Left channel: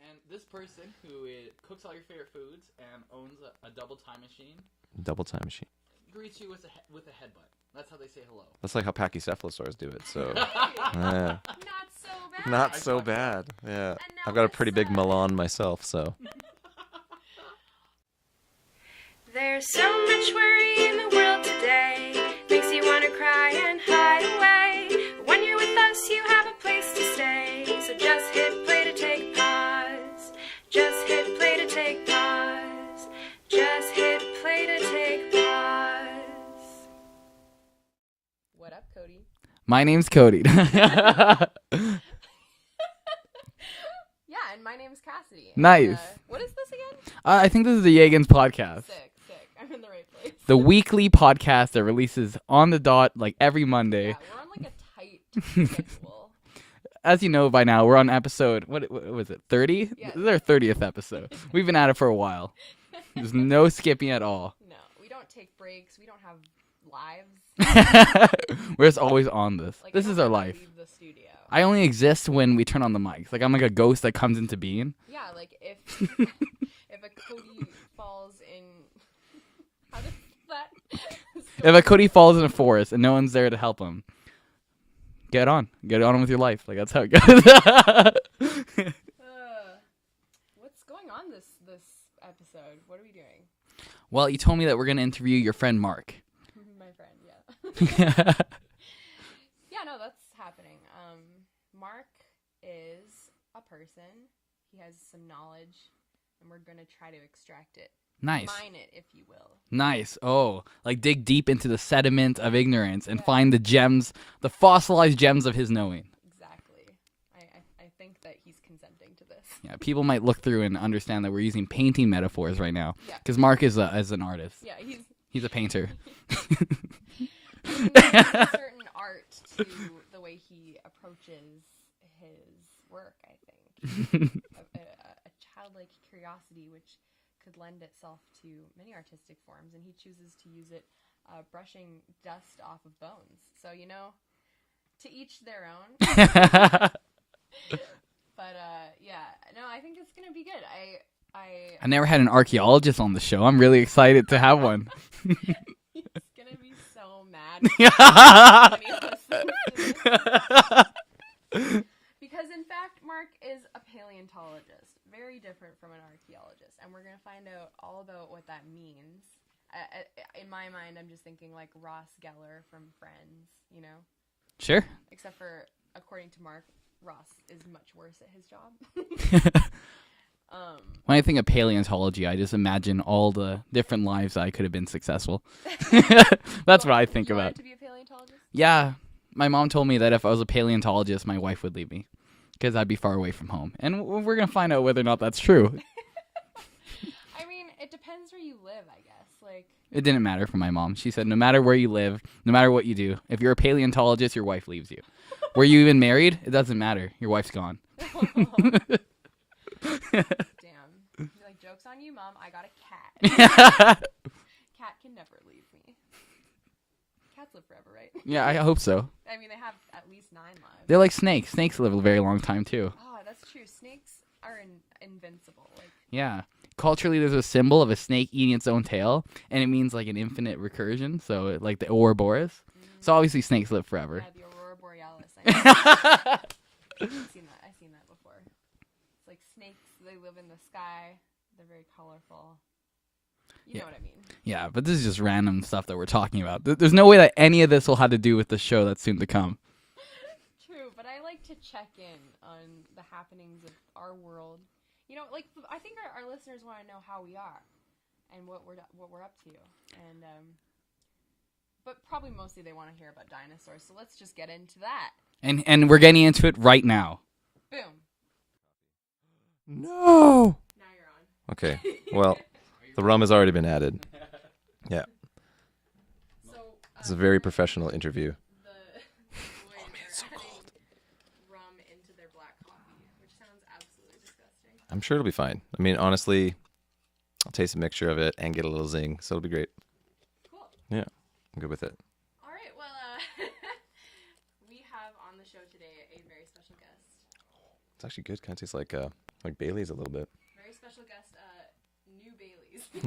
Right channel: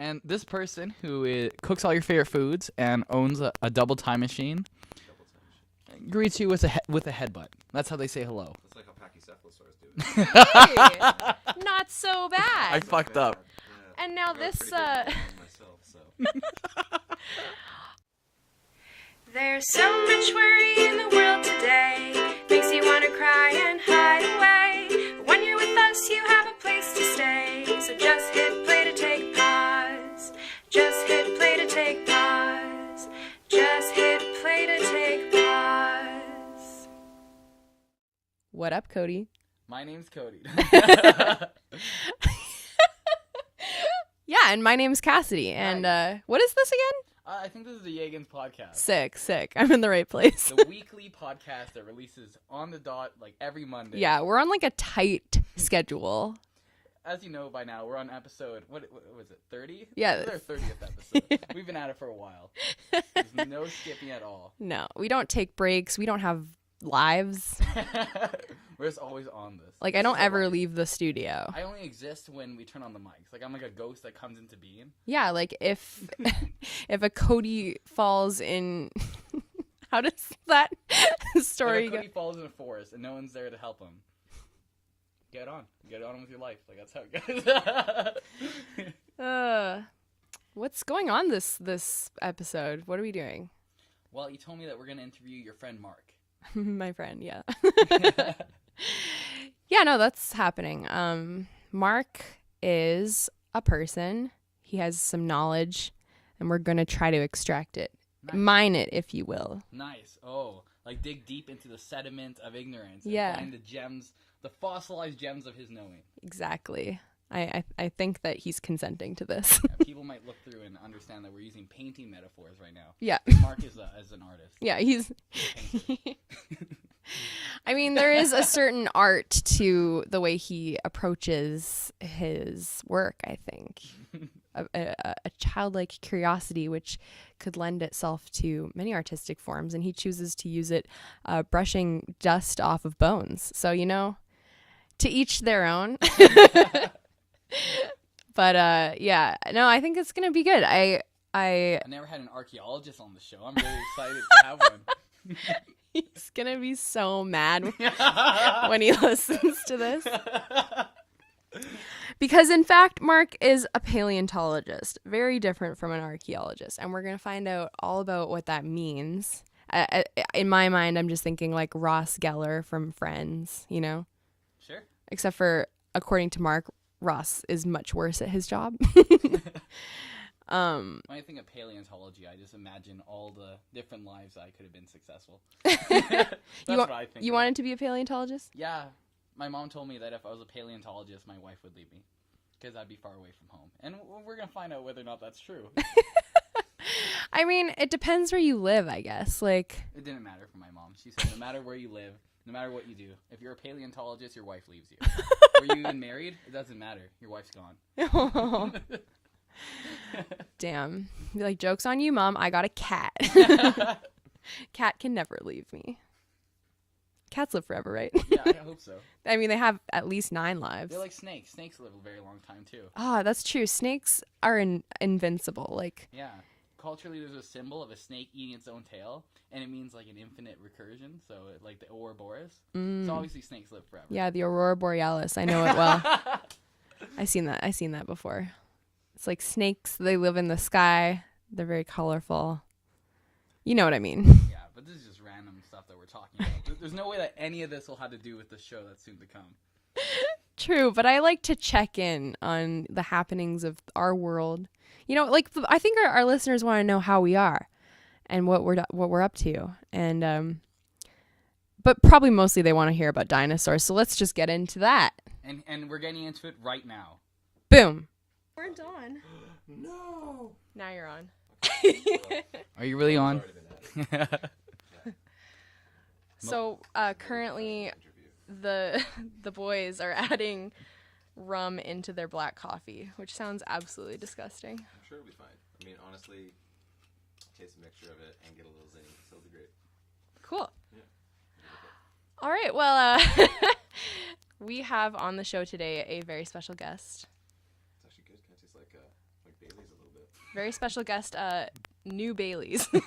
And this person who cooks all your favorite foods and owns a double time machine Double time machine. greets you with a headbutt. That's how they say hello. That's like how pachycephalosaurs do it. So. Hey, Yeah. not so bad. Not so fucked bad. up. Yeah. And now I've got a this, pretty big Milan myself, so. There's so much worry in the world today. Makes you want to cry and hide away. But when you're with us, you have a place to stay. So just hit play to take pause. Just hit play to take pause. Just hit play to take pause. What up, Cody? My name's Cody. Yeah, and my name's Cassidy. And, Nice. What is this again? I think this is the YEGans podcast. Sick. I'm in the right place. The weekly podcast that releases on the dot like every Monday. Yeah, we're on like a tight schedule. As you know by now, we're on episode, what was it, 30? Yeah. This is our 30th episode. We've been at it for a while. There's no skipping at all. No, we don't take breaks. We don't have lives. We're just always on this. Like, This I don't is our ever life. leave the studio. I only exist when we turn on the mics. Like, I'm like a ghost that comes into being. Yeah, like if if a Cody falls in... How does that story If a Cody falls in a forest and no one's there to help him, get on with your life. Like, that's how it goes. What's going on this episode? What are we doing? Well, you told me that we're going to interview your friend Mark. My friend, yeah. Yeah, no, that's happening. Mark is a person. He has some knowledge, and we're going to try to extract it. Nice. Mine it, if you will. Nice. Oh, like dig deep into the sediment of ignorance and Yeah. find the gems, the fossilized gems of his knowing. Exactly. I think that he's consenting to this. Yeah, people might look through and understand that we're using painting metaphors right now. Yeah. Because Mark is an artist. Yeah, he's a painter. I mean, there is a certain art to the way he approaches his work, I think. a childlike curiosity which could lend itself to many artistic forms, and he chooses to use it brushing dust off of bones. So, to each their own. But yeah, no, I think it's gonna be good. I never had an archaeologist on the show. I'm really excited to have one. He's gonna be so mad when he listens to this. Because in fact, Mark is a paleontologist, very different from an archaeologist, and we're gonna find out all about what that means. In my mind, I'm just thinking like Ross Geller from Friends, Sure. Except for, according to Mark, Ross is much worse at his job. When I think of paleontology, I just imagine all the different lives I could have been successful. That's what I think You about. wanted to be a paleontologist? Yeah. My mom told me that if I was a paleontologist, my wife would leave me because I'd be far away from home. And we're going to find out whether or not that's true. I mean, it depends where you live, I guess. Like, It didn't matter for my mom. She said no matter where you live, no matter what you do, if you're a paleontologist, your wife leaves you. Were you even married? It doesn't matter. Your wife's gone. damn. Be like, joke's on you, Mom. I got a cat. Cat can never leave me. Cats live forever, right? Yeah, I hope so. I mean, they have at least 9 lives. They're like snakes. Snakes live a very long time, too. Ah, that's true. Snakes are invincible. Like, Yeah. Culturally, there's a symbol of a snake eating its own tail, and it means like an infinite recursion. So, like the Ouroboros. So obviously, snakes live forever. yeah, the Aurora Borealis. I know it well. I seen that before. It's like snakes. They live in the sky. They're very colorful. You know what I mean? Yeah, but this is just random stuff that we're talking about. There's no way that any of this will have to do with the show that's soon to come. True, but I like to check in on the happenings of our world. I think our listeners want to know how we are and what we're up to. And but probably mostly they want to hear about dinosaurs. So let's just get into that. And we're getting into it right now. Boom. We're done. No. Now you're on. Okay. Well, Are you the really rum has on? already been added. Yeah. So It's a very currently professional interview. The boys are adding rum into their black coffee, which sounds absolutely disgusting. I'm sure it'll be fine. I mean, honestly, I'll taste a mixture of it and get a little zing, so it'll be great. Cool. Yeah, I'm good with it. All right. Well, we have on the show today a very special guest. It's actually good. Kind of tastes like Like Bailey's a little bit. Very special guest, New Baileys. New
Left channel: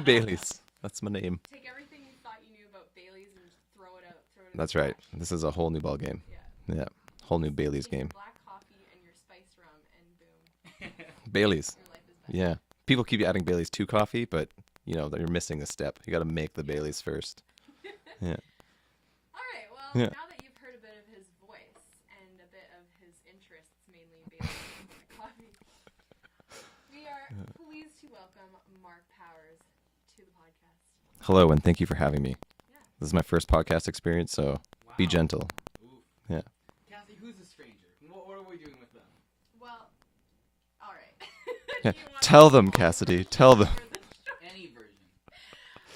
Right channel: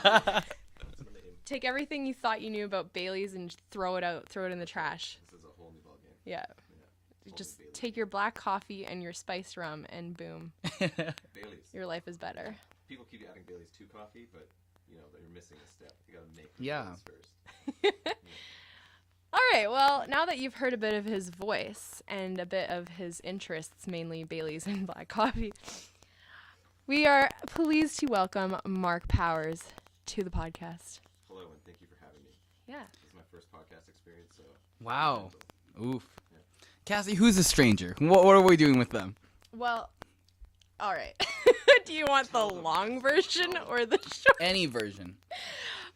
Bailey's. That's my name. Take everything you thought you knew about Baileys and throw it out. Throw it in That's the right. trash. This is a whole new ball game. Yeah. Yeah. Whole new Just Bailey's take game. your black coffee and your spiced rum, and boom, Bailey's. your life is better. Yeah. People keep adding Bailey's to coffee, but you know that you're missing a step. You got to make the Yeah. Bailey's first. All right. Well, Yeah. now that you've heard a bit of his voice and a bit of his interests, mainly Baileys and black coffee, we are pleased to welcome Mark Powers to the podcast. Hello, and thank you for having me. Yeah. This is my first podcast experience, so Wow. be gentle. Oof. Yeah. Cassie, who's a stranger? What are we doing with them? Well, all right. Do you want Tell the them, long Cassidy. version Tell them. or the short? Any version.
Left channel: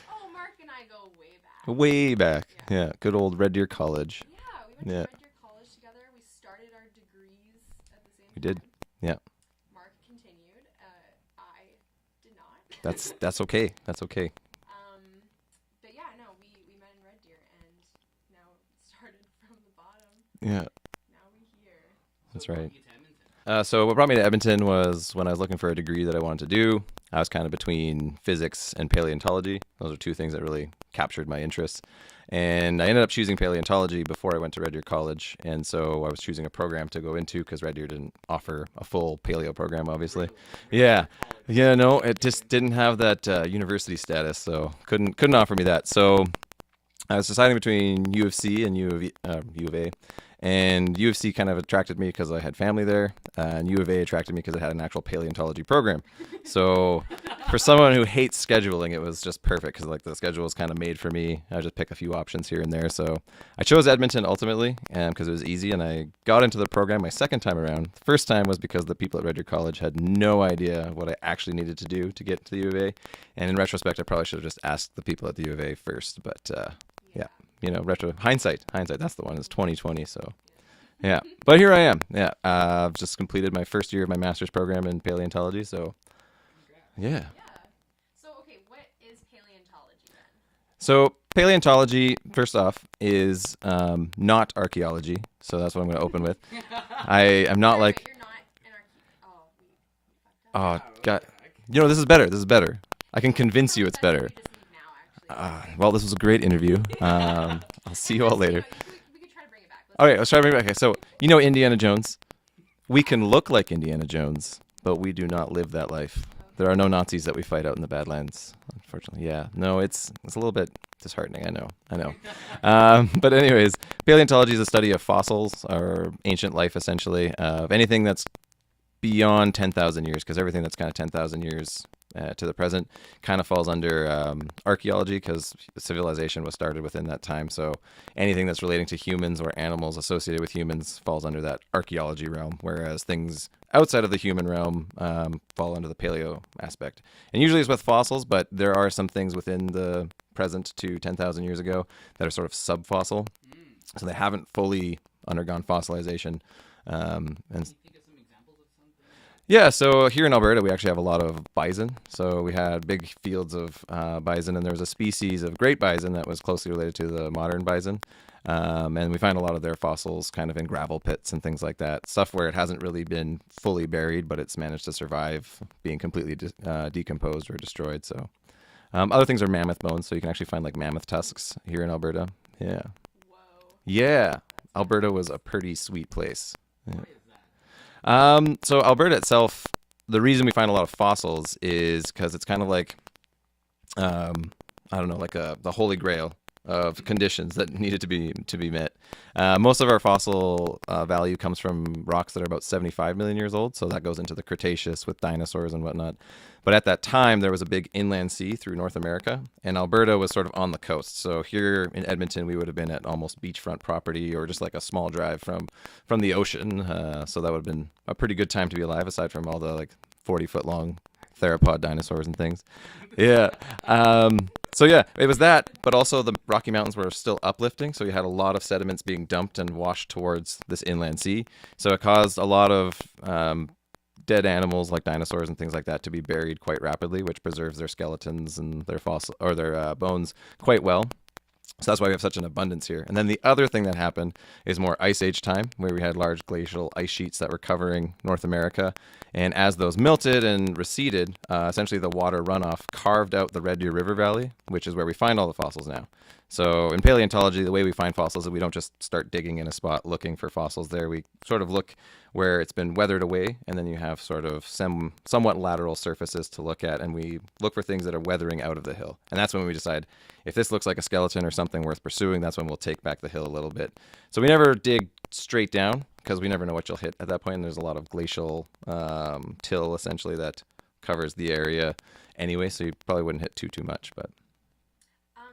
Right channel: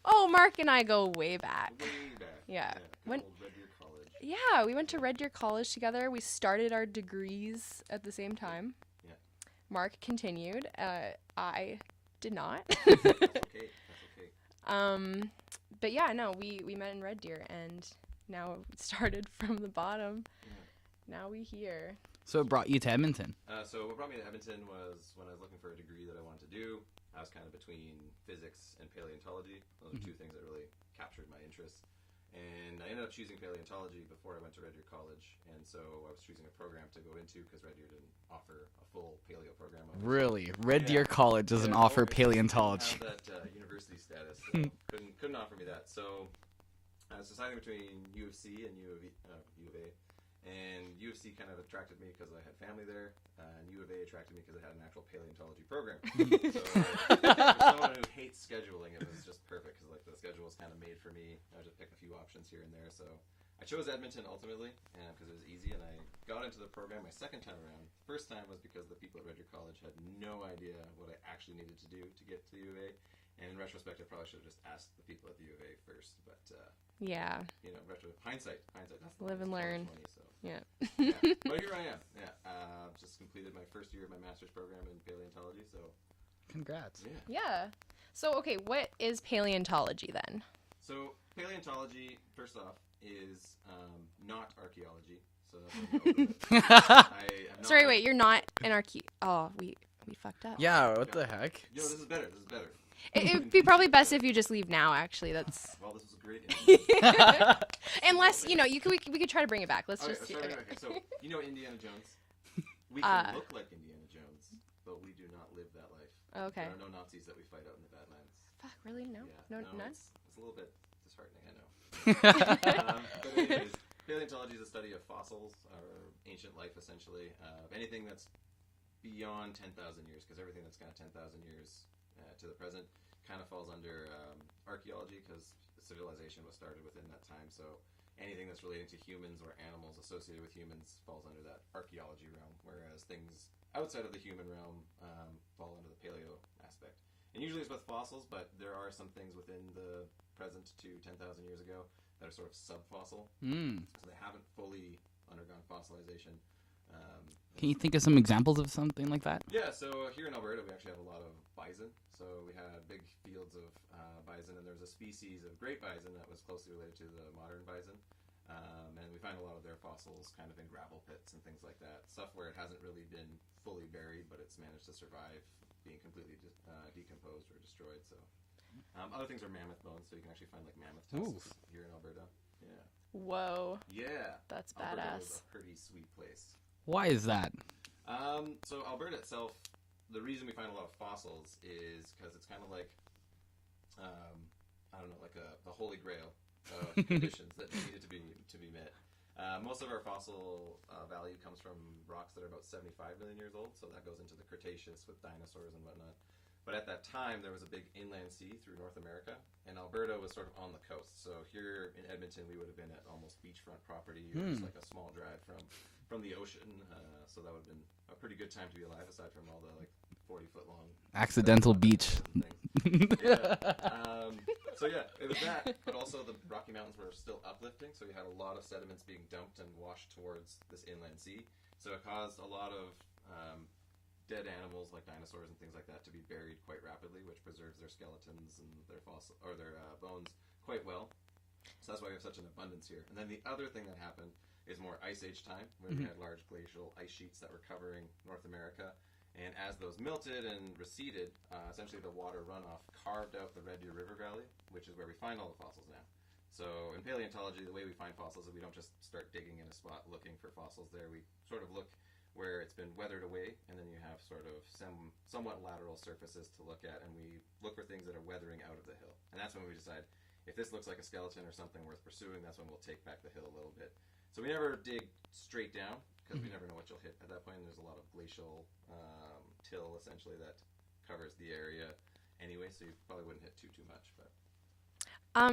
Oh, Mark and I go way back. Way back. Yeah. Good old Red Deer College. Yeah, we went to Yeah. Red Deer College together. We started our degrees at the same We did. time. Yeah. Mark continued. I did not. That's okay. That's okay. But yeah, no, we met in Red Deer, and now it started from the bottom. Yeah. Now we here. So That's it brought right. you to Edmonton. So what brought me to Edmonton was when I was looking for a degree that I wanted to do. I was kind of between physics and paleontology. Those are two things that really captured my interest. And I ended up choosing paleontology before I went to Red Deer College. And so I was choosing a program to go into because Red Deer didn't offer a full paleo program, obviously. Really? Red Yeah. Deer College doesn't Yeah, no, offer it just didn't paleontology. have that university status, so couldn't offer me that. So I was deciding between U of C and U of A. And U of C kind of attracted me because I had family there, and U of A attracted me because it had an actual paleontology program. So for someone who hates scheduling, it was just perfect because like the schedule was kind of made for me. I just pick a few options here and there. So I chose Edmonton ultimately because it was easy, and I got into the program my second time around. The first time was because the people at Red Deer College had no idea what I actually needed to do to get to the U of A. And in retrospect, I probably should have just asked the people at the U of A first, but Yeah. you know, hindsight, that's the one. Live It's and learn. 2020, so Yeah. yeah. But here I am. Yeah, I've just completed my first year of my master's program in paleontology. So Congrats. yeah. Yeah. So, okay, what is paleontology then? So paleontology, first off, is not archaeology. So that's what I'm going to open with. I am not Sorry, like. wait, you're not an Oh, we fucked up. Oh, Yeah, what God. the heck? You know, this is better. This is better. I can It'd be convince probably you it's best better. if you just leave now, actually. That's... Well, this was a great interview. I'll see you all Unless, later. you know, we could try to bring it back. Let's Okay, just- let's try to bring it back. Okay, so you know Indiana Jones. We can look like Indiana Jones, but we do not live that life. Okay. There are no Nazis that we fight out in the Badlands, I didn't unfortunately. know. Yeah, No, no, it's a little bit disheartening. I know. But anyways, paleontology is a study of fossils or ancient life, essentially, of anything that's beyond 10,000 years, because everything that's kind of 10,000 years to the present kind of falls under archaeology, because civilization was started within that time. So anything that's relating to humans or animals associated with humans falls under that archaeology realm, whereas things outside of the human realm fall under the paleo aspect. And usually it's with fossils, but there are some things within the present to 10,000 years ago that are sort of subfossil. So they haven't fully undergone fossilization. Can you think of some examples of something like that? Yeah, so here in Alberta, we actually have a lot of bison. So we had big fields of bison, and there was a species of great bison that was closely related to the modern bison. And we find a lot of their fossils kind of in gravel pits and things like that. Stuff where it hasn't really been fully buried, but it's managed to survive being completely decomposed or destroyed. So other things are mammoth bones, so you can actually find like mammoth tusks here in Alberta. Yeah. Whoa. Yeah. That's Alberta was badass. a pretty sweet place. Why is that? So Alberta itself, the reason we find a lot of fossils is because it's kind of like, I don't know, like the holy grail of conditions that needed to be met. Most of our fossil value comes from rocks that are about 75 million years old, so that goes into the Cretaceous with dinosaurs and whatnot. But at that time, there was a big inland sea through North America, and Alberta was sort of on the coast. So here in Edmonton, we would have been at almost beachfront property or just like a small drive from the ocean. So that would have been a pretty good time to be alive, aside from all the like 40-foot long Accidental theropod beach. dinosaurs and things. Yeah. So yeah, it was that, but also the Rocky Mountains were still uplifting, so you had a lot of sediments being dumped and washed towards this inland sea. So it caused a lot of dead animals like dinosaurs and things like that to be buried quite rapidly, which preserves their skeletons and their fossil or their bones quite well. So that's why we have such an abundance here. And then the other thing that happened is more Ice Age time, where we had large glacial ice sheets that were covering North America. And as those melted and receded, essentially the water runoff carved out the Red Deer River Valley, which is where we find all the fossils now. So in paleontology, the way we find fossils is we don't just start digging in a spot looking for fossils there. We sort of look where it's been weathered away, and then you have sort of somewhat lateral surfaces to look at, and we look for things that are weathering out of the hill. And that's when we decide if this looks like a skeleton or something worth pursuing, that's when we'll take back the hill a little bit. So we never dig straight down because we never know what you'll hit at that point, and there's a lot of glacial till essentially that covers the area anyway, so you probably wouldn't hit too much. But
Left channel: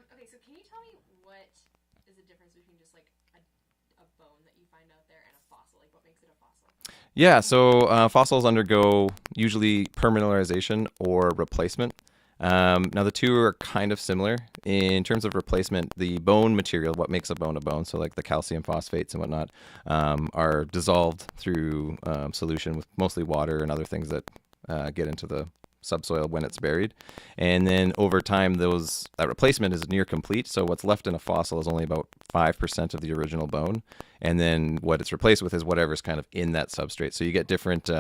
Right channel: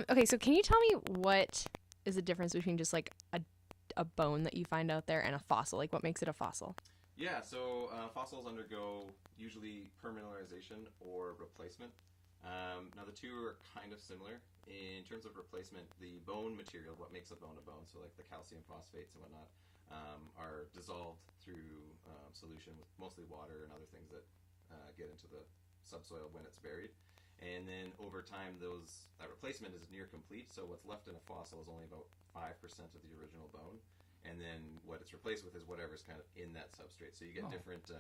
okay, so can you tell me what is the difference between just like a bone that you find out there and a fossil? Like, what makes it a fossil? yeah, so fossils undergo usually permineralization or replacement. Now the two are kind of similar in terms of replacement. The bone material, what makes a bone, so like the calcium phosphates and whatnot, are dissolved through solution with mostly water and other things that get into the subsoil when it's buried. And then over time, that replacement is near complete. So what's left in a fossil is only about 5% of the original bone. And then what it's replaced with is whatever's kind of in that substrate. So you get different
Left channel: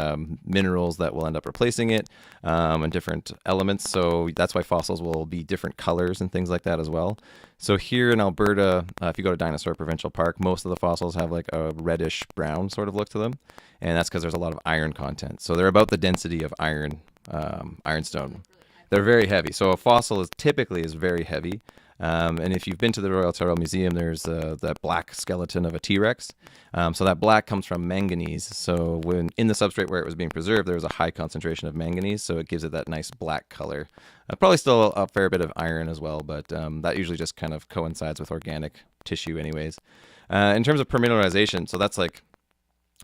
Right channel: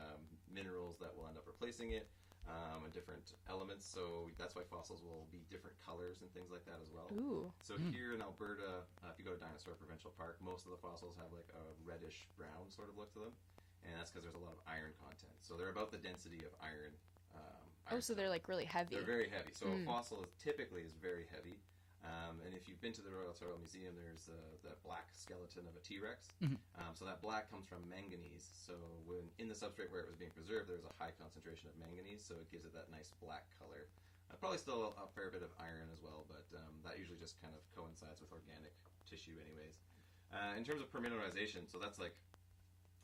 minerals that will end up replacing it, and different elements. So that's why fossils will be different colors and things like that as well. Ooh. So here in Alberta, if you go to Dinosaur Provincial Park, most of the fossils have like a reddish brown sort of look to them. And that's because there's a lot of iron content. So they're about the density of ironstone. So they're like really heavy. They're very heavy. So a fossil is typically very heavy. And if you've been to the Royal Ontario Museum, there's that black skeleton of a T-Rex. So that black comes from manganese. So when in the substrate where it was being preserved, there was a high concentration of manganese, so it gives it that nice black color. Probably still a fair bit of iron as well, but that usually just kind of coincides with organic tissue anyways. In terms of permineralization, so that's like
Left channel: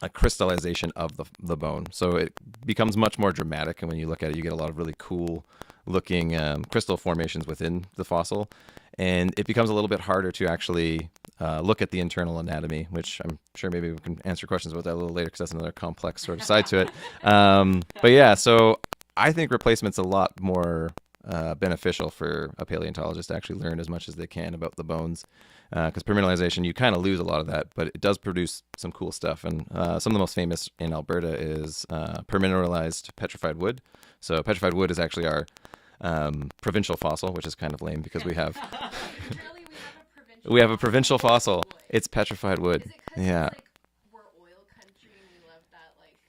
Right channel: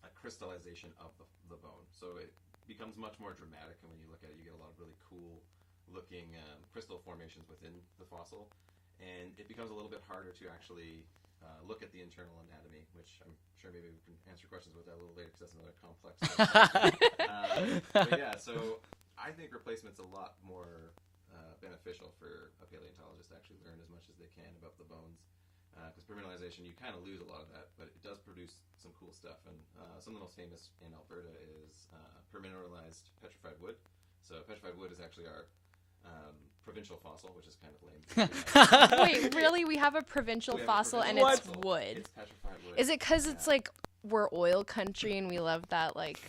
a crystallization of the bone. So it becomes much more dramatic, and when you look at it, you get a lot of really cool looking crystal formations within the fossil. And it becomes a little bit harder to actually look at the internal anatomy, which I'm sure maybe we can answer questions about that a little later because that's another complex sort of side to it. But yeah, so I think replacement's a lot more beneficial for a paleontologist to actually learn as much as they can about the bones. Because permineralization, you kind of lose a lot of that, but it does produce some cool stuff. And some of the most famous in Alberta is permineralized petrified wood. So petrified wood is actually our provincial fossil, which is kind of lame because we have... Wait, really? We have a provincial fossil? We have a provincial and fossil. It's wood. It's petrified wood. Is it because it's like we're oil country and we love that like...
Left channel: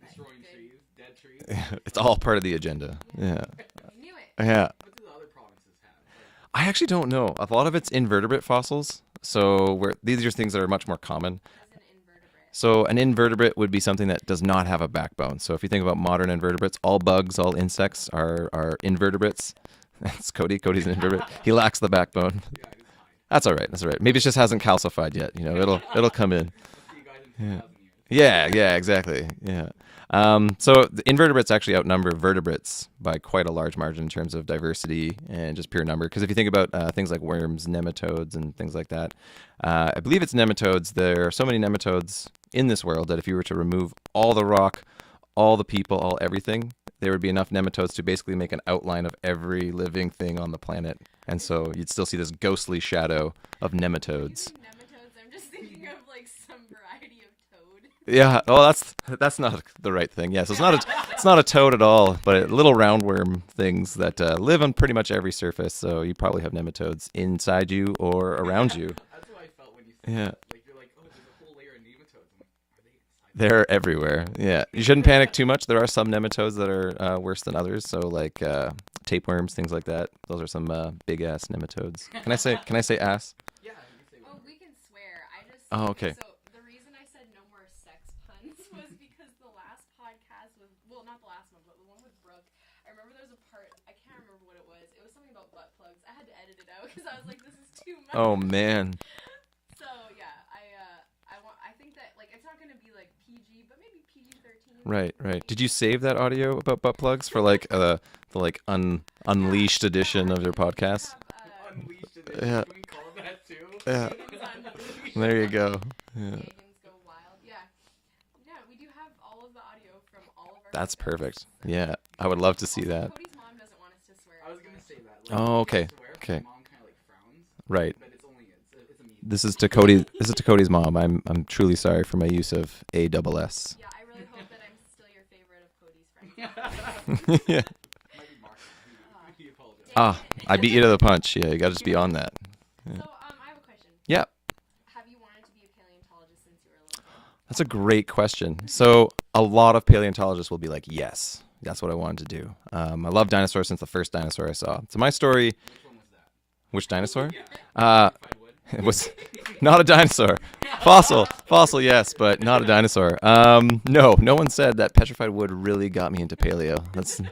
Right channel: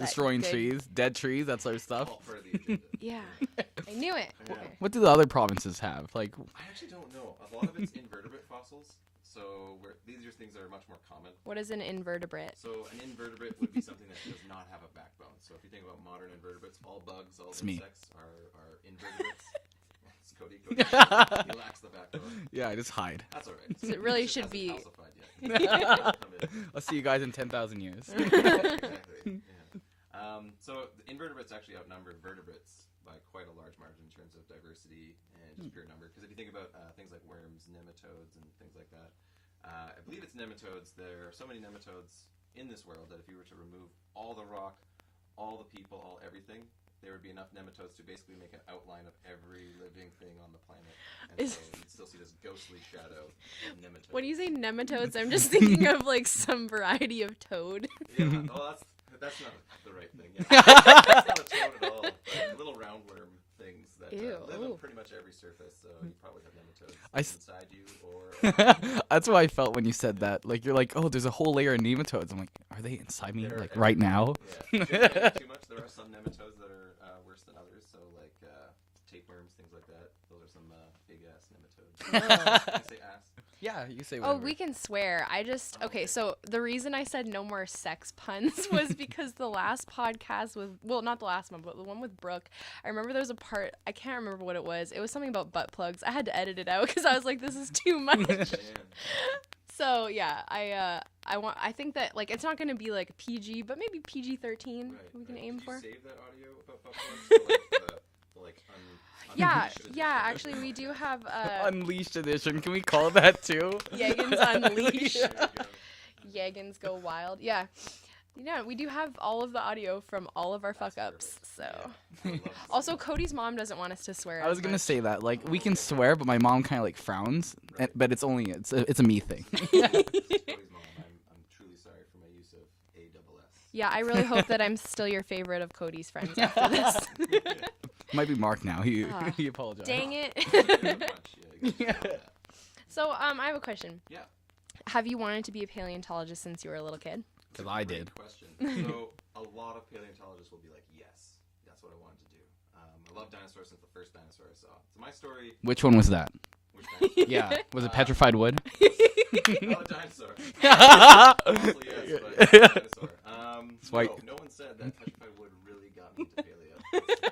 Destroying trees, dead trees, that sort of stuff. It's all part of the agenda. Yeah. I knew it. Yeah. What do the other provinces have? Like, I actually don't know. A lot of it's invertebrate fossils. So these are things that are much more common. What is an invertebrate? So an invertebrate would be something that does not have a backbone. So if you think about modern invertebrates, all bugs, all insects are invertebrates. That's Cody. Cody's an invertebrate. He lacks the backbone. yeah, I just hide. That's all right. That's all right. Maybe it just hasn't calcified yet. You know, it'll come in. I'll see you guys in 10,000 years. Yeah, exactly. Yeah. So the invertebrates actually outnumber vertebrates by quite a large margin in terms of diversity and just pure number. Because if you think about things like worms, nematodes, and things like that, I believe it's nematodes. There are so many nematodes in this world that if you were to remove all the rock, all the people, all everything, there would be enough nematodes to basically make an outline of every living thing on the planet. And so you'd still see this ghostly shadow of nematodes. When you say nematodes, I'm just thinking of like some variety of toad. Yeah. Oh, that's not the right thing. Yes, it's not a toad at all, but little roundworm things that live on pretty much every surface. So you probably have nematodes inside you or around you. That's what I felt when you said that. Like you're like, oh, there's a whole layer of nematodes. I'm like, are they inside me? They're everywhere. Right now? Yeah. You shouldn't panic too much. There are some nematodes that are worse than others. So like tapeworms, things like that. Those are some big ass nematodes. Can I say ass? Yeah, you say whatever. Oh, we can swear. I just okay. So the reason I said no more sex puns was because the last podcast was not the last one, but the one with Brooke. I remember there was a part, I can't remember what it was. It was something about butt plugs. I had to edit it out because I was like, this is too much. Oh man. So yeah, I think that like it's not gonna be like PG, but maybe PG-13. Right. Did you save that audio about butt plugs for like the unleashed edition of your podcast? Have, Unleashed edition. Yeah. Can we call it that too? YEGans Unleashed. There you go. Yeah. YEGans go wild. Yeah. Yeah, we do have all of the audio from all of our That's fuck-ups, perfect. so. Yeah, I would love to see Also, that. Cody's mom doesn't want us to swear. I was as gonna much. say that. Like Oh, we can okay. swear, but my Okay. mom kind of like frowns. Right. But it's a me thing. This is to Cody. This is to Cody's mom. I'm truly sorry for my use of ASS. Yeah, I really hope that I'm still your favorite of Cody's friends after this. Might be Mark now. He Ah. he apologized. Dang Ah, it. I beat you to the punch. Yeah, you got to just be on that. So, I have a question. Yeah. Have you wanted to be a paleontologist since you were a little kid? That's a Well, I great did. question. So a lot of paleontologists will be like, yes, that's what I wanted to do. I love dinosaurs since the first dinosaur I saw. So my story, Which one was that? which dinosaur? Yeah. Was it Uh, petrified wood? It was not a dinosaur. Fossil, yes, but not a dinosaur. No one said that petrified wood really got me into paleo.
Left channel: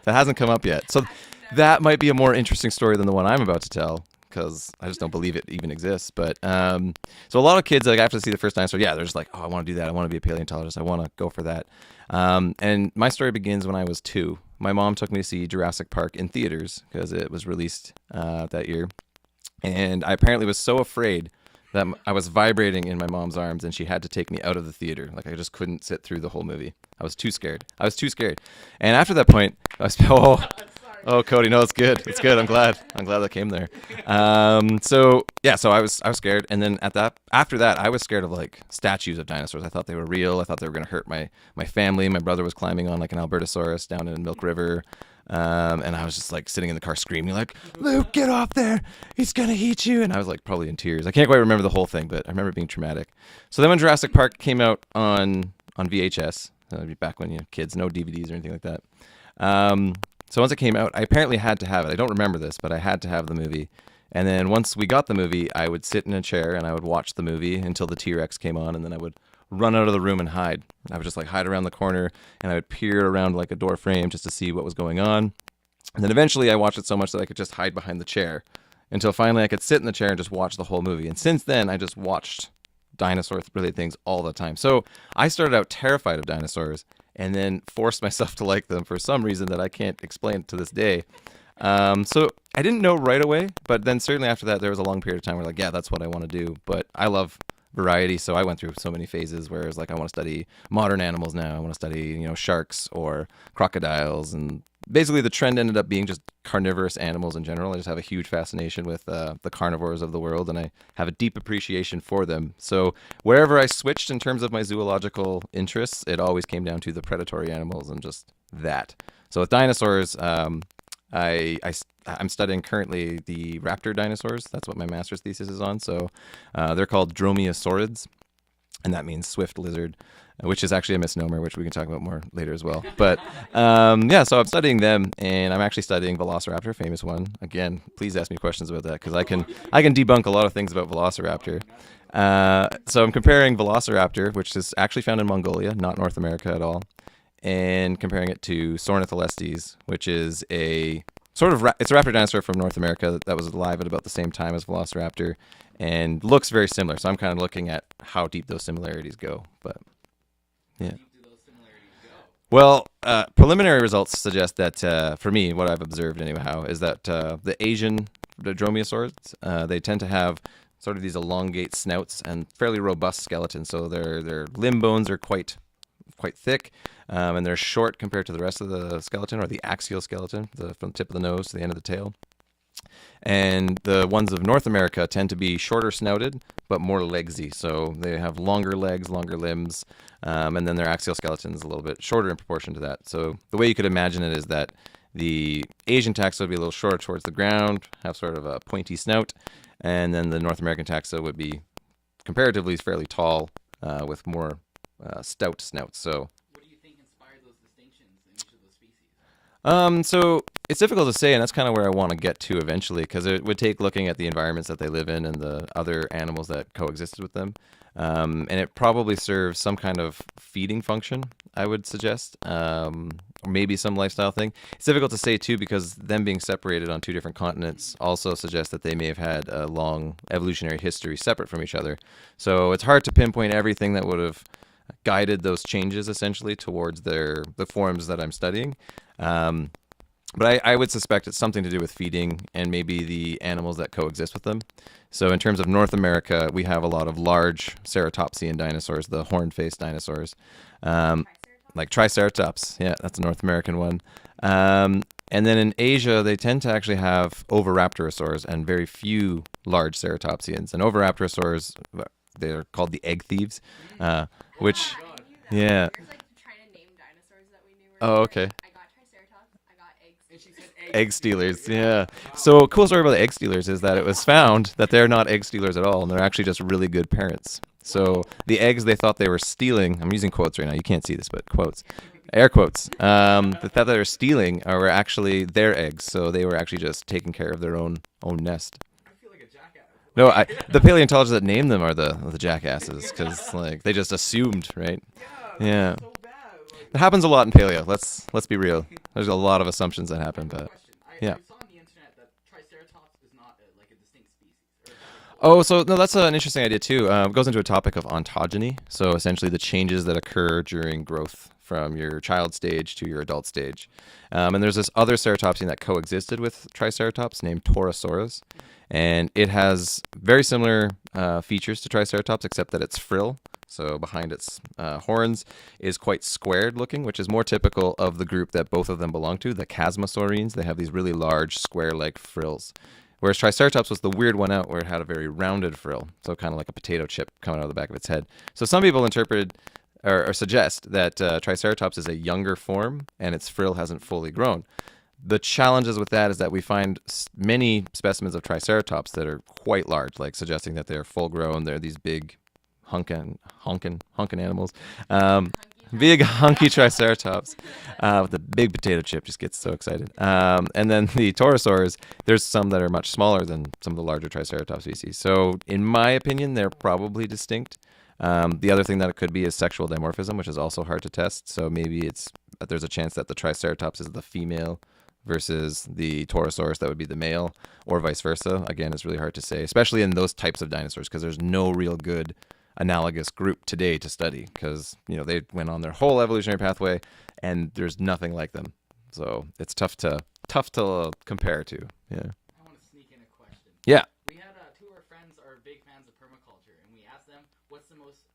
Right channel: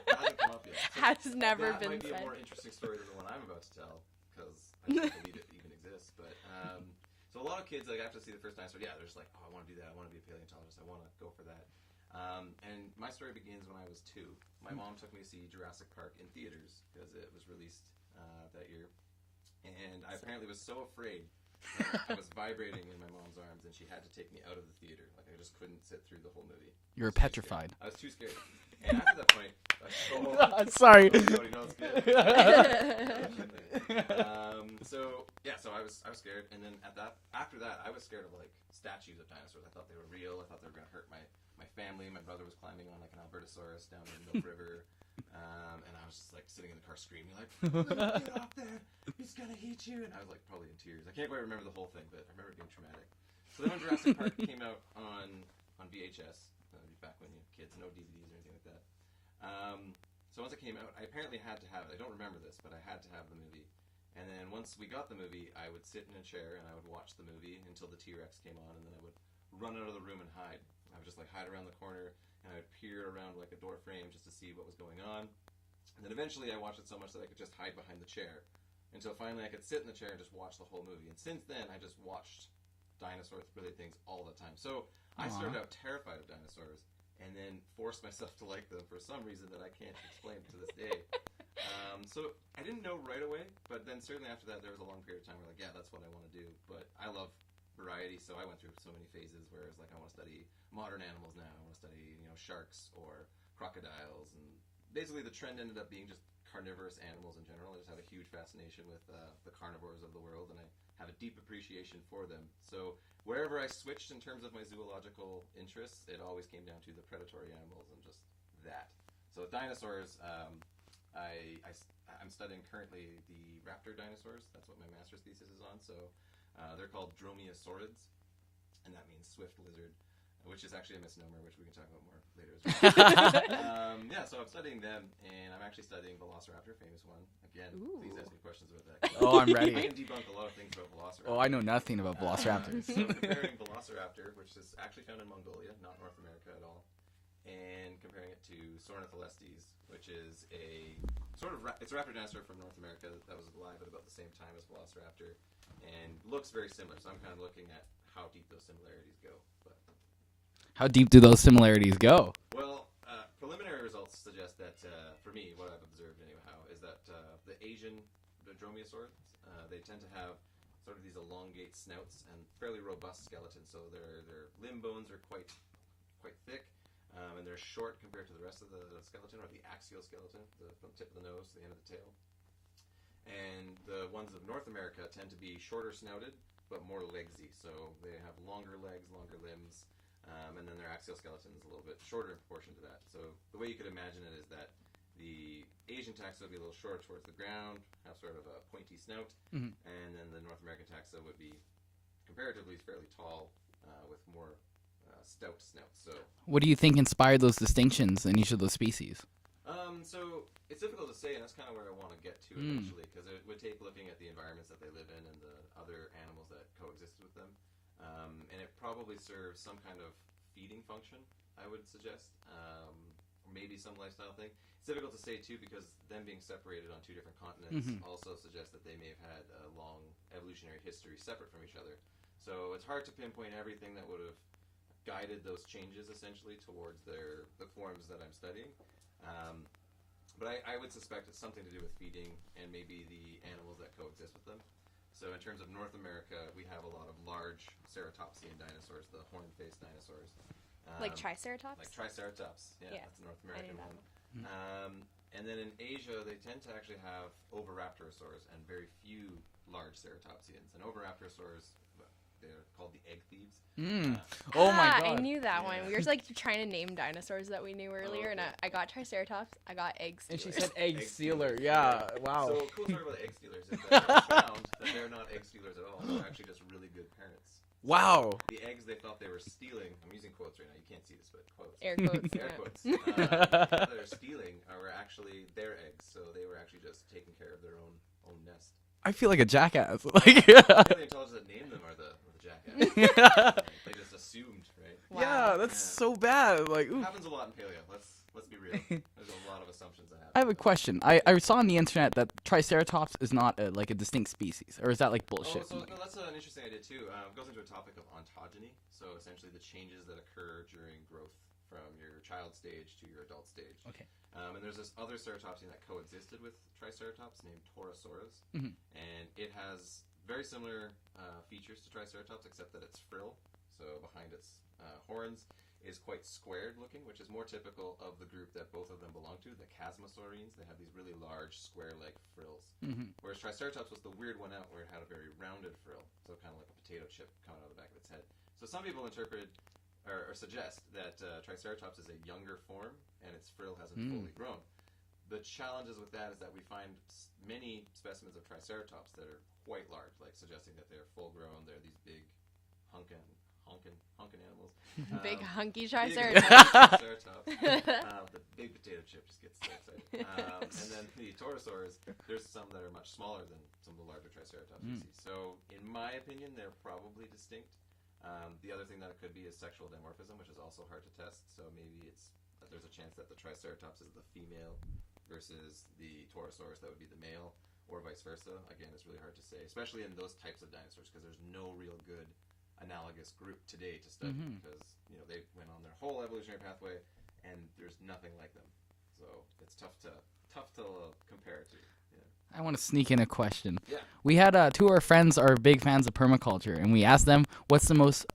That hasn't come up yet. So Has never that been- might be a more interesting story than the one I'm about to tell, because I just don't believe it even exists. But so a lot of kids, like after they see the first dinosaur, yeah, they're just like, oh, I want to do that. I want to be a paleontologist. I want to go for that. And my story begins when I was 2. My mom took me to see Jurassic Park in theaters because it was released that year. And I apparently was so afraid that I was vibrating in my mom's arms, and she had to take me out of the theater. Like I just couldn't sit through the whole movie. I were was too scared. petrified. I was too scared. And after that point, I was Sorry. Oh, Cody, no, it's good. It's good. I'm glad that came there. So I was scared, and then after that, I was scared of like statues of dinosaurs. I thought they were real. I thought they were gonna hurt my family. My brother was climbing on like an Albertosaurus down in Milk River, and I was just like sitting in the car screaming like, "Luke, get off there! He's gonna eat you!" And I was like probably in tears. I can't quite remember the whole thing, but I remember it being traumatic. So then when Jurassic Park came out on VHS, back when kids, no DVDs or anything like that. So once it came out, I apparently had to have it. I don't remember this, but I had to have the movie. And then once we got the movie, I would sit in a chair and I would watch the movie until the T-Rex came on, and then I would run out of the room and hide. I would just like hide around the corner, and I would peer around like a door frame just to see what was going on. And then eventually I watched it so much that I could just hide behind the chair until finally I could sit in the chair and just watch the whole movie. And since then, I just watched dinosaur-related things all the time. So I started out terrified of dinosaurs and then forced myself to like them for some reason that I can't explain to this day. So I didn't know right away, but then certainly after that, there was a long period of time where like, yeah, that's what I want to do. But I love variety, so I went through so many phases where it's like I want to study modern animals now. I want to study, sharks or crocodiles, and basically the trend ended up being just carnivorous animals in general. I just have a huge fascination with the carnivores of the world, and I have a deep appreciation for them. So wherever I switched in terms of my zoological interests, it always came down to the predatory animals and just that. So with dinosaurs, I'm studying currently the raptor dinosaurs. That's what my master's thesis is on. So they're called dromaeosaurids, and that means swift lizard, which is actually a misnomer, which we can talk about more later as well. But so I'm studying them, and I'm actually studying Velociraptor, famous one. Again, please ask me questions about that, because I'm ready. I can debunk a lot of things about Oh, I know Velociraptor. nothing about So I'm comparing Velociraptor, which is actually found in Mongolia, not North America at all, and comparing it to Sornitholestes, which is a sort of it's a raptor dinosaur from North America that was alive at about the same time as Velociraptor, and looks very similar. So I'm kind of looking at how deep those similarities go. But How deep do those similarities go? well, preliminary results suggest that for me, what I've observed anyhow, is that the Asian dromaeosaurids, they tend to have sort of these elongate snouts and fairly robust skeletons. So their limb bones are quite thick, and they're short compared to the rest of the skeleton, or the axial skeleton, from the tip of the nose to the end of the tail. And the ones of North America tend to be shorter snouted, but more legsy. So they have longer legs, longer limbs, and then their axial skeleton is a little bit shorter in proportion to that. So the way you could imagine it is that the Asian taxa would be a little shorter towards the ground, have sort of a pointy snout, and then the North American taxa would be comparatively fairly tall, with more stout snouts. So What do you think inspired those distinctions in each of those species? So it's difficult to say, and that's kind of where I want to get to eventually, because it would take looking at the environments that they live in and the other animals that coexisted with them. And it probably serves some kind of feeding function, I would suggest, or maybe some lifestyle thing. It's difficult to say, too, because them being separated on two different continents also suggests that they may have had a long evolutionary history separate from each other. So it's hard to pinpoint everything that would have guided those changes, essentially, towards the forms that I'm studying. But I would suspect it's something to do with feeding and maybe the animals that coexist with them. So in terms of North America, we have a lot of large ceratopsian dinosaurs, the horn-faced dinosaurs. Triceratops? like Triceratops. Yeah, that's a North American one. And then in Asia, they tend to actually have Oviraptorosaurs and very few large ceratopsians. And Oviraptorosaurs, they're called the egg thieves. Oh which, my I God. knew that. Yeah. We were like trying to name dinosaurs that we knew. Oh, earlier, okay. and I got Triceratops. I got egg And she stealers. said egg stealers. Yeah. Wow. So a cool story about the egg stealers is that it was found that they're not egg stealers at all, and they're actually just really good parents. Wow. So the eggs they thought they were stealing, I'm using quotes right now, you can't see this, but quotes. Air quotes. Air quotes. They thought they were stealing were actually their eggs, so they were actually just taking care of their own nest. I feel like a jackass. No, the paleontologists that named them are the jackasses, because like they just assumed, right? Yeah, that's Yeah. so bad. Like, It happens a lot in paleo. Let's be real. There's a lot of assumptions that happen. I have a but- question. yeah. I saw on the internet that Triceratops is not like a distinct species, or is that like bullshit? Oh, so no, that's an interesting idea too. It goes into a topic of ontogeny. So essentially, the changes that occur during growth from your child stage to your adult stage. And there's this other ceratopsian that coexisted with Triceratops named Torosaurus, and it has very similar features to Triceratops, except that its frill, so behind its horns, is quite squared looking, which is more typical of the group that both of them belong to, the Chasmosaurines. They have these really large square-like frills, whereas Triceratops was the weird one out where it had a very rounded frill, so kind of like a potato chip coming out of the back of its head. So some people interpreted or suggest that Triceratops is a younger form and its frill hasn't fully grown. The challenges with that is that we find many specimens of Triceratops that are quite large, like suggesting that they're full grown. They're these big honkin animals. Hunky Big Triceratops. hunky Triceratops with the big potato chip, just gets so excited. And then the Torosaurs, there's some that are much smaller than some of the larger Triceratops species. So in my opinion, they're probably distinct. The other thing that it could be is sexual dimorphism, which is also hard to test. So maybe there's a chance that the Triceratops is the female versus the Torosaurus that would be the male, or vice versa. Again, it's really hard to say, especially in those types of dinosaurs, because there's no real good analogous group today to study, because they went on their whole evolutionary pathway, and there's nothing like them. So it's tough to compare to. Yeah. I want to sneak in a question. Yeah. We had two of our friends are big fans of permaculture, and we asked them what's the most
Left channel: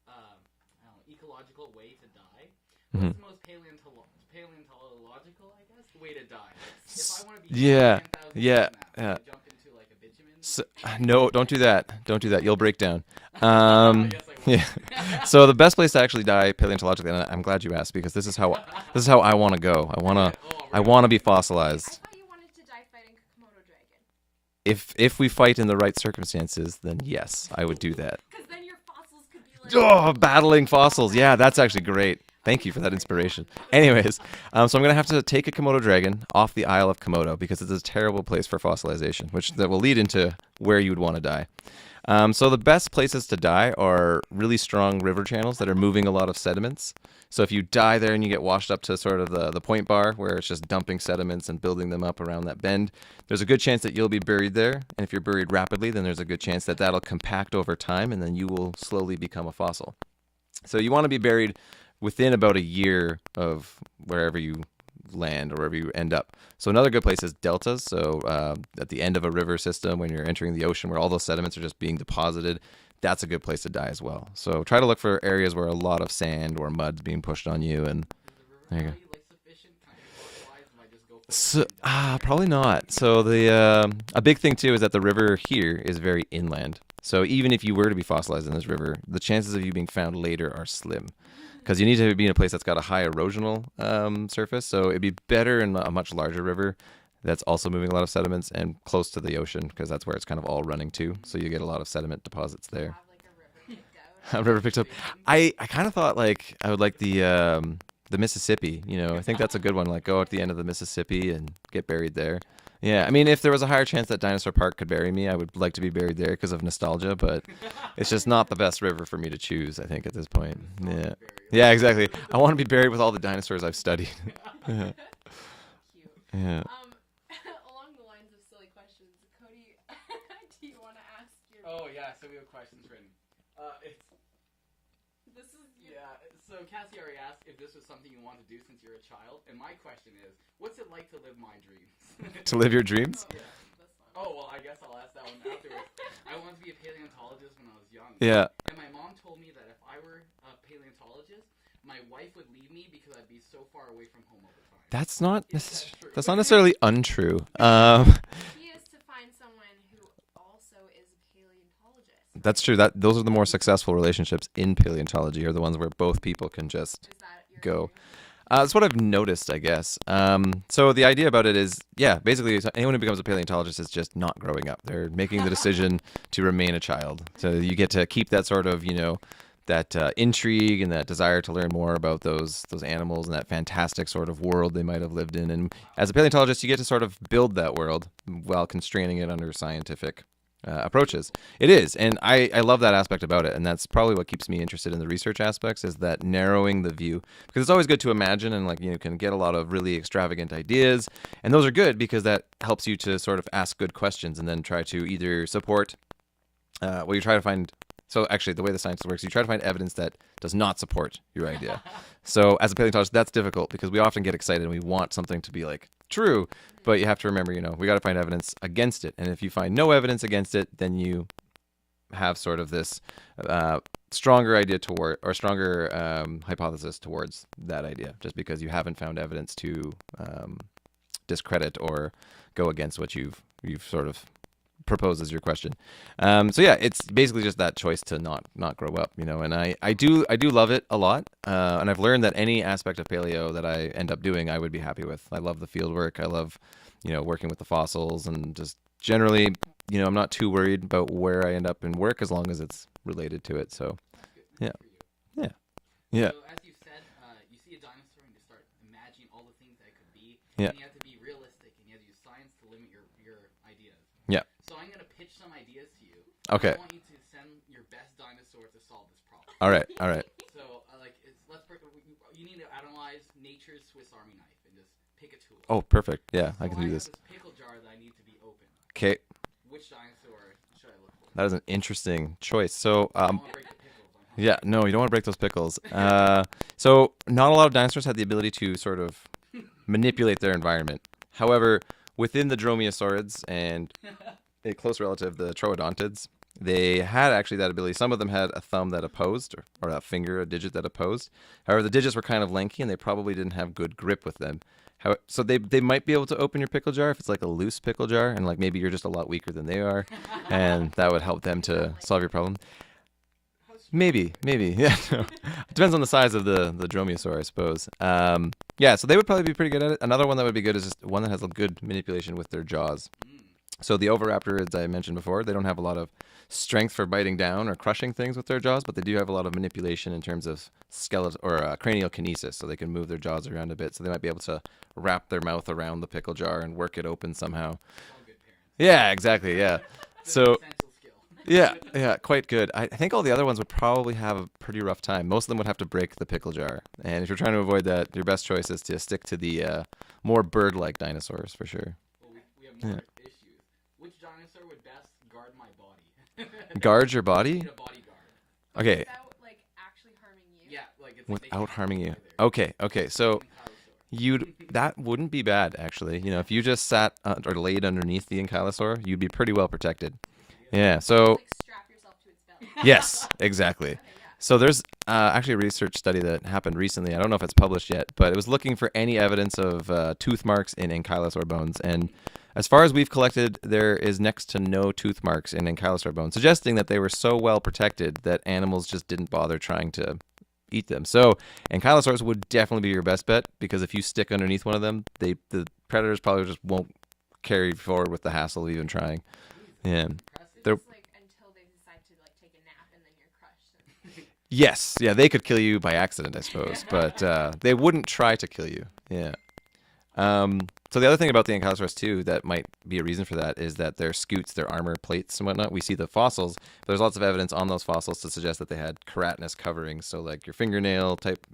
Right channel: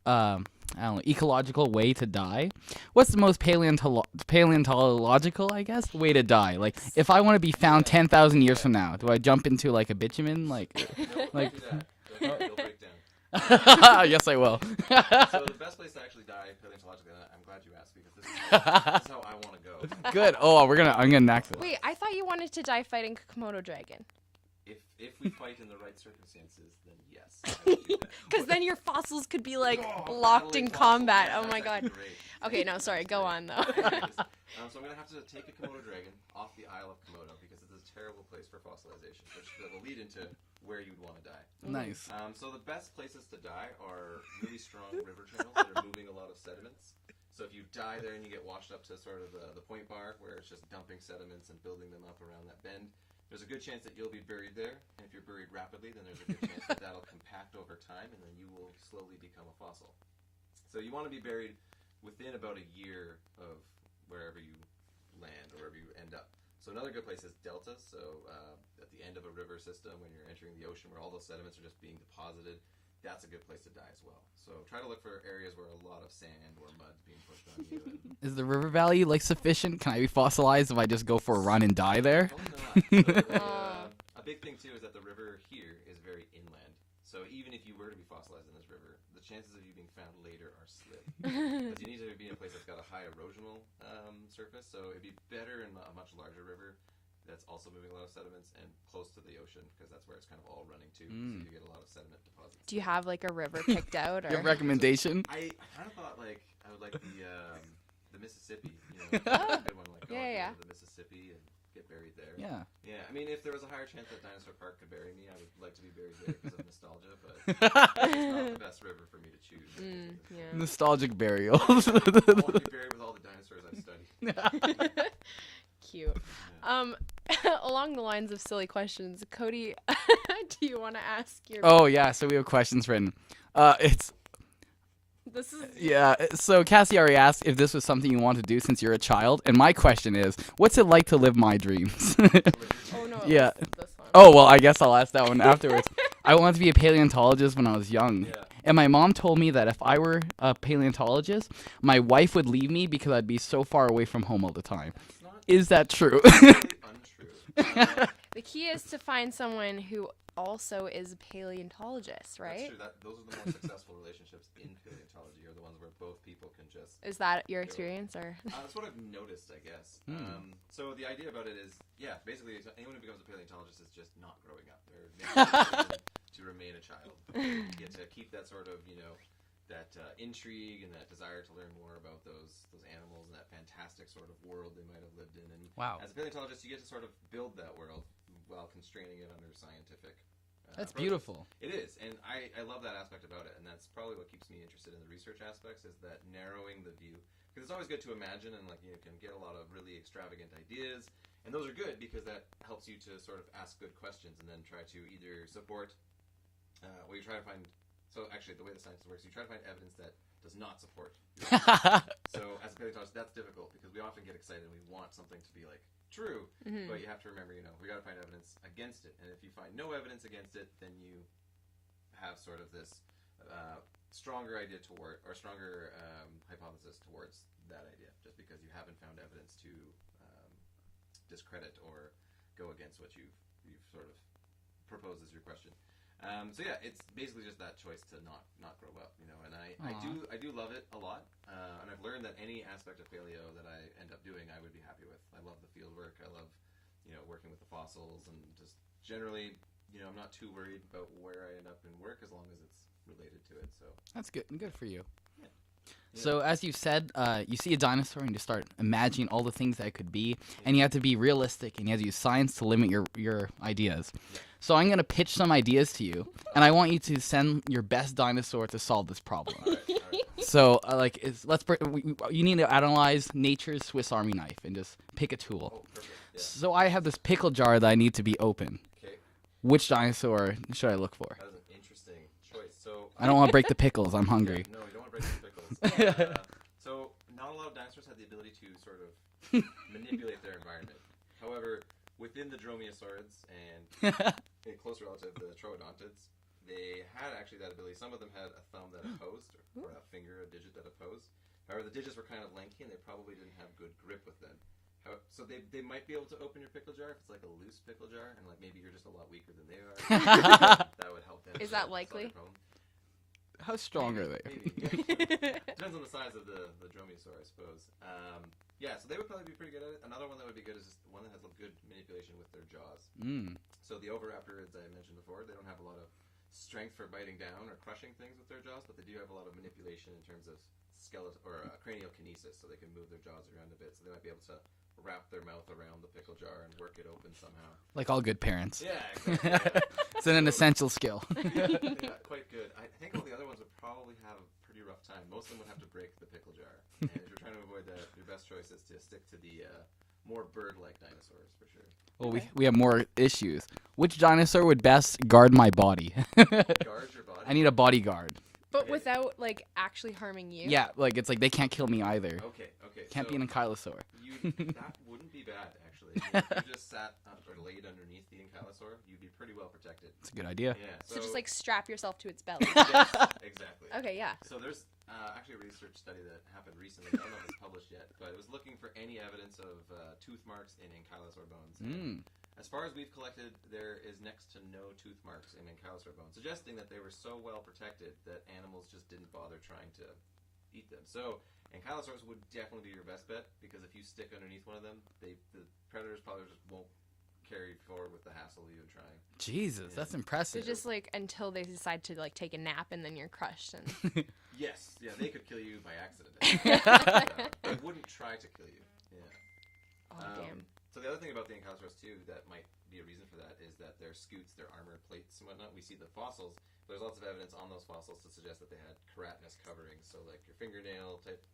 ecological way to die. What's the most paleontological, I guess, way to die? Like, if I want to be found Yeah. 10,000 years Yeah. from now, do Yeah. I jump into like a bitumen? Like, No, don't do that. Don't do that. You'll break down. yes, I will. Yeah. So the best place to actually die paleontologically, and I'm glad you asked, because this is how I want to go. I want Good. to. Oh, I want to I'm be getting back. fossilized. I thought you wanted to die fighting Komodo dragon. If we fight in the right circumstances, then yes, I would do that. Because then your fossils could be like Battling locked in fossils. combat. Yeah, Oh that's my actually God. great. Thank Okay, you for no, that sorry, go on, inspiration. though. Anyways, so I'm going to have to take a Komodo dragon off the Isle of Komodo, because it's a terrible place for fossilization, that will lead into where you would want to die. Nice. So the best places to die are really strong river channels that are moving a lot of sediments. So if you die there and you get washed up to sort of the point bar where it's just dumping sediments and building them up around that bend, there's a good chance that you'll be buried there. And if you're buried rapidly, then there's a good chance that that'll compact over time, and then you will slowly become a fossil. So you want to be buried within about a year of wherever you land or wherever you end up. So another good place is deltas. So at the end of a river system, when you're entering the ocean, where all those sediments are just being deposited, that's a good place to die as well. So try to look for areas where a lot of sand or mud's being pushed on you. And Is the river valley like sufficient? Can I be fossilized if I just go for a run and die there? Probably not. So a big thing too is that the river here is very inland. So even if you were to be fossilized in this river, the chances of you being found later are slim, because you need to be in a place that's got a high erosional surface. So it'd be better in a much larger river that's also moving a lot of sediments and close to the ocean, because that's where it's kind of all running to. So you get a lot of sediment deposits Do you there. have like a river picked out? A Or? river picked up. Recommendation? I kind of thought like I would like the Mississippi. I think that's a good one. Like go at the Yeah. end of the Mississippi and get buried there. Yeah. Yeah, I mean, if there was a higher chance that Dinosaur Park could bury me, I would like to be buried there because of nostalgia, but it's just not the best river for me to choose, I think, at this point. Nostalgic Yeah. burial. Yeah, exactly. I want to be buried with all the dinosaurs I've studied. Cute. Yeah. Along the lines of silly questions, Cody, do you want to ask your? Oh yeah, so we have questions written. It's This is. yeah. So Cassie already asked if this was something you want to do since you're a child, and my question is, what's it like to live my dreams? To live your I don't dreams? know what Yeah. this one. Oh well, I guess I'll ask that one afterwards. I wanted to be a paleontologist when I was young. Yeah. And my mom told me that if I were a paleontologist, my wife would leave me because I'd be so far away from home all the time. That's not. Is that true? It's not necessarily untrue. The key is to find someone who also is a paleontologist, right? That's true. Those are the more successful relationships in paleontology, are the ones where both people can just Is that your go. experience? Or? That's what I've noticed, I guess. So the idea about it is, yeah, basically anyone who becomes a paleontologist is just not growing up. They're making the decision to remain a child. So you get to keep that sort of, that intrigue and that desire to learn more about those animals and that fantastic sort of world they might have lived in. And Wow. as a paleontologist, you get to sort of build that world while constraining it under scientific approaches. beautiful. It is, and I love that aspect about it, and that's probably what keeps me interested in the research aspects, is that narrowing the view, because it's always good to imagine and can get a lot of really extravagant ideas, and those are good because that helps you to sort of ask good questions and then try to either support you try to find. So actually, the way the science works, you try to find evidence that does not support your idea. So as a paleontologist, that's difficult because we often get excited and we want something to be true, but you have to remember, we got to find evidence against it. And if you find no evidence against it, then you have sort of this stronger idea toward, or stronger hypothesis towards that idea, just because you haven't found evidence to discredit or go against what you've sort of proposed as your question. So yeah, it's basically just that choice to not grow up, and I do love it a lot, and I've learned that any aspect of paleo that I end up doing, I would be happy with. I love the field work. I love, working with the fossils, and just generally, I'm not too worried about where I end up in work as long as it's related to it. So That's good. Yeah. Good for you. yeah. So as you said, you see a dinosaur and you start imagining all the things that it could be, Yeah. and you have to be realistic, and you have to use science to limit your ideas. Yeah. So I'm gonna pitch some ideas to you, and I Okay. want you to send your best dinosaur to solve this problem. All right. So you need to analyze nature's Swiss Army knife and just pick a tool. Oh, perfect. Yeah. So can I use- have this pickle jar that I need to be open. Okay, Which dinosaur should I look for? that is an interesting choice. So I don't want to break the pickles. I'm hungry. yeah, no, you don't want to break those pickles. So not a lot of dinosaurs had the ability to sort of manipulate their environment. However, within the dromaeosaurids and a close relative, the troodontids, they had actually that ability. Some of them had a thumb that opposed, or a finger, a digit that opposed. However, the digits were kind of lanky, and they probably didn't have good grip with them. So they might be able to open your pickle jar if it's like a loose pickle jar, and maybe you're just a lot weaker than they are, and that would help them Is to that solve your likely? problem. How strong Maybe, are they? maybe, yeah. Depends on the size of the dromaeosaur, I suppose. Yeah, so they would probably be pretty good at it. Another one that would be good is just one that has a good manipulation with their jaws. So the oviraptorids I mentioned before, they don't have a lot of strength for biting down or crushing things with their jaws, but they do have a lot of manipulation in terms of skeletal or cranial kinesis, so they can move their jaws around a bit. So they might be able to wrap their mouth around the pickle jar and work it open somehow. Like all good parents. Yeah, exactly. Yeah. It's an essential skill. yeah, quite good. I think all the other ones would probably have a pretty rough time. Most of them would have to break the pickle jar. And if you're trying to avoid that, your best choice is to stick to the more bird-like dinosaurs for sure. Well, we have more issues. Which dinosaur would best guard my body? Guard your body? I need a bodyguard. But Okay. without actually harming you. Yeah, it's like they can't kill me either. Okay. Can't So be an ankylosaur. that wouldn't be bad actually. If you just sat or laid underneath the ankylosaur, you'd be pretty well protected. That's a good idea. Yeah. Just So strap yourself to its belly. yes, exactly. Okay, yeah. So there's actually a research study that happened recently. I don't know if it's published yet, but it was looking for any evidence of tooth marks in ankylosaur bones. And as far as we've collected, there is next to no tooth marks in ankylosaur bones, suggesting that they were so well protected that animals just didn't bother trying to eat them. So ankylosaurs would definitely be your best bet, because if you stick underneath one of them, the predators probably just won't carry forward with the hassle of even trying. Jesus, Yeah. that's So impressive. just until they decide to take a nap and then you're crushed. And Yes, yeah, they could kill you by accident, I suppose, but they wouldn't try to kill you. Yeah. So the other thing about the ankylosaurs too that might be a reason for that is that their scutes, their armor plates and whatnot, we see the fossils, but there's lots of evidence on those fossils to suggest that they had keratinous coverings, so like your fingernail type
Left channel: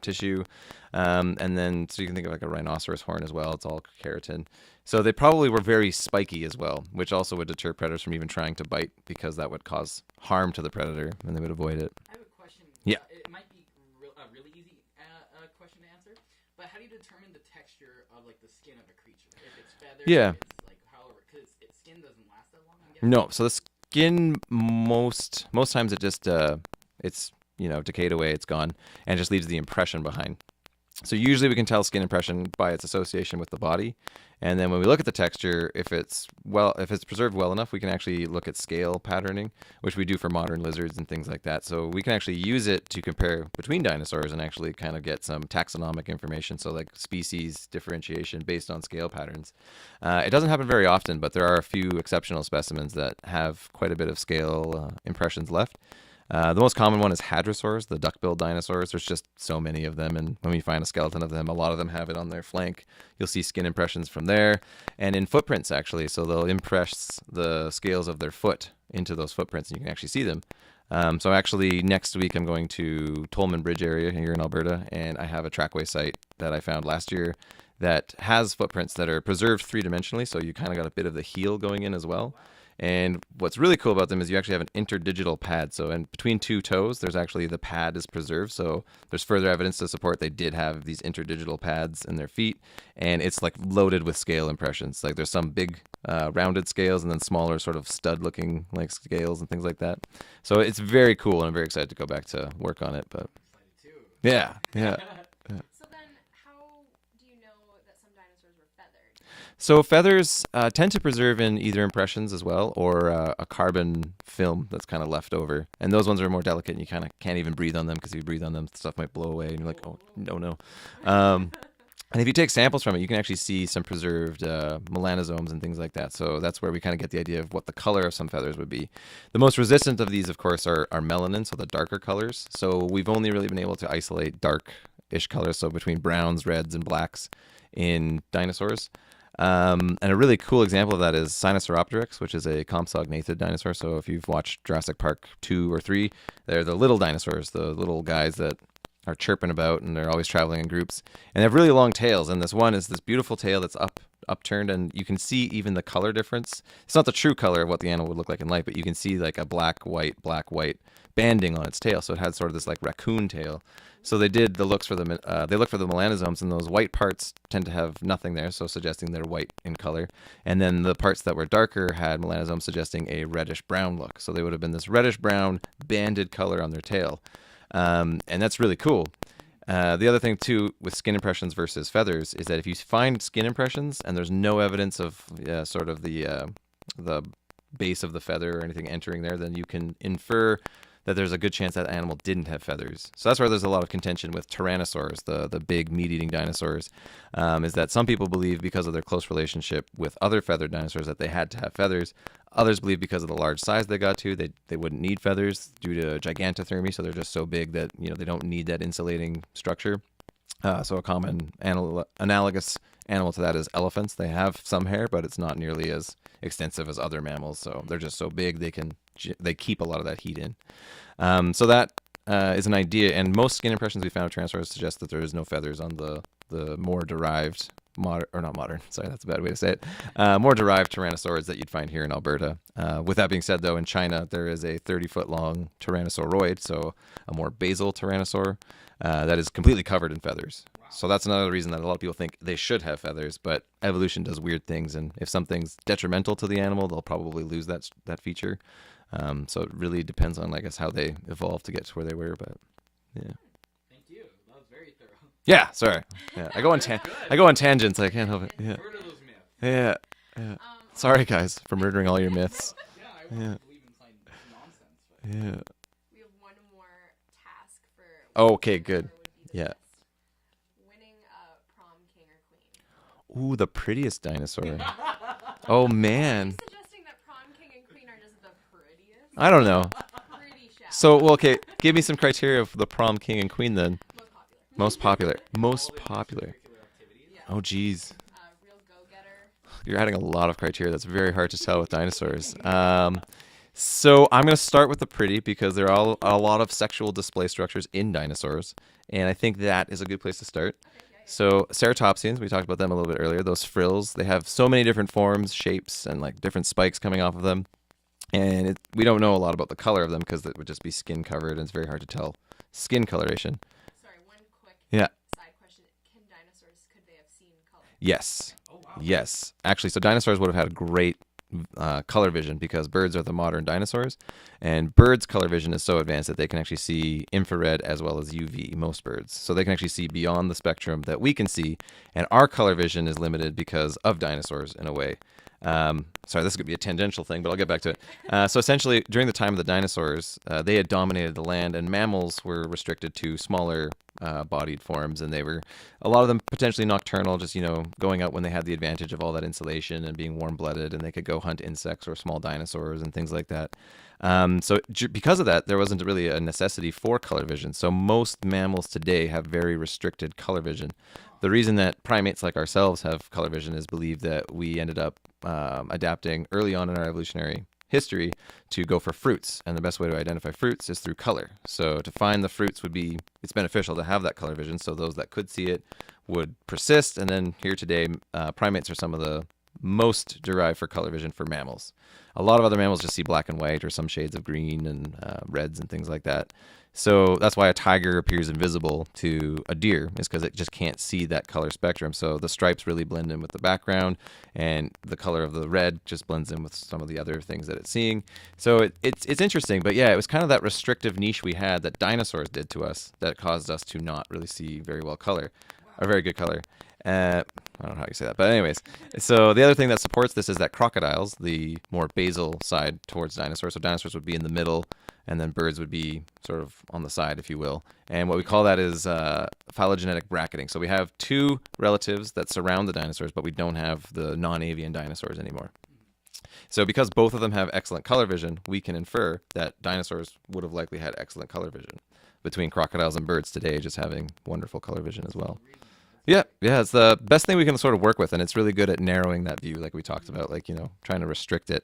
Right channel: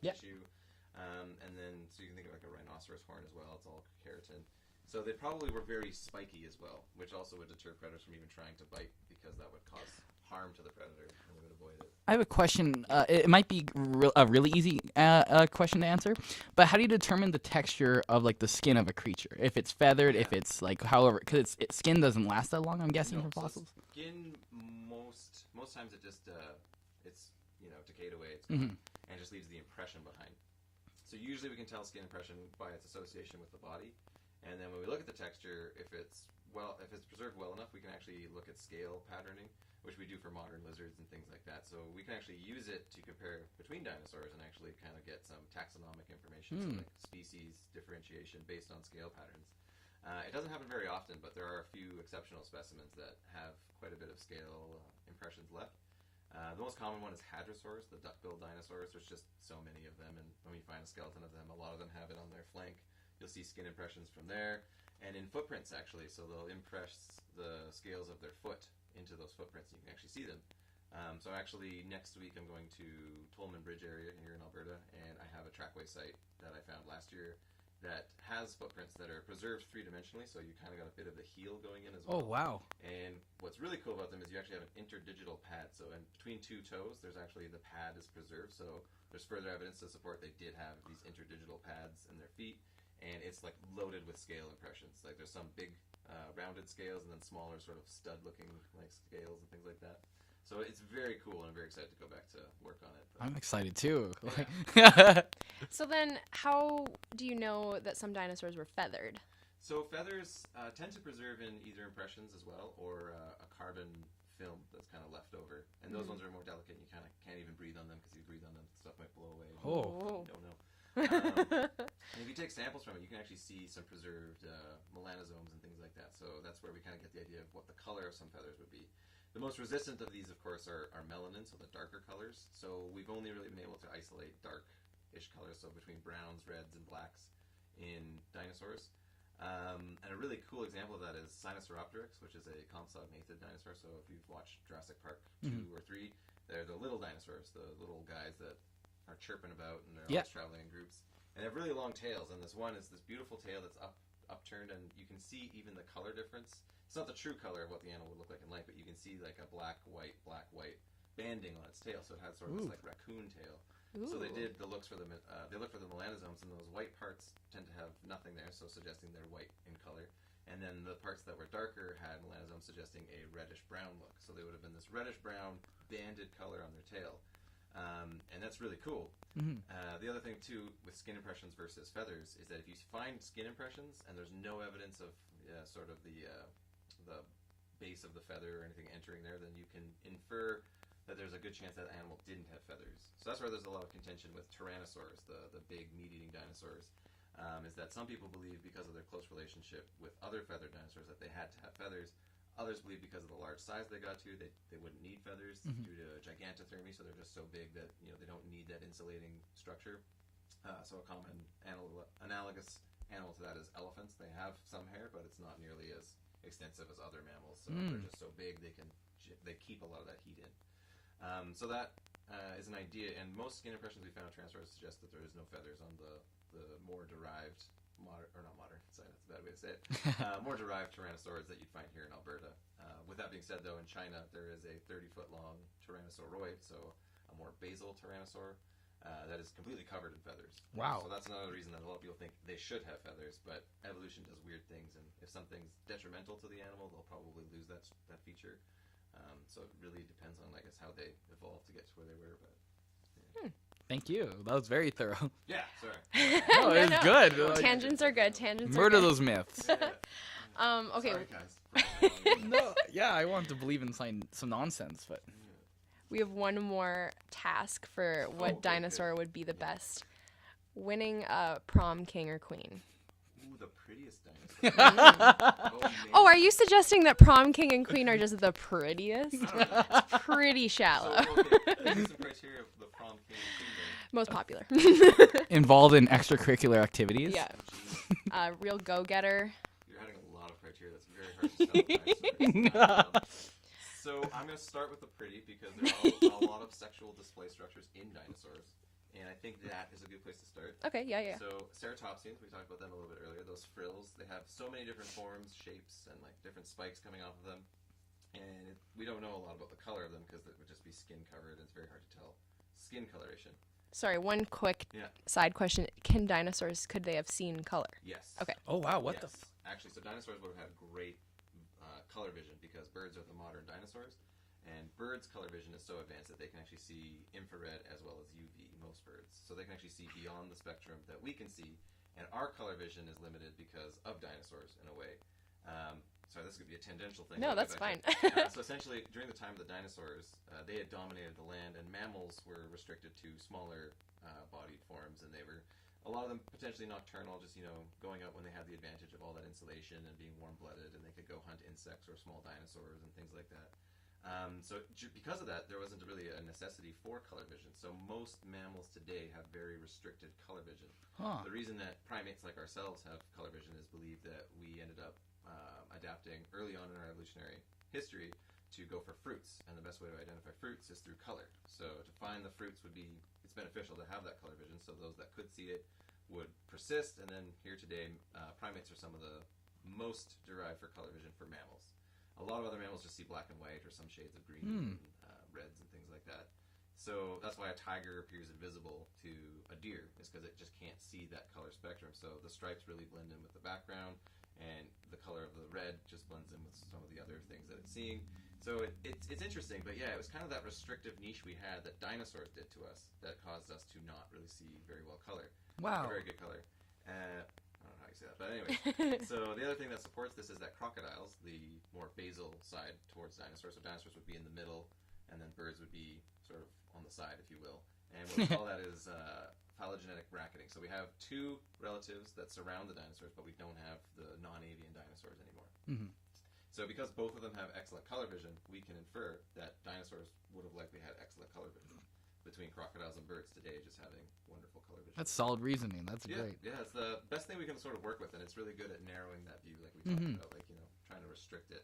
tissue, and then so you can think of like a rhinoceros horn as well. It's all keratin. So they probably were very spiky as well, which also would deter predators from even trying to bite, because that would cause harm to the predator and they would avoid it. I have a question. Yeah. It might be a really easy question to answer, but how do you determine the texture of the skin of a creature? If it's feathered, Yeah. if it's however, because skin doesn't last that long, I'm guessing. No, with so fossils. skin most times it just it's decayed away, it's gone, and just leaves the impression behind. So usually we can tell skin impression by its association with the body. And then when we look at the texture, if it's preserved well enough, we can actually look at scale patterning, which we do for modern lizards and things like that. So we can actually use it to compare between dinosaurs and actually kind of get some taxonomic information. So like species differentiation based on scale patterns. It doesn't happen very often, but there are a few exceptional specimens that have quite a bit of scale impressions left. The most common one is hadrosaurs, the duck-billed dinosaurs. There's just so many of them, and when you find a skeleton of them, a lot of them have it on their flank. You'll see skin impressions from there, and in footprints, actually. So they'll impress the scales of their foot into those footprints, and you can actually see them. So actually, next week, I'm going to Tolman Bridge area here in Alberta, and I have a trackway site that I found last year that has footprints that are preserved three-dimensionally, so you kind of got a bit of the heel going in as well. Oh, wow. And what's really cool about them is you actually have an interdigital pad. So in between two toes, there's actually the pad is preserved. So there's further evidence to support they did have these interdigital pads in their feet. And it's like loaded with scale impressions. Like there's some big rounded scales and then smaller sort of stud-looking like scales and things like that. So it's very cool, and I'm very excited to go back to work on it. But I'm excited too. yeah. So then, how do you know that some dinosaurs were feathered? So feathers tend to preserve in either impressions as well, or a carbon film that's kind of left over. And those ones are more delicate, and you kind of can't even breathe on them, because if you breathe on them, stuff might blow away, and you're like, oh, no. And if you take samples from it, you can actually see some preserved melanosomes and things like that. So that's where we kind of get the idea of what the color of some feathers would be. The most resistant of these, of course, are melanin, so the darker colors. So we've only really been able to isolate dark-ish colors, so between browns, reds, and blacks in dinosaurs. And a really cool example of that is Sinosauropteryx, which is a compsognathid dinosaur. So if you've watched Jurassic Park 2 or 3, they're the little dinosaurs, the little guys that are chirping about, and they're always traveling in groups. And they have really long tails, and this one is this beautiful tail that's upturned, and you can see even the color difference. It's not the true color of what the animal would look like in life, but you can see like a black, white banding on its tail. So it had sort of this like raccoon tail. So they did the looks for the they look for the melanosomes, and those white parts tend to have nothing there, so suggesting they're white in color. And then the parts that were darker had melanosomes, suggesting a reddish brown look. So they would have been this reddish brown banded color on their tail. And that's really cool. The other thing too with skin impressions versus feathers is that if you find skin impressions and there's no evidence of sort of the base of the feather or anything entering there, then you can infer that there's a good chance that animal didn't have feathers. So that's where there's a lot of contention with tyrannosaurs, the big meat-eating dinosaurs, is that some people believe because of their close relationship with other feathered dinosaurs that they had to have feathers. Others believe because of the large size they got to, they wouldn't need feathers due to gigantothermy, so they're just so big that they don't need that insulating structure. So a common analogous animal to that is elephants. They have some hair, but it's not nearly as extensive as other mammals. So they're just so big they keep a lot of that heat in. So that is an idea, and most skin impressions we found of tyrannosaurs suggest that there is no feathers on the more derived sorry, that's a bad way to say it. More derived tyrannosaurs that you'd find here in Alberta. With that being said, though, in China, there is a 30-foot long tyrannosauroid, so a more basal tyrannosaur, that is completely covered in feathers. Wow. So that's another reason that a lot of people think they should have feathers, but evolution does weird things, and if something's detrimental to the animal, they'll probably lose that feature. So it really depends on, I guess, how they evolve to get to where they were, but yeah. Thank you. That was very thorough. Yeah, sorry. Yeah, I go on tangents. I can't help it. Yeah. Murder those myths. Yeah. Okay. Sorry, guys, for murdering all your myths. Yeah, I want to believe in some nonsense, but yeah. We have one more task for what dinosaur good. would be the best. Winning a prom king or queen. Ooh, the prettiest dinosaur. Oh, man. Oh, are you suggesting that prom king and queen are just the prettiest? I don't know. Pretty shallow. So, okay, give me some criteria of the prom king and queen then. Most popular. Most popular. Involved in extracurricular activities. Yeah. Oh, geez. Real go-getter. You're adding a lot of criteria. That's very hard to tell with dinosaurs. So I'm going to start with the pretty because there are a lot of sexual display structures in dinosaurs. And I think that is a good place to start. Okay, yeah. So ceratopsians, we talked about them a little bit earlier. Those frills, they have so many different forms, shapes, and like different spikes coming off of them. And we don't know a lot about the color of them because it would just be skin covered, and it's very hard to tell skin coloration. Sorry, one quick side question. Could they have seen color? Yes. Okay. Oh, wow. Yes. Actually, so dinosaurs would have had great color vision, because birds are the modern dinosaurs, and birds' color vision is so advanced that they can actually see infrared as well as UV, most birds. So they can actually see beyond the spectrum that we can see, and our color vision is limited because of dinosaurs in a way. Sorry, this could be a tangential thing, but No, I'll get back that's to it. So essentially, during the time of the dinosaurs, they had dominated the land, and mammals were restricted to smaller bodied forms, and they were, a lot of them potentially nocturnal, just, going out when they had the advantage of all that insulation and being warm-blooded, and they could go hunt insects or small dinosaurs and things like that. Because of that, there wasn't really a necessity for color vision. So most mammals today have very restricted color vision. The reason that primates like ourselves have color vision is believed that we ended up adapting early on in our evolutionary history to go for fruits, and the best way to identify fruits is through color. So to find the fruits it's beneficial to have that color vision, so those that could see it would persist. And then here today, primates are some of the most derived for color vision for mammals. A lot of other mammals just see black and white or some shades of green and reds and things like that. So that's why a tiger appears invisible to a deer, is because it just can't see that color spectrum. So the stripes really blend in with the background, and the color of the red just blends in with some of the other things that it's seeing. So it's interesting, but yeah, it was kind of that restrictive niche we had that dinosaurs did to us that caused us to not really see very well color, or very good color. I don't know how you say that, but anyways. So the other thing that supports this is that crocodiles, the more basal side towards dinosaurs, so dinosaurs would be in the middle, and then birds would be sort of on the side, if you will. And what we call that is phylogenetic bracketing. So we have two relatives that surround the dinosaurs, but we don't have the non-avian dinosaurs anymore. Mm-hmm. So because both of them have excellent color vision, we can infer that dinosaurs would have likely had excellent color vision, between crocodiles and birds today just having wonderful color vision as well. Solid reasoning. That's yeah, great. yeah, it's the best thing we can sort of work with, and it's really good at narrowing that view, like we talked about, like, trying to restrict it.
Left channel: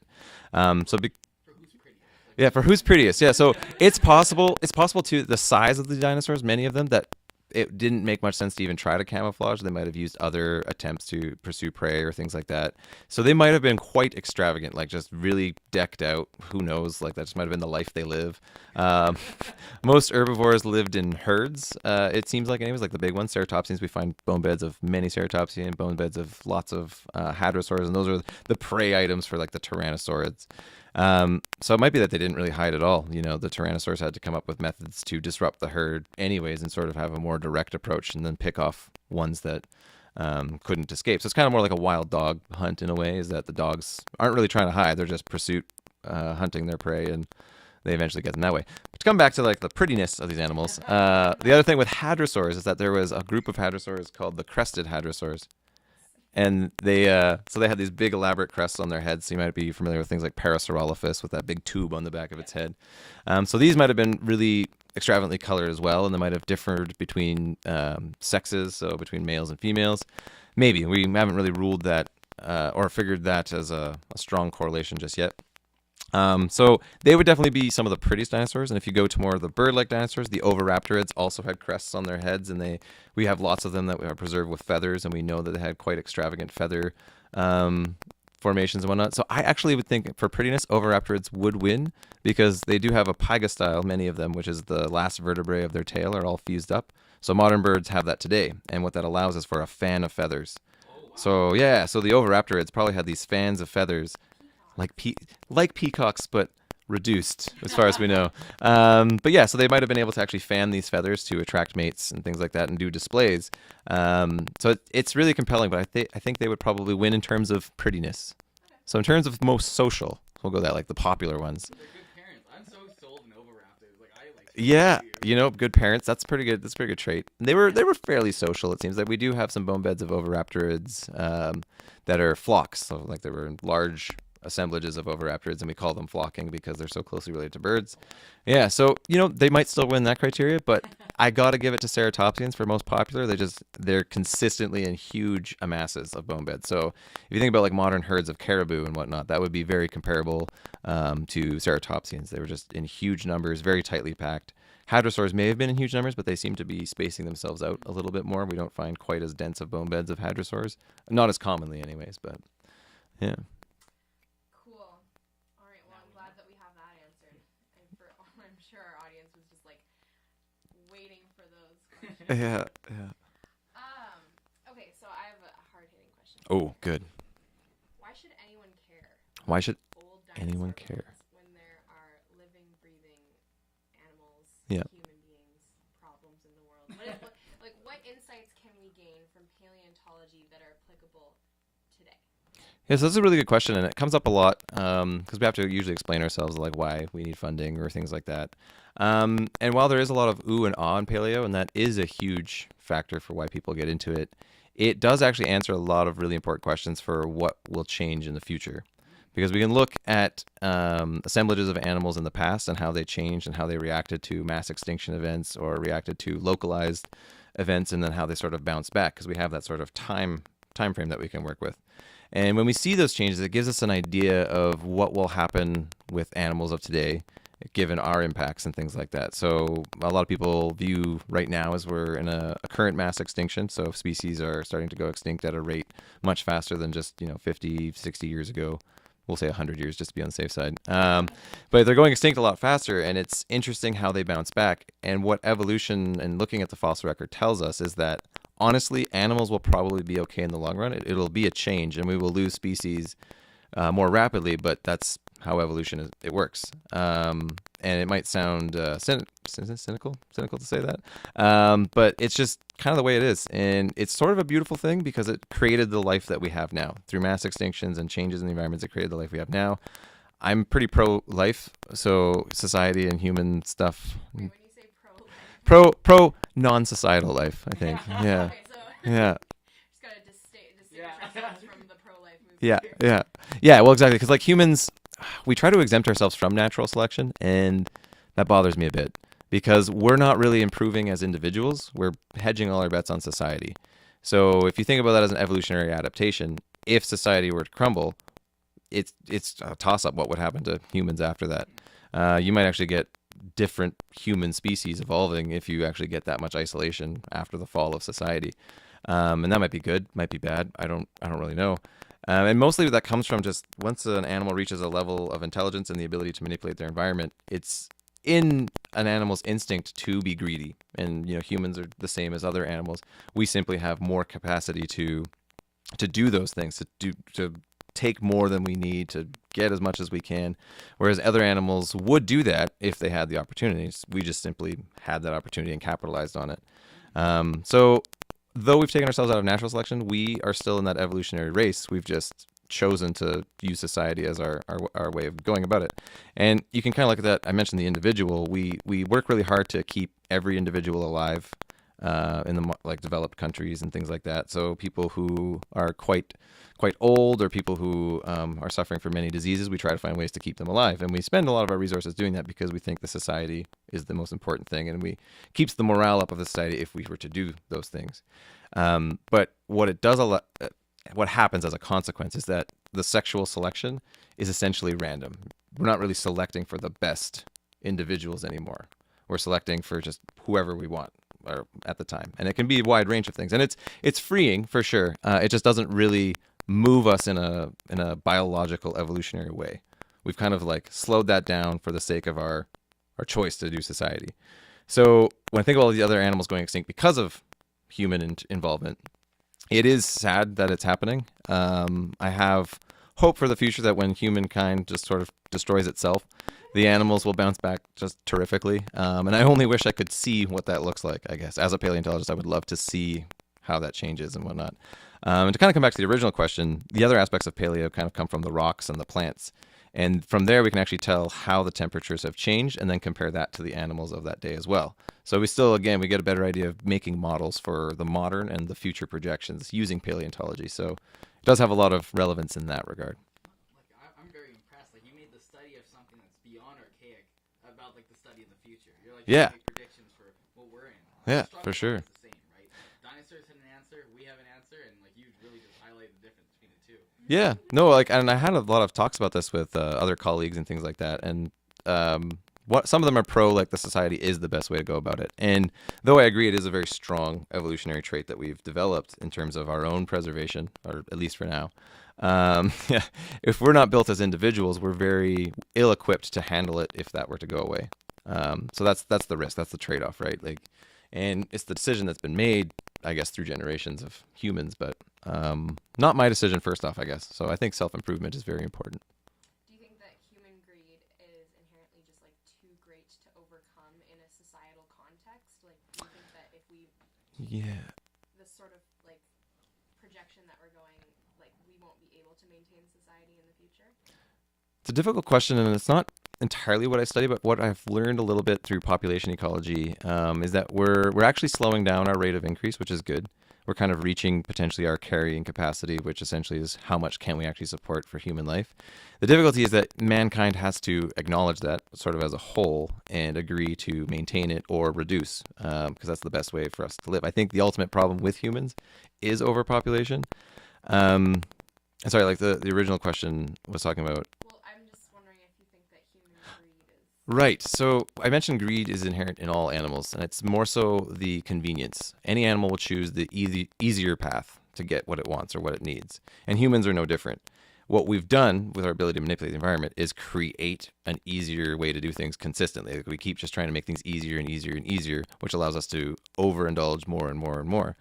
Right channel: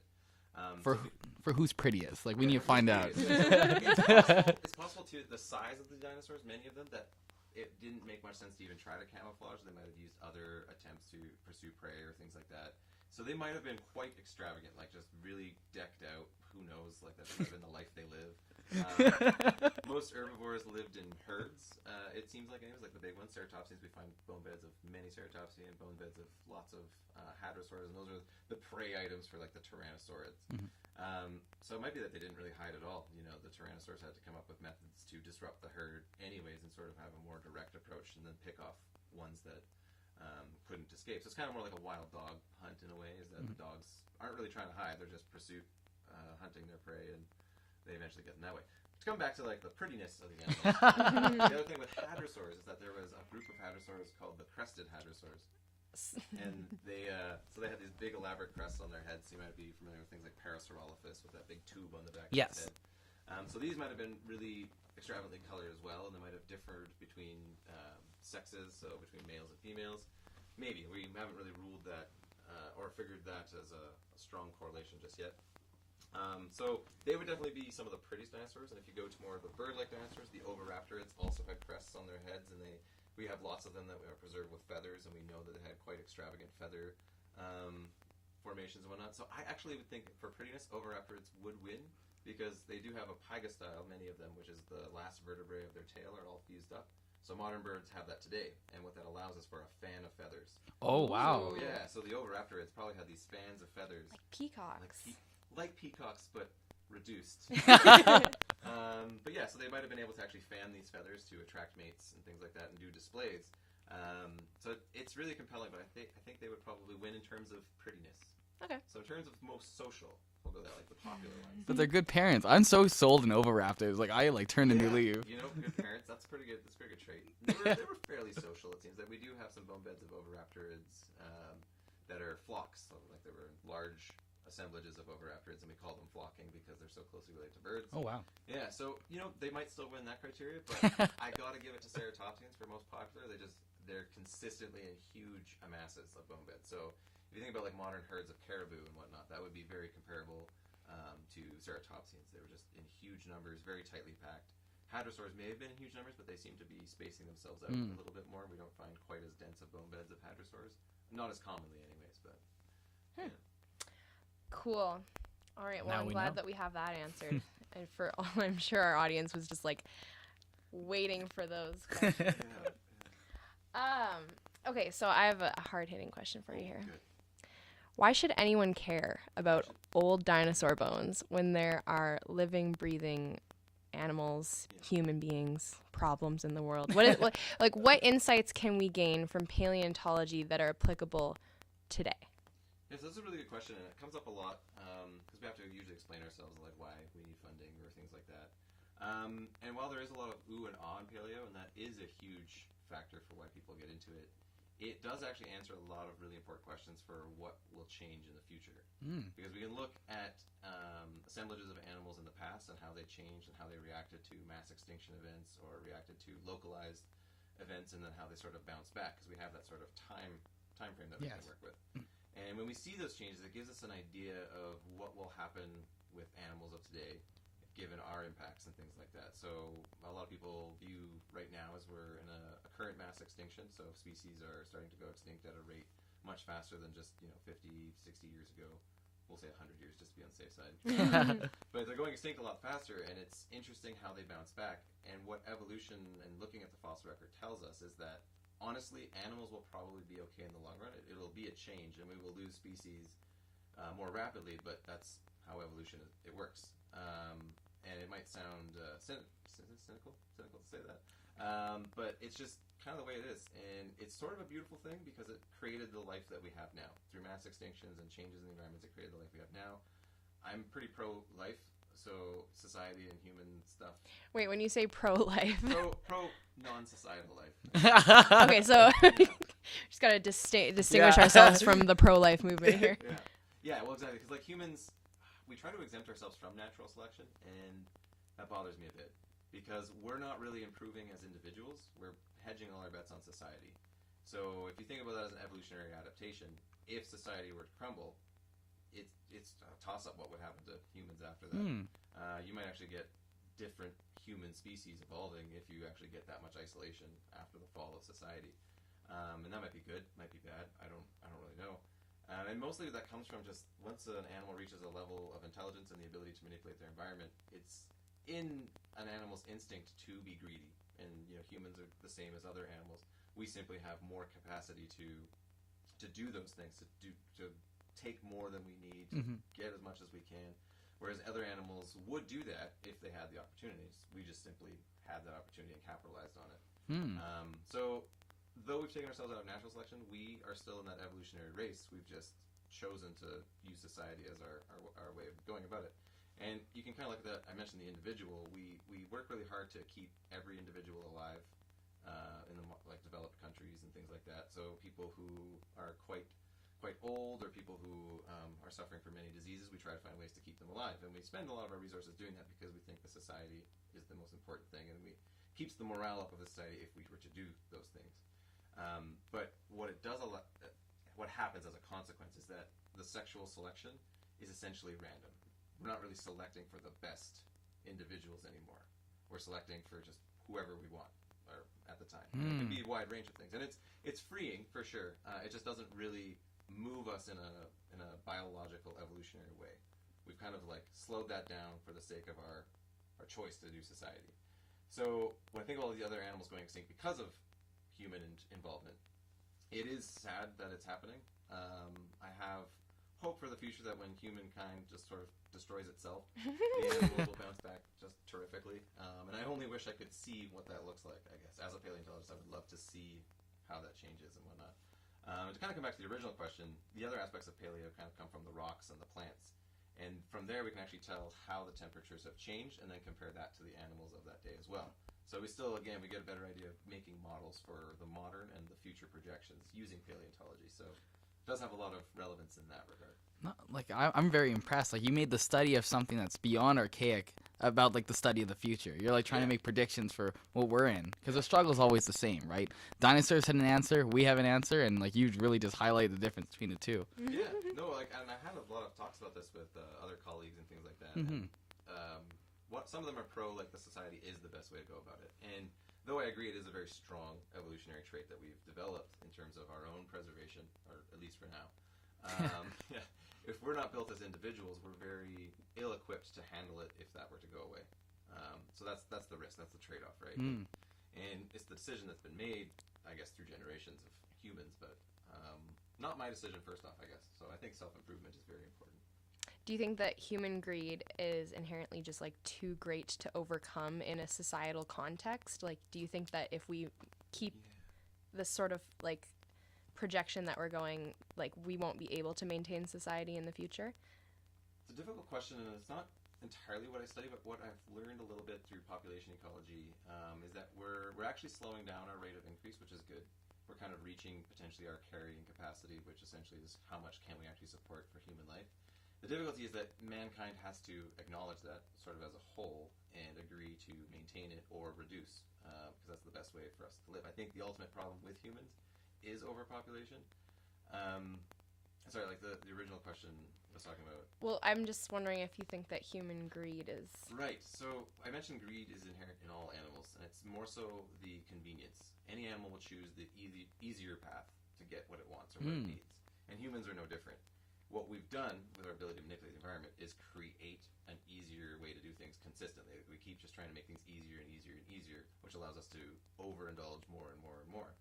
For who's prettiest. Like, yeah, for who's prettiest. Yeah, so it's possible to, the size of the dinosaurs, many of them, that it didn't make much sense to even try to camouflage. They might have used other attempts to pursue prey or things like that. So they might have been quite extravagant, like just really decked out. Who knows? Like that just might have been the life they live. Most herbivores lived in herds. It seems like, anyways, like the big ones, ceratopsians. We find bone beds of many ceratopsian, bone beds of lots of hadrosaurs, and those are the prey items for like the tyrannosaurids. So it might be that they didn't really hide at all. The tyrannosaurs had to come up with methods to disrupt the herd anyways, and sort of have a more direct approach, and then pick off ones that couldn't escape. So it's kind of more like a wild dog hunt in a way, is that the dogs aren't really trying to hide. They're just hunting their prey, and they eventually get them that way. But to come back to like the prettiness of these animals, the other thing with hadrosaurs is that there was a group of hadrosaurs called the crested hadrosaurs. And they had these big elaborate crests on their heads. So you might be familiar with things like Parasaurolophus with that big tube on the back of its head. So these might have been really extravagantly colored as well, and they might have differed between sexes, so between males and females. Maybe. We haven't really ruled that or figured that as a strong correlation just yet. So they would definitely be some of the prettiest dinosaurs. And if you go to more of the bird-like dinosaurs, the oviraptorids also had crests on their heads, and we have lots of them that are preserved with feathers, and we know that they had quite extravagant feather formations and whatnot. So I actually would think for prettiness, oviraptorids would win, because they do have a pygostyle, many of them, which is the last vertebrae of their tail are all fused up. So modern birds have that today, and what that allows is for a fan of feathers. Oh, wow. So yeah, so the oviraptorids probably had these fans of feathers. Peacocks. Like peacocks, but reduced as far as we know. But yeah, so they might have been able to actually fan these feathers to attract mates and things like that, and do displays. So it's really compelling, but I think they would probably win in terms of prettiness. Okay. So in terms of most social, we'll go that, like the popular ones. So they're good parents. I'm so sold in oviraptors. Like I turn Yeah, into you. Good parents. That's pretty good. That's a pretty good trait. They were fairly social. It seems like we do have some bone beds of oviraptorids that are flocks. So like there were large assemblages of oviraptorids, and we call them flocking because they're so closely related to birds. Oh wow. Yeah, so they might still win that criteria, but I gotta give it to ceratopsians for most popular. They're consistently in huge masses of bone beds. So if you think about like modern herds of caribou and whatnot, that would be very comparable to ceratopsians. They were just in huge numbers, very tightly packed. Hadrosaurs may have been in huge numbers, but they seem to be spacing themselves out a little bit more. We don't find quite as dense of bone beds of hadrosaurs, not as commonly anyways, but yeah. Cool. All right. Well, Now I'm we glad know. that we have that answered. And for all, I'm sure our audience was just like waiting for those questions. Yeah. Okay, so I have a hard-hitting question for you Oh, here. good. Why should anyone care about should old dinosaur anyone care? bones when there are living, breathing animals, Yeah. human beings, problems in the world? What insights can we gain from paleontology that are applicable today? Yes, that's a really good question, and it comes up a lot because we have to usually explain ourselves, like why we need funding or things like that. And while there is a lot of ooh and ah in paleo, and that is a huge factor for why people get into it, it does actually answer a lot of really important questions for what will change in the future. Because we can look at assemblages of animals in the past and how they changed and how they reacted to mass extinction events or reacted to localized events, and then how they sort of bounce back, because we have that sort of time frame that we can work with. And when we see those changes, it gives us an idea of what will happen with animals of today, given our impacts and things like that. So a lot of people view right now as we're in a current mass extinction. So species are starting to go extinct at a rate much faster than just 50, 60 years ago. We'll say 100 years just to be on the safe side. But they're going extinct a lot faster, and it's interesting how they bounce back. And what evolution and looking at the fossil record tells us is that, honestly, animals will probably be okay in the long run. It'll be a change, and we will lose species more rapidly, but that's how evolution it works. And it might sound cynical to say that, but it's just kind of the way it is. And it's sort of a beautiful thing because it created the life that we have now. Through mass extinctions and changes in the environments, it created the life we have now. I'm pretty pro-life, so society and human stuff. Wait, when you say pro-life. Pro non-societal life, I think. Yeah. Okay, so Yeah. just got to distinguish ourselves from the pro-life movement here. Yeah, well, exactly, because like humans, we try to exempt ourselves from natural selection, and that bothers me a bit because we're not really improving as individuals. We're hedging all our bets on society. So if you think about that as an evolutionary adaptation, if society were to crumble, it's a toss-up what would happen to humans after that. You might actually get different human species evolving if you actually get that much isolation after the fall of society. And that might be good, might be bad. I don't really know. And mostly that comes from just once an animal reaches a level of intelligence and the ability to manipulate their environment, it's in an animal's instinct to be greedy. And humans are the same as other animals. We simply have more capacity to do those things, to take more than we need, to get as much as we can, whereas other animals would do that if they had the opportunities. We just simply had that opportunity and capitalized on it. So though we've taken ourselves out of natural selection, we are still in that evolutionary race. We've just chosen to use society as our way of going about it. And you can kind of look at that. I mentioned the individual. We work really hard to keep every individual alive in the developed countries and things like that. So people who are quite old, or people who are suffering from many diseases, we try to find ways to keep them alive. And we spend a lot of our resources doing that because we think the society is the most important thing, and we keeps the morale up of the society if we were to do those things. But what it does what happens as a consequence is that the sexual selection is essentially random. We're not really selecting for the best individuals anymore. We're selecting for just whoever we want or at the time. And it can be a wide range of things. And it's freeing for sure. It just doesn't really move us in a biological evolutionary way. We've kind of slowed that down for the sake of our choice to do society. So when I think of all the other animals going extinct because of human involvement, it is sad that it's happening. I have hope for the future that when humankind just sort of destroys itself, the animals will bounce back just terrifically. And I only wish I could see what that looks like, I guess. As a paleontologist, I would love to see how that changes and whatnot. And to kind of come back to the original question, the other aspects of paleo kind of come from the rocks and the plants. And from there, we can actually tell how the temperatures have changed and then compare that to the animals of that day as well. So we still, again, we get a better idea of making models for the modern and the future projections using paleontology. So it does have a lot of relevance in that regard. I'm very impressed. You made the study of something that's beyond archaic about the study of the future. You're trying to make predictions for what we're in. The struggle is always the same, right? Dinosaurs had an answer, we have an answer, and you really just highlight the difference between the two. Yeah, no, and I had a lot of talks about this with other colleagues and things like that, and some of them are pro the society is the best way to go about it. And though I agree it is a very strong evolutionary trait that we've developed in terms of our own preservation, or at least for now. If we're not built as individuals, we're very ill-equipped to handle it if that were to go away. So that's the risk. That's the trade-off, right? And it's the decision that's been made, I guess, through generations of humans. But not my decision first off, I guess. So I think self-improvement is very important. Do you think that human greed is inherently just like too great to overcome in a societal context? Like, do you think that if we keep this sort of like projection that we're going, like we won't be able to maintain society in the future? It's a difficult question, and it's not entirely what I study, but what I've learned a little bit through population ecology is that we're actually slowing down our rate of increase, which is good. We're kind of reaching potentially our carrying capacity, which essentially is how much can we actually support for human life. The difficulty is that mankind has to acknowledge that sort of as a whole and agree to maintain it or reduce, because that's the best way for us to live. I think the ultimate problem with humans is overpopulation. Sorry, like the original question was talking about. Well, I'm just wondering if you think that human greed is... Right. So I mentioned greed is inherent in all animals, and it's more so the convenience. Any animal will choose the easier path to get what it wants or what it needs. And humans are no different. What we've done with our ability to manipulate the environment is create an easier way to do things consistently. Like we keep just trying to make things easier and easier and easier, which allows us to overindulge more and more and more.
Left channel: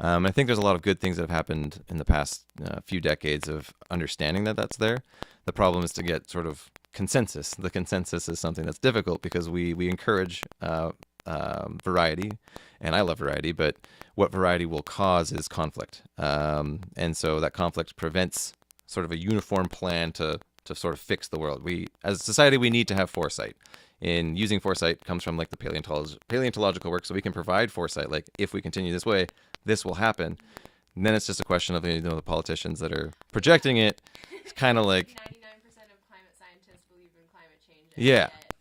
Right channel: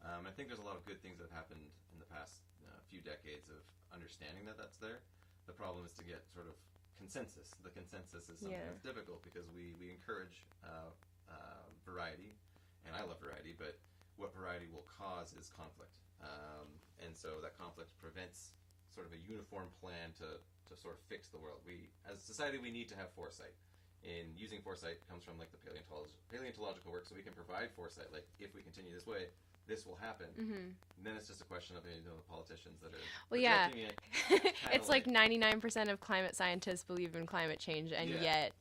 I think there's a lot of good things that have happened in the past few decades of understanding that that's there. The problem is to get sort of consensus. The consensus is something that's difficult because we encourage variety, and I love variety, but what variety will cause is conflict. And so that conflict prevents sort of a uniform plan to sort of fix the world. As a society, we need to have foresight. In using foresight comes from like the paleontological work, so we can provide foresight. Like if we continue this way, this will happen. And then it's just a question of the politicians that are projecting it. It's kind of like 99% of climate scientists believe in climate change, and yet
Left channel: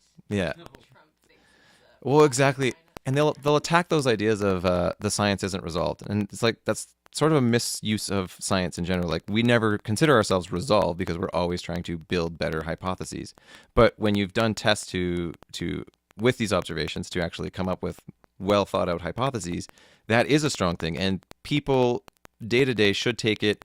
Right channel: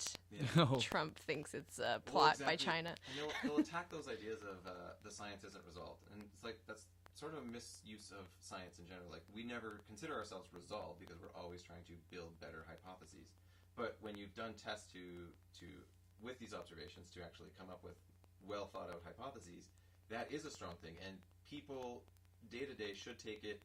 Trump thinks it's well, exactly. by China. And they'll attack those ideas of the science isn't resolved, and it's like that's sort of a misuse of science in general. Like we never consider ourselves resolved because we're always trying to build better hypotheses. But when you've done tests with these observations to actually come up with well thought out hypotheses, that is a strong thing, and people day to day should take it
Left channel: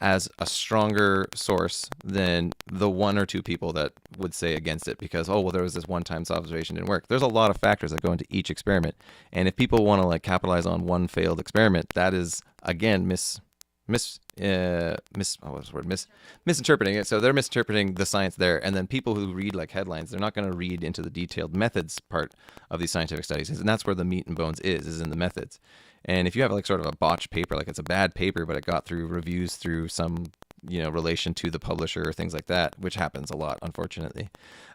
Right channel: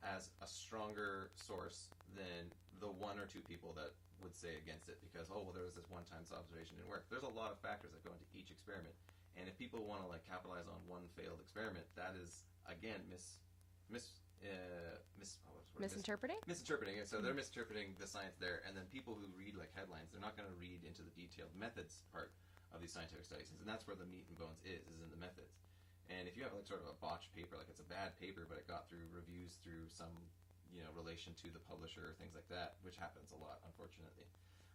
as a stronger source than the one or two people that would say against it because, oh, well, there was this one time observation didn't work. There's a lot of factors that go into each experiment, and if people want to like capitalize on one failed experiment, that is again misinterpreting it. So they're misinterpreting the science there, and then people who read like headlines, they're not going to read into the detailed methods part of these scientific studies, and that's where the meat and bones is in the methods. And if you have like sort of a botched paper, like it's a bad paper, but it got through reviews through some relation to the publisher or things like that, which happens a lot, unfortunately.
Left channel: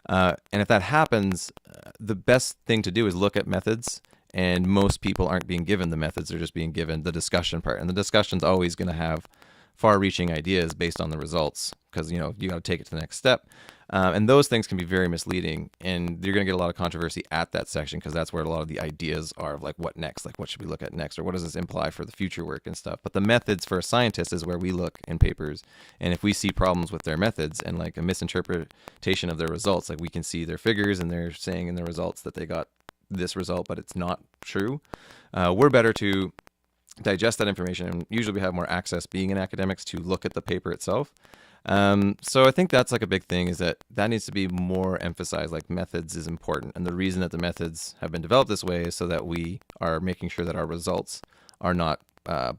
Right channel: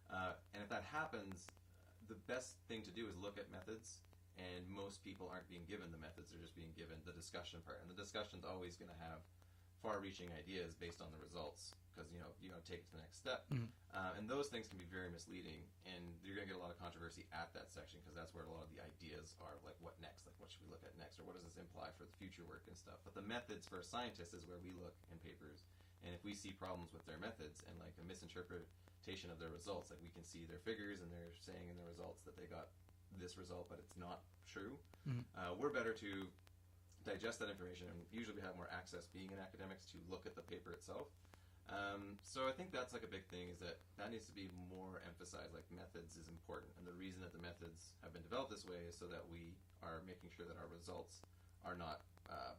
And if that happens, the best thing to do is look at methods. And most people aren't being given the methods; they're just being given the discussion part. And the discussion's always going to have far-reaching ideas based on the results, because you got to take it to the next step. And those things can be very misleading, and you're going to get a lot of controversy at that section because that's where a lot of the ideas are of like what next, like what should we look at next, or what does this imply for the future work and stuff. But the methods for a scientist is where we look in papers, and if we see problems with their methods and like a misinterpretation of their results, like we can see their figures and they're saying in the results that they got this result, but it's not true. We're better to digest that information, and usually we have more access being in academics to look at the paper itself. So I think that's like a big thing, is that needs to be more emphasized. Like methods is important, and the reason that the methods have been developed this way is so that we are making sure that our results are not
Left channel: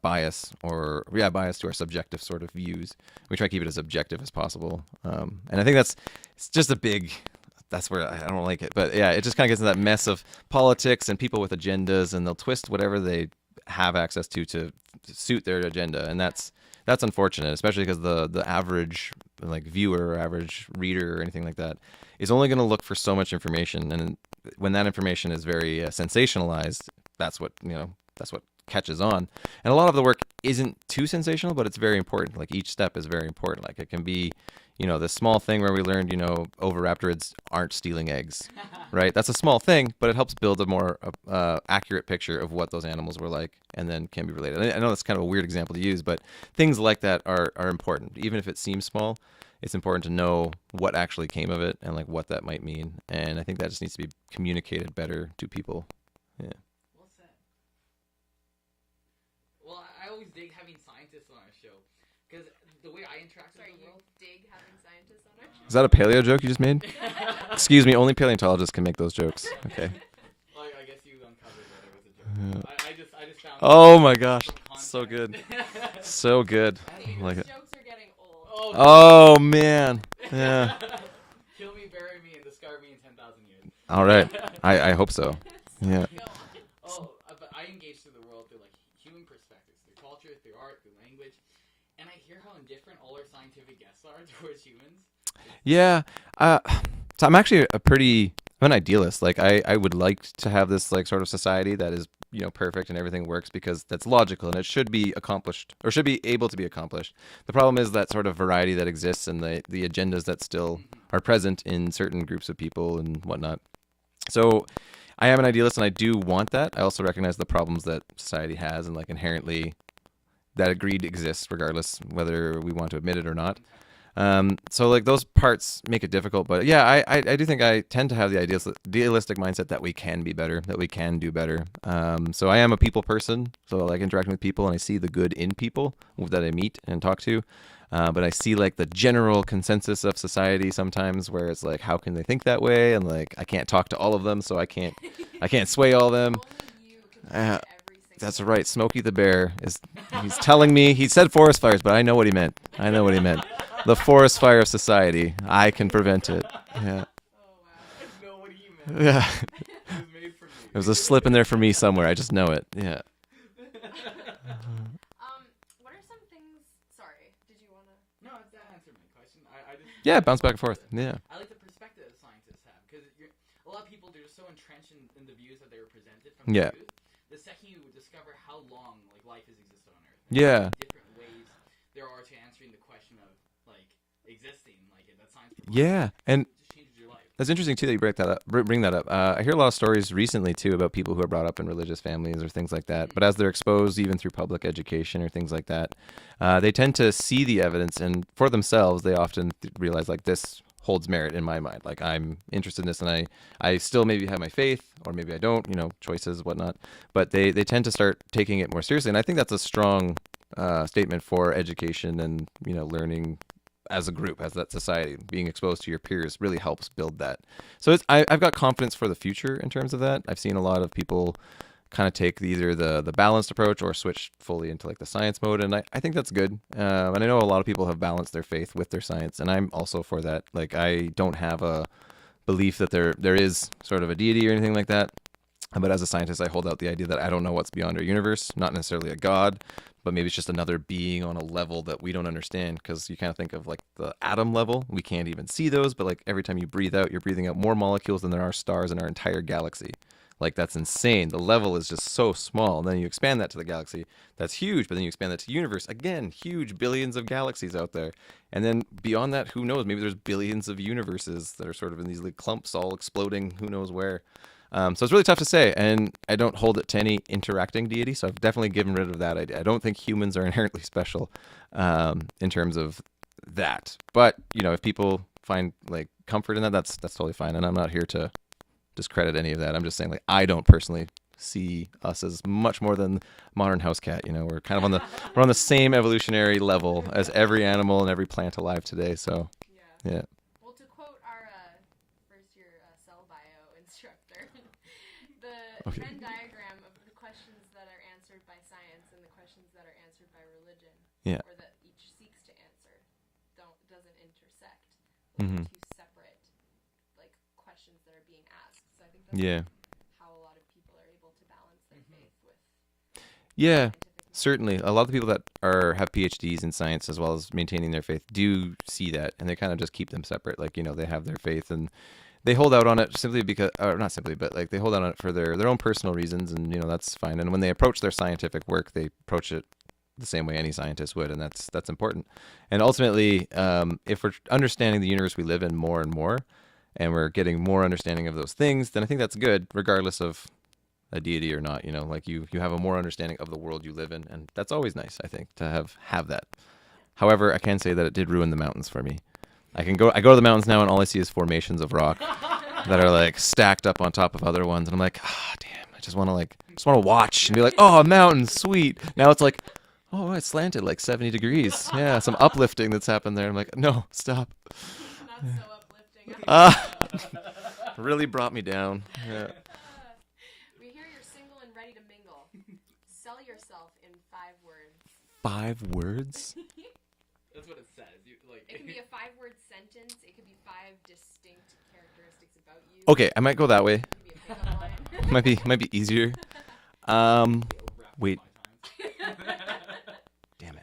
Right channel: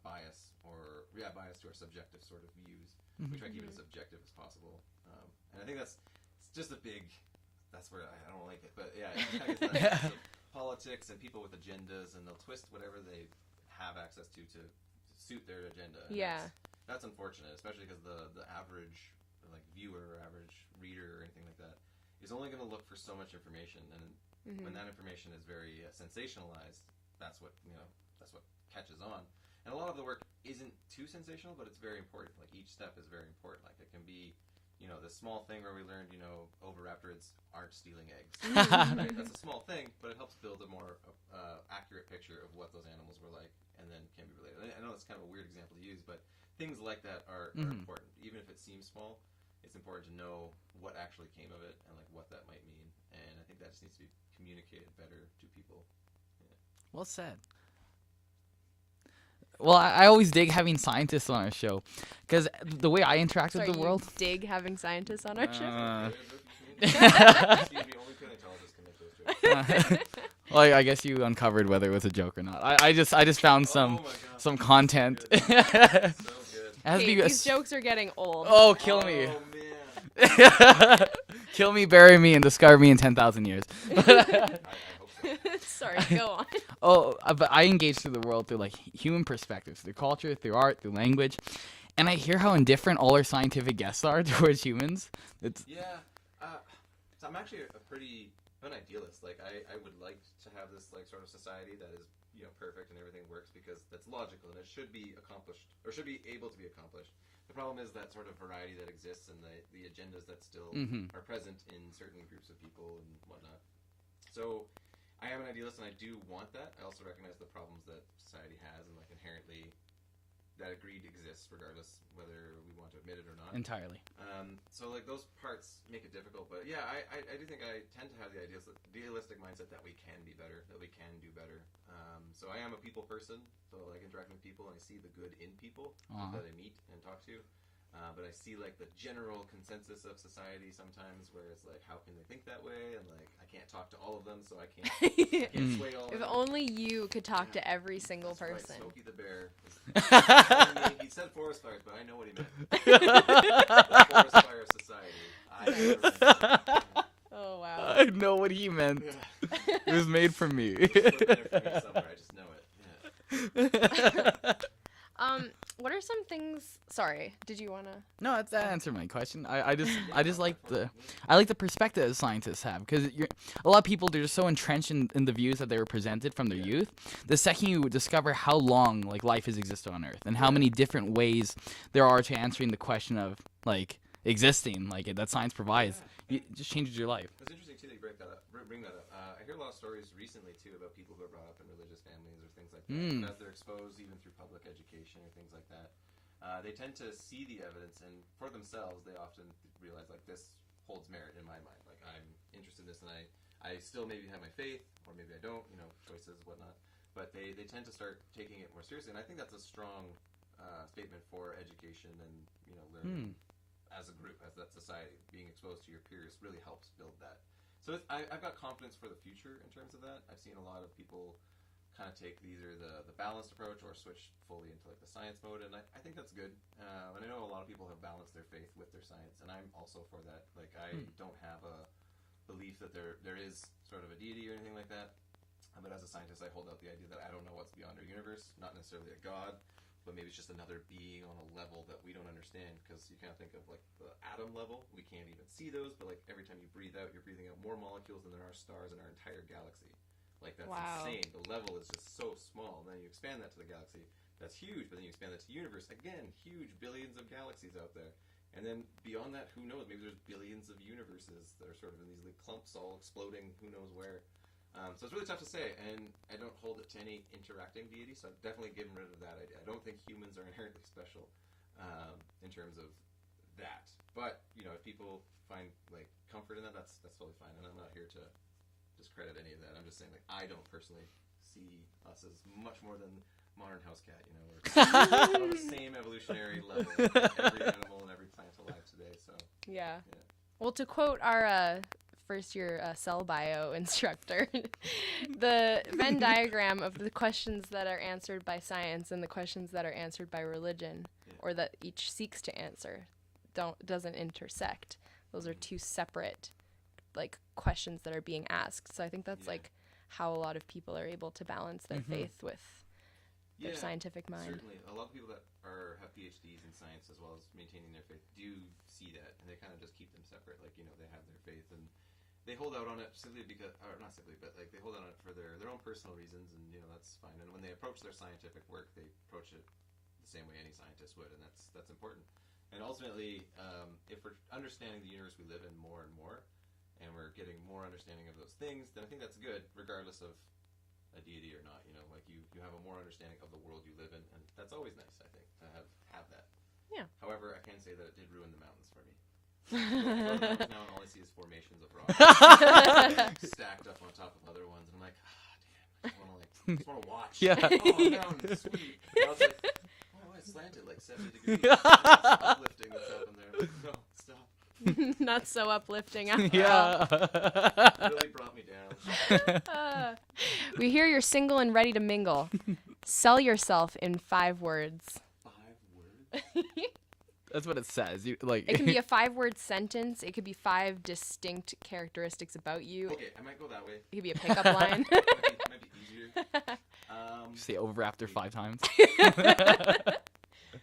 biased to our subjective sort of views. We try to keep it as objective as possible, and I think it's just that's where I don't like it, but yeah, it just kind of gets into that mess of politics and people with agendas, and they'll twist whatever they have access to suit their agenda, and that's unfortunate, especially because the average like viewer or average reader or anything like that is only going to look for so much information, and when that information is very sensationalized, that's what catches on. And a lot of the work isn't too sensational, but it's very important. Like each step is very important. Like it can be this small thing where we learned, oviraptorids aren't stealing eggs, right? That's a small thing, but it helps build a more accurate picture of what those animals were like, and then can be related. I know that's kind of a weird example to use, but things like that are important. Even if it seems small, it's important to know what actually came of it and like what that might mean. And I think that just needs to be communicated better to people. Yeah. Well said. Well, I always dig having scientists on our show, because the way I interact with the world. You dig having scientists on our show? Is that a paleo joke you just made? Excuse me, only paleontologists can make those jokes. Well, I guess you uncovered whether it was a joke or not. I just found Oh my gosh. some content. So good. So good. It has to Hey, be a these jokes are getting old. Oh, Oh man. Yeah. kill me, bury me, and discover me in 10,000 years. All right. I hope so. Sorry, Yeah. go on. Oh, but I engage through the world through like human perspectives, through culture, through art, through language, and I hear how indifferent all our scientific guests are towards humans. Yeah. So I'm actually I'm an idealist. Like I would like to have this like sort of society that is, perfect and everything works because that's logical and it should be accomplished or should be able to be accomplished. The problem is that sort of variety that exists and the agendas that still are present in certain groups of people and whatnot. So I am an idealist and I do want that. I also recognize the problems that society has and like inherently that greed exists regardless whether we want to admit it or not. Entirely. So like those parts make it difficult, but yeah, I do think I tend to have the idealistic mindset that we can be better, that we can do better. So I am a people person, so I like interacting with people and I see the good in people that I meet and talk to. But I see like the general consensus of society sometimes where it's like, how can they think that way? And like, I can't talk to all of them, so I can't sway all of them. Only you could talk to every single That's person. right. Smokey the Bear he's telling me, he said forest fires, but I know what he meant. The forest fire of society. I can prevent it. Yeah. Oh, wow. I know what he meant. Yeah. It was made for me. There's a slip in there for me somewhere. I just know it. Yeah. What are some things... Sorry, did you want to... No, that answered my question. I just Yeah, I just bounce back like and forth. Yeah. I like the perspective that scientists have because a lot of people they're just so entrenched in the views that they were presented from their Yeah. youth. The second you discover how long like life has existed on Earth and Yeah. how many different ways there are to answering the question of like existing, like that science provides, Yeah. And it just changes your life. that's interesting too that you bring that up. I hear a lot of stories recently too about people who are brought up in religious families or things like that. But as they're exposed even through public education or things like that, they tend to see the evidence and for themselves they often realize like this holds merit in my mind. Like I'm interested in this and I still maybe have my faith or maybe I don't, choices, whatnot. But they tend to start taking it more seriously. And I think that's a strong statement for education and, learning as a group, as that society, being exposed to your peers really helps build that. So I've got confidence for the future in terms of that. I've seen a lot of people kind of take either the balanced approach or switch fully into like the science mode. And I think that's good. And I know a lot of people have balanced their faith with their science. And I'm also for that. Like I don't have a belief that there is sort of a deity or anything like that. But as a scientist, I hold out the idea that I don't know what's beyond our universe, not necessarily a god, but maybe it's just another being on a level that we don't understand because you kind of think of like the atom level. We can't even see those, but like every time you breathe out, you're breathing out more molecules than there are stars in our entire galaxy. Like that's insane. The level is just so small. And then you expand that to the galaxy. That's huge. But then you expand that to the universe. Again, huge, billions of galaxies out there. And then beyond that, who knows? Maybe there's billions of universes that are sort of in these like clumps all exploding who knows where. So it's really tough to say, and I don't hold it to any interacting deity, so I've definitely given rid of that idea. I don't think humans are inherently special in terms of that. But, if people find, like, comfort in that, that's totally fine, and I'm not here to discredit any of that. I'm just saying, like, I don't personally see us as much more than modern house cat. We're kind of we're on the same evolutionary level as every animal and every plant alive today, so, yeah. Well, to quote our... first-year cell bio instructor, the Venn diagram of the questions that are answered by science and the questions that are answered by religion, or that each seeks to answer, doesn't intersect. Those are two separate, like, questions that are being asked. So I think that's like, how a lot of people are able to balance their faith with scientific mind. Certainly. A lot of the people that have PhDs in science as well as maintaining their faith do see that, and they kind of just keep them separate. Like, they have their faith and they hold out on it simply because, or not simply, but like they hold out on it for their own personal reasons, and that's fine. And when they approach their scientific work, they approach it the same way any scientist would, and that's important. And ultimately, if we're understanding the universe we live in more and more, and we're getting more understanding of those things, then I think that's good, regardless of a deity or not. Like you have a more understanding of the world you live in, and that's always nice, I think, to have that. Yeah. However, I can say that it did ruin the mountains for me. I go to the mountains now, and all I see is formations of rock that are like stacked up on top of other ones, and I'm like, damn, I just want to watch and be like, oh, a mountain, sweet. Now it's like, oh, it's slanted like 70 degrees. Yeah, some uplifting that's happened there. I'm like, no, stop. Not so uplifting. Really brought me down. Yeah. We hear you're single and ready to mingle. Sell yourself in 5 words. 5 words? That's what it says. You like. It can be a 5-word sentence. It could be 5 distinct characteristics about you. Okay, I might go that way. It could be a pickup line. might be easier. Say over after wait. 5 times. Damn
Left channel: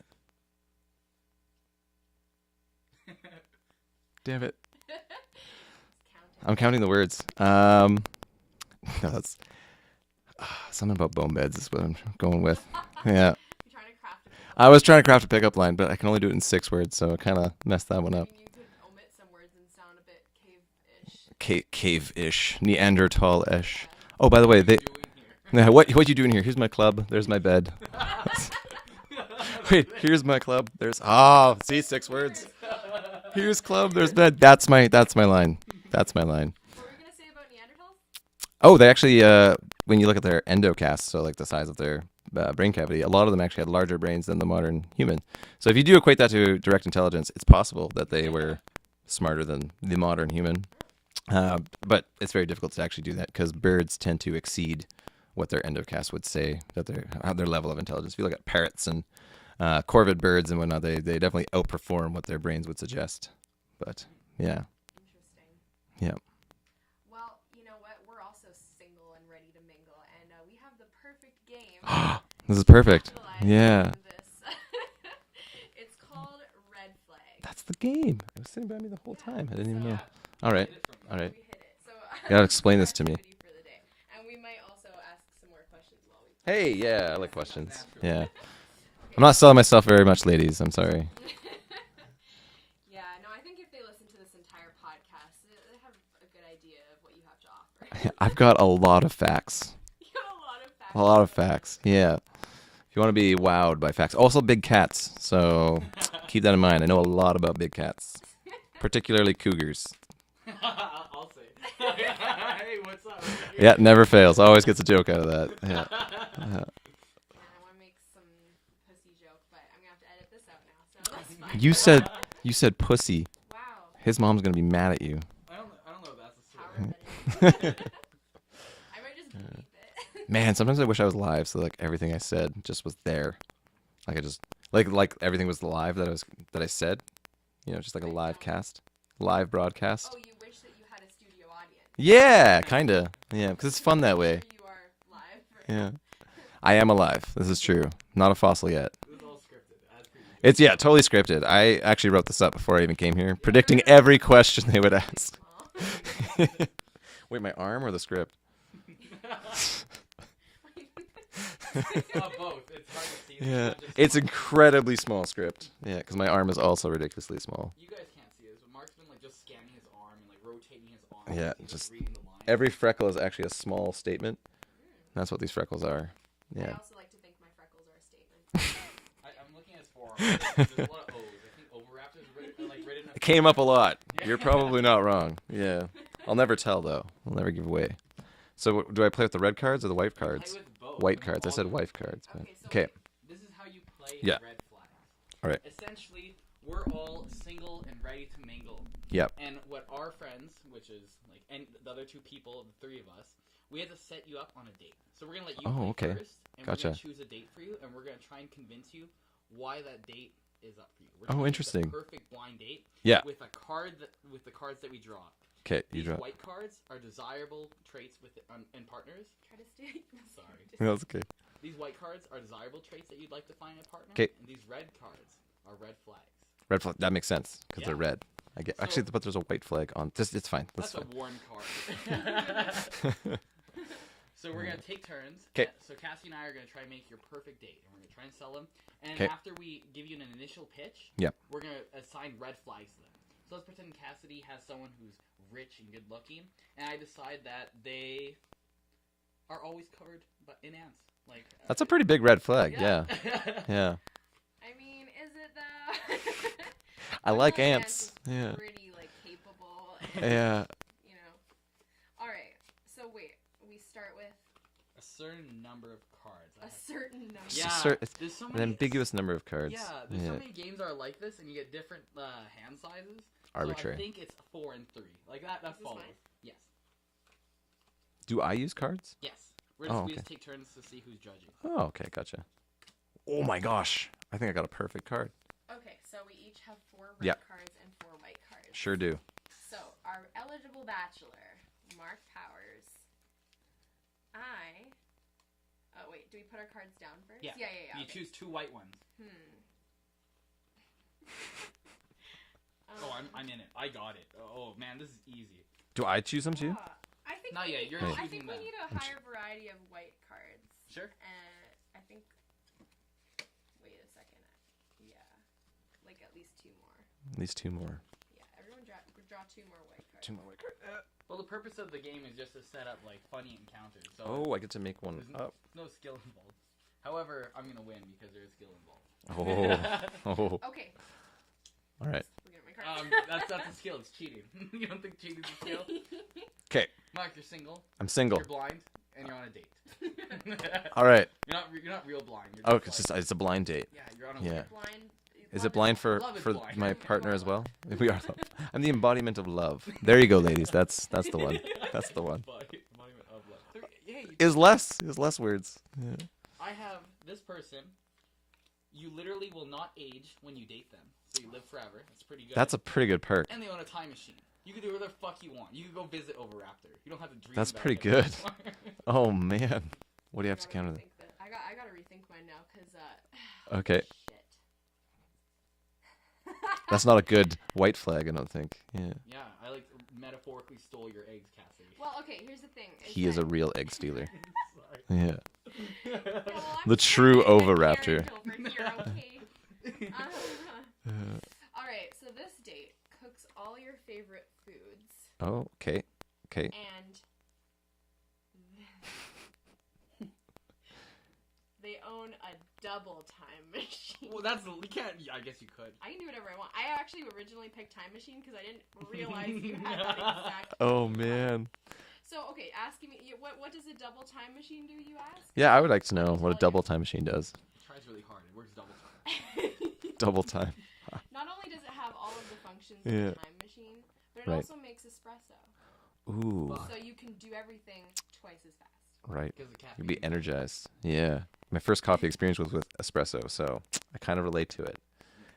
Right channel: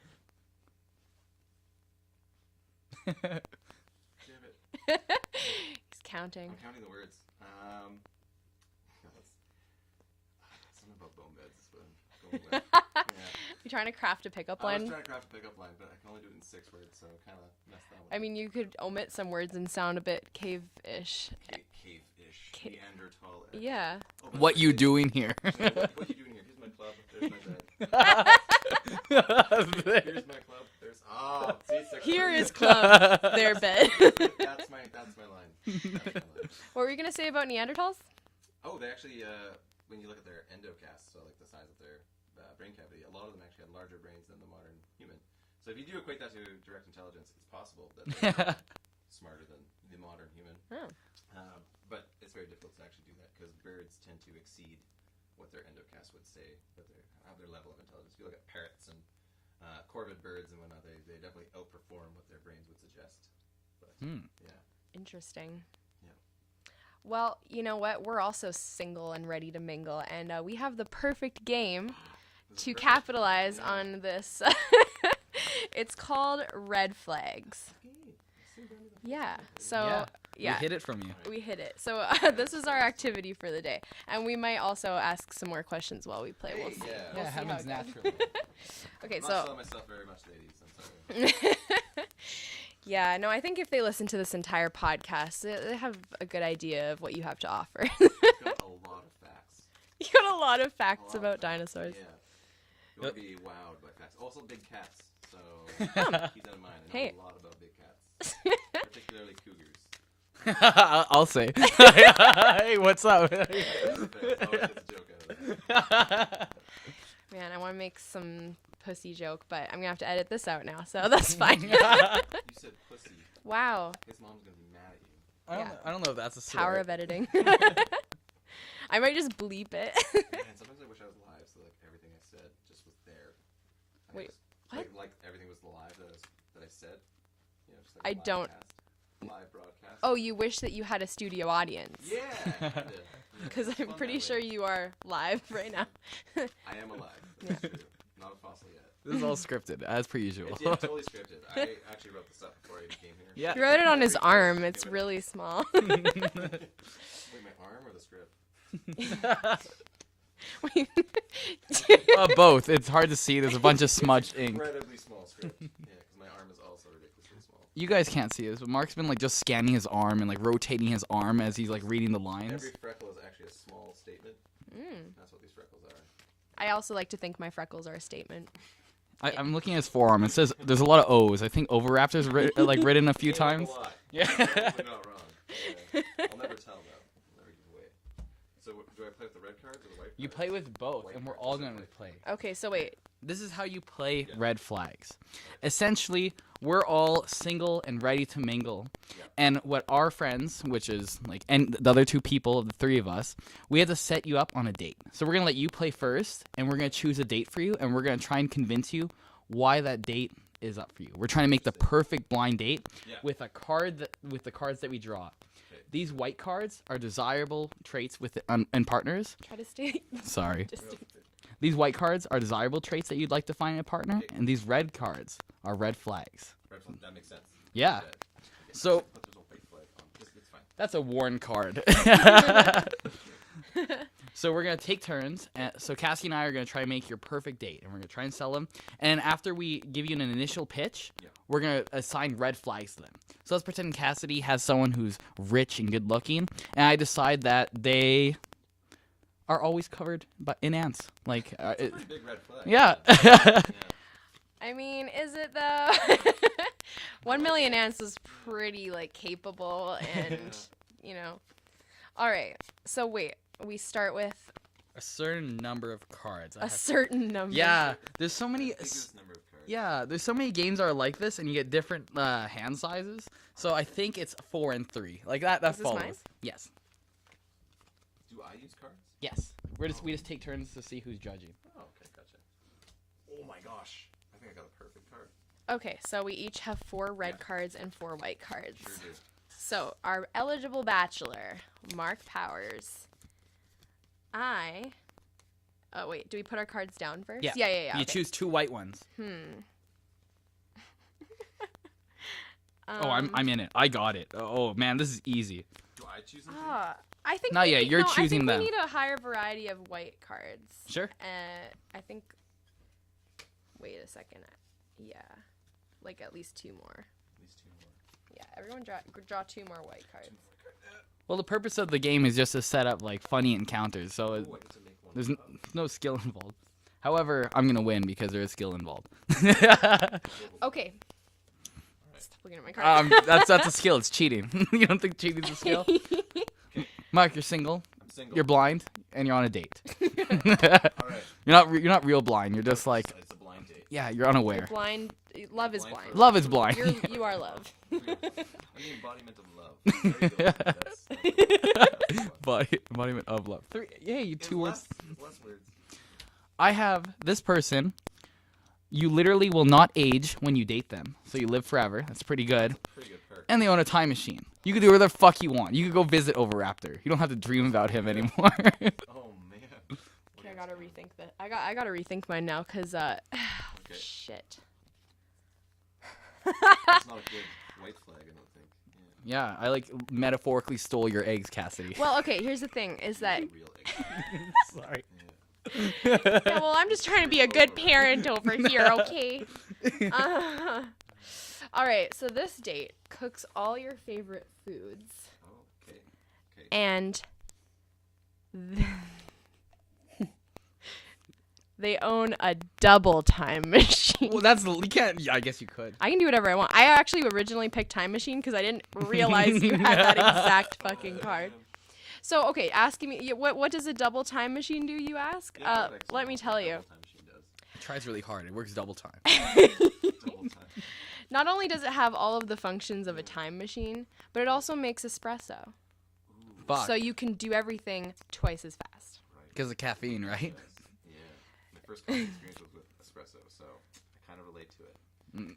it. Damn it. He's counting. I'm counting the words. No, that's something about bone beds is what I'm going with. Yeah. You're trying to craft a pickup I was line? trying to craft a pickup line, but I can only do it in 6 words, so I kind of messed that one I up. mean, you could omit some words and sound a bit cave-ish. Cave-ish, Neanderthal-ish. Yeah. Oh, by the What way, you doing here? what you doing here? Here's my club. There's my bed. Wait, here's my club. There's see 6 Here words. is club. Their Here's bed. club. There's bed. That's my line. That's my line. What were you gonna say about Neanderthals? Oh, they actually, when you look at their endocasts, so like the size of their brain cavity, a lot of them actually had larger brains than the modern human. So if you do equate that to direct intelligence, it's possible that they were smarter than the modern human. But it's very difficult to actually do that because birds tend to exceed what their endocast would say that their level of intelligence. If you look at parrots and corvid birds and whatnot, they definitely outperform what their brains would suggest. But yeah. Interesting. Yeah. Well, you know what? We're also single and ready to mingle, and we have the perfect game This is to perfect. capitalize Yeah. on this. It's called Red Flags. That's the game. It was sitting by me the whole Yeah. time. I didn't So even know. yeah, All right. Hid it from you. All right. we hit it. So gotta this is explain our this to me. activity for the day, and we might also ask some more questions while we play. Hey, this. yeah, I like Yeah, sounds questions. natural. Yeah. Okay, I'm not so- selling myself very much, ladies. I'm sorry. Yeah, no, I think if they listen to this entire podcast, they have a good idea of what you have to offer. I've got a lot of facts. You got a lot of facts. A lot of about facts. dinosaurs. Yeah. If you want to be wowed by facts. Also, big cats. So keep that in mind. I know a Okay. lot about big cats, particularly cougars. I'll say. Hey, what's up? Yeah, never fails. Always gets a joke out of that. Yeah. Man, I want to make some pussy joke, but I'm gonna have to edit this out now, so that's fine. You said pussy. Wow, His mom's gonna be mad at you. I don't know if that's a power slur. of editing. I might just bleep it. Man, sometimes I wish I was live, so like everything I said just was there. Like I just like everything was live that I said. You know, just like a I live don't- cast, live broadcast. Oh, you wish that you had a studio audience. Yeah, kinda. Yeah, because it's I'm fun that pretty way. Sure you are live right Yeah. now. I am alive. This is true. Not a fossil yet. This is all scripted, as per usual. It's totally scripted. I actually wrote this up before I even came here, Yeah. predicting Wrote it on every his question arm. they would It's really ask. small. Wait, my arm or the script? Both. It's hard to see. There's a bunch of It's smudge. ink. incredibly small script. Yeah, because my arm is also ridiculously small. You guys can't see this, but Mark's been like just scanning his arm and like rotating his arm Yeah, as he's like just reading the lines. Every freckle is actually a small statement. That's what these freckles are. I Yeah. also like to think my freckles are a statement. I'm looking at his forearm. It says there's a lot of O's. I think Overraptor's written a few Came times. up a lot. Yeah. You're probably not wrong. Yeah. I'll never tell though. I'll never give away. So do I play with the red cards or the white You cards? play with both. White and we're cards. I all said gonna- white cards. Okay, so Okay. wait. This is how you play Yeah. red flags. All right. Essentially, we're all single and ready to mingle. Yep. And what our friends, which is like, and the other 2 people, the 3 of us, we have to set you up on a date. So we're gonna let you Oh, play okay. first, and we're gonna Gotcha. choose a date for you, and we're gonna try and convince you why that date is up for you. We're trying to make the interesting. perfect blind date. Yeah. With the cards that we draw. Okay. These white cards are desirable traits with in partners. Try to stay. Sorry. That's okay. These white cards are desirable traits that you'd like to find in a partner, 'Kay. and these red cards are red flags. Red flag. That makes sense. 'Cause Yeah. they're red. I get. So- Actually, but there's a white flag on. It's fine. That's a worn card. So we're gonna take turns. 'Kay. So Cassie and I are gonna try and make your perfect date, and we're gonna try and sell them. And 'Kay. after we give you an initial pitch, Yeah. we're gonna assign red flags to them. So let's pretend Cassidy has someone who's rich and good looking, and I decide that they are always covered in ants. Like That's a pretty big red flag. yeah. Yeah. I mean, is it though? I 1 like million ants. ants is Yeah. pretty like capable and Yeah. you know. All right. So wait, we start with A certain number of cards. I A have- certain number. Yeah, cer- there's so An many ambiguous number of cards. Yeah, there's so many games that are like this, and you get different hand sizes. So I Arbitrary. think it's 4 and 3, like that. That Is this follows. mine? Yes, Do I use cards? yes. We okay. just take turns to see who's judging. Oh, okay, gotcha. Oh my gosh, I think I got a perfect card. Okay, so we each have 4 red Yeah. cards and 4 white cards. Sure do. So our eligible bachelor, Mark Powers. Oh wait, do we put our cards down first? Yeah. Yeah. You okay. choose 2 white ones. Oh, I'm in it. I got it. Oh man, this is easy. Do I choose them too? I think. No, we yeah, need- you're no, choosing I them. think we need a higher variety of white cards. Sure. I think. Wait a second. Yeah, like at least 2 more. At least 2 more. Yeah, everyone draw 2 more white cards. Well, the purpose of the game is just to set up like funny encounters. So Oh, I get to make one. there's no skill involved. However, I'm gonna win because there is skill involved. Oh. Okay. All right. Looking at my cards. That's a skill. It's cheating. You don't think cheating's a skill? Okay, Mark, you're single. I'm single. You're blind, and you're on a date. All right. You're not real blind. You're just Oh, like it's a blind date. yeah, you're unaware. Blind. Is Love it blind for Love is for blind. my You partner are as well? love. We are love. I'm the embodiment of love. There you go, ladies. That's the one. That's the one. Embodiment of love. Yay, Is less words. I have this person. You literally will not age when you date them, so you live forever. That's pretty good. That's a pretty good perk. And they own a time machine. You can do whatever the fuck you want. You can go visit Oviraptor. You don't have to dream That's about pretty him good. anymore. Oh man, what do you I have to gotta counter? rethink that. I gotta rethink mine now, cause Okay, shit. that's not a good white flag. I don't think. Yeah, Yeah, I like metaphorically stole your eggs, Cassidy. Well, okay. Here's the thing: is he that is a real egg stealer. Sorry. Yeah. yeah, well, I'm the just trying to be a true good Oviraptor. parent over here, okay? All right. So this date cooks all your favorite foods, Oh, okay. Okay. and they own a double time machine. Well, that's you can't. Yeah, I guess you could. I can do whatever I want. I actually originally picked time machine because I didn't realize you had that exact Oh fucking card. man. So okay, asking me what does a double time machine do? You ask? Yeah, I would like to let know me what tell a double you. time machine does. It tries really hard. It works double time. Double time. Not only does it have all of the functions of a Yeah. time machine, but it Right. also makes espresso. Ooh. Fuck. So you can do everything twice as fast. Right. Because of Be caffeine, right? energized. Yeah. My first coffee experience was with espresso, so I kind of relate to it.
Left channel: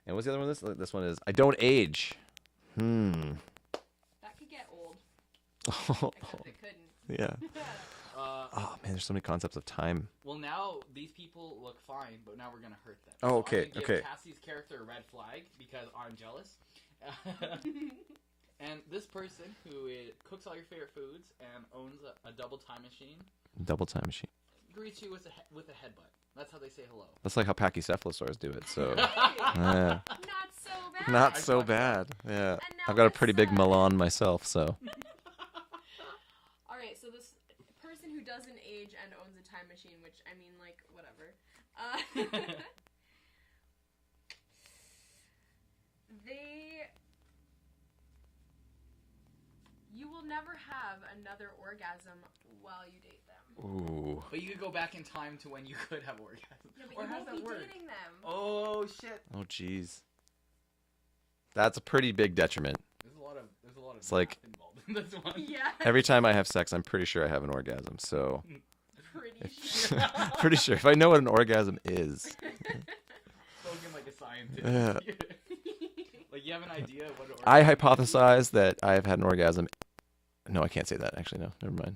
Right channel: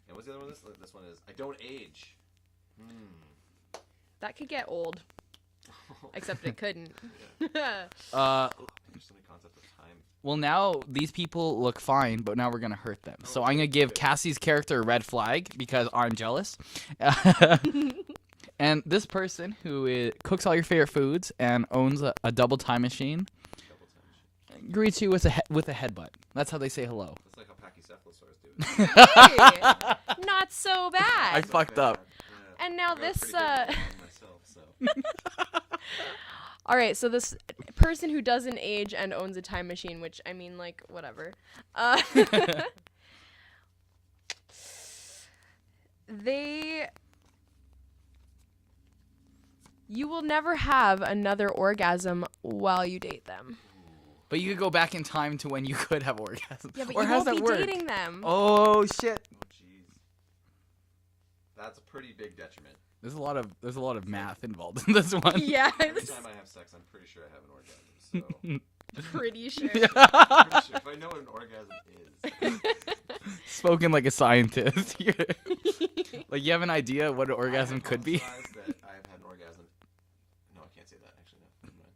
And what's the other one? This one is I don't age. That could get old, except it couldn't. Yeah. Uh, Oh man, there's so many concepts of time. well, now these people look fine, but now we're gonna hurt them. Oh, so I'm okay, gonna give okay. Cassie's character a red flag because I'm jealous. And this person who cooks all your favorite foods and owns a double time machine Double time machine. greets you with a headbutt. That's how they say hello. That's like how pachycephalosaurs do it. So. Hey, Yeah. not so bad. Not I so fucked bad. up. Yeah. And now I've got a this, pretty big Milan myself, so. All right, so this person who doesn't age and owns a time machine, which I mean, like, whatever. You will never have another orgasm while you date them. Ooh. But you could go back in time to when you could have orgasms. Yeah, but or you how's won't that be work? dating them. Oh shit! Oh jeez. That's a pretty big detriment. There's a lot of It's math like- involved in this one. Yeah. Every time I have sex, I'm pretty sure I have an orgasm. So Pretty sure. pretty sure if I know what an orgasm is. Spoken like a scientist. Like you have an idea what an orgasm I could be? hypothesize that I have had an orgasm. No, I can't say that. Actually, no. Never mind.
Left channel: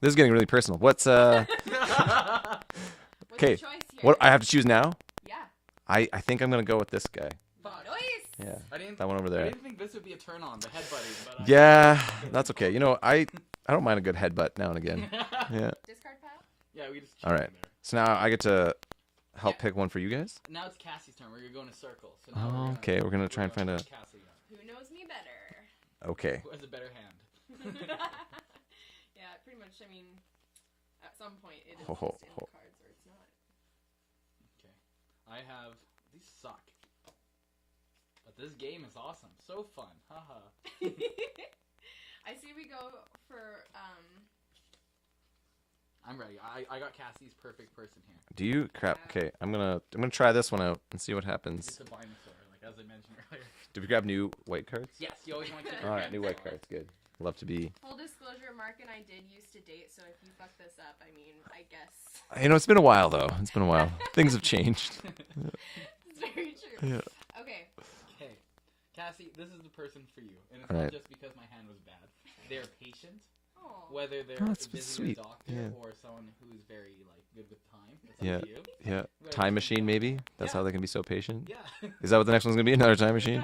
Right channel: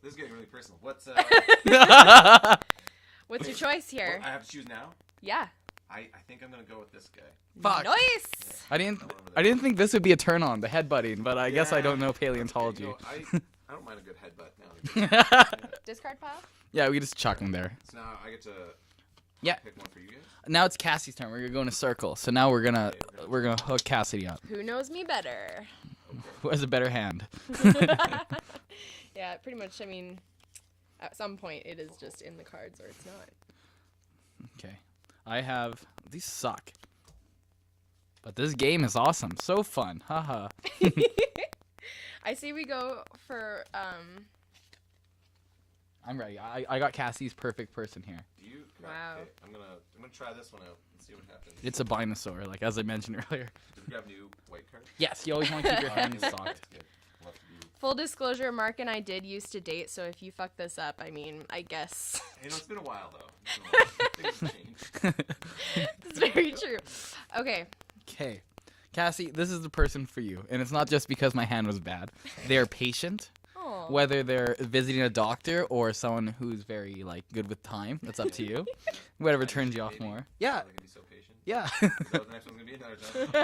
This is getting really personal. What's What's Okay, the choice here? what I have to choose now? Yeah. I think I'm gonna go with this guy. Fuck. Nice. Yeah. I didn't. That one over there. I didn't think this would be a turn on, the headbutting, but I guess I yeah, don't know that's okay. paleontology. You know, I don't mind a good headbutt now and again. Yeah. Discard pile? Yeah, we just chuck Alright. him there. So now I get to help Yeah. pick one for you guys. Now it's Cassie's turn. We're gonna go in a circle. So now we're gonna Okay, we're gonna try and find hook out. Cassidy up. Who knows me better? Okay. Who has a better hand? Yeah, pretty much. I mean, at some point it is just in the cards or it's not. Okay. I have these suck. But this game is awesome. So fun. Haha. I say we go for I'm ready. I got Cassie's perfect person here. Do you? Crap. Wow. Okay, I'm gonna try this one out and see what happens. It's a Binosaur, like as I mentioned earlier. Did we grab new white cards? Yes, you always want to keep your Oh, hands new white soft. cards. Good. Love to be. Full disclosure, Mark and I did used to date, so if you fuck this up, I mean, I guess You know, it's been a while though. It's been a while. Things have changed. it's very true. Okay. Okay, Cassie, this is the person for you, and it's not Alright. just because my hand was bad. They're patient, Oh. whether they're that's visiting a sweet. doctor Yeah. or someone who's very like good with time. That's up Yeah. to you. Yeah. Whatever Time turns you machine, on maybe. more. That's Yeah. how they can be so patient. Yeah. Is that what the next one's gonna be? Another time machine?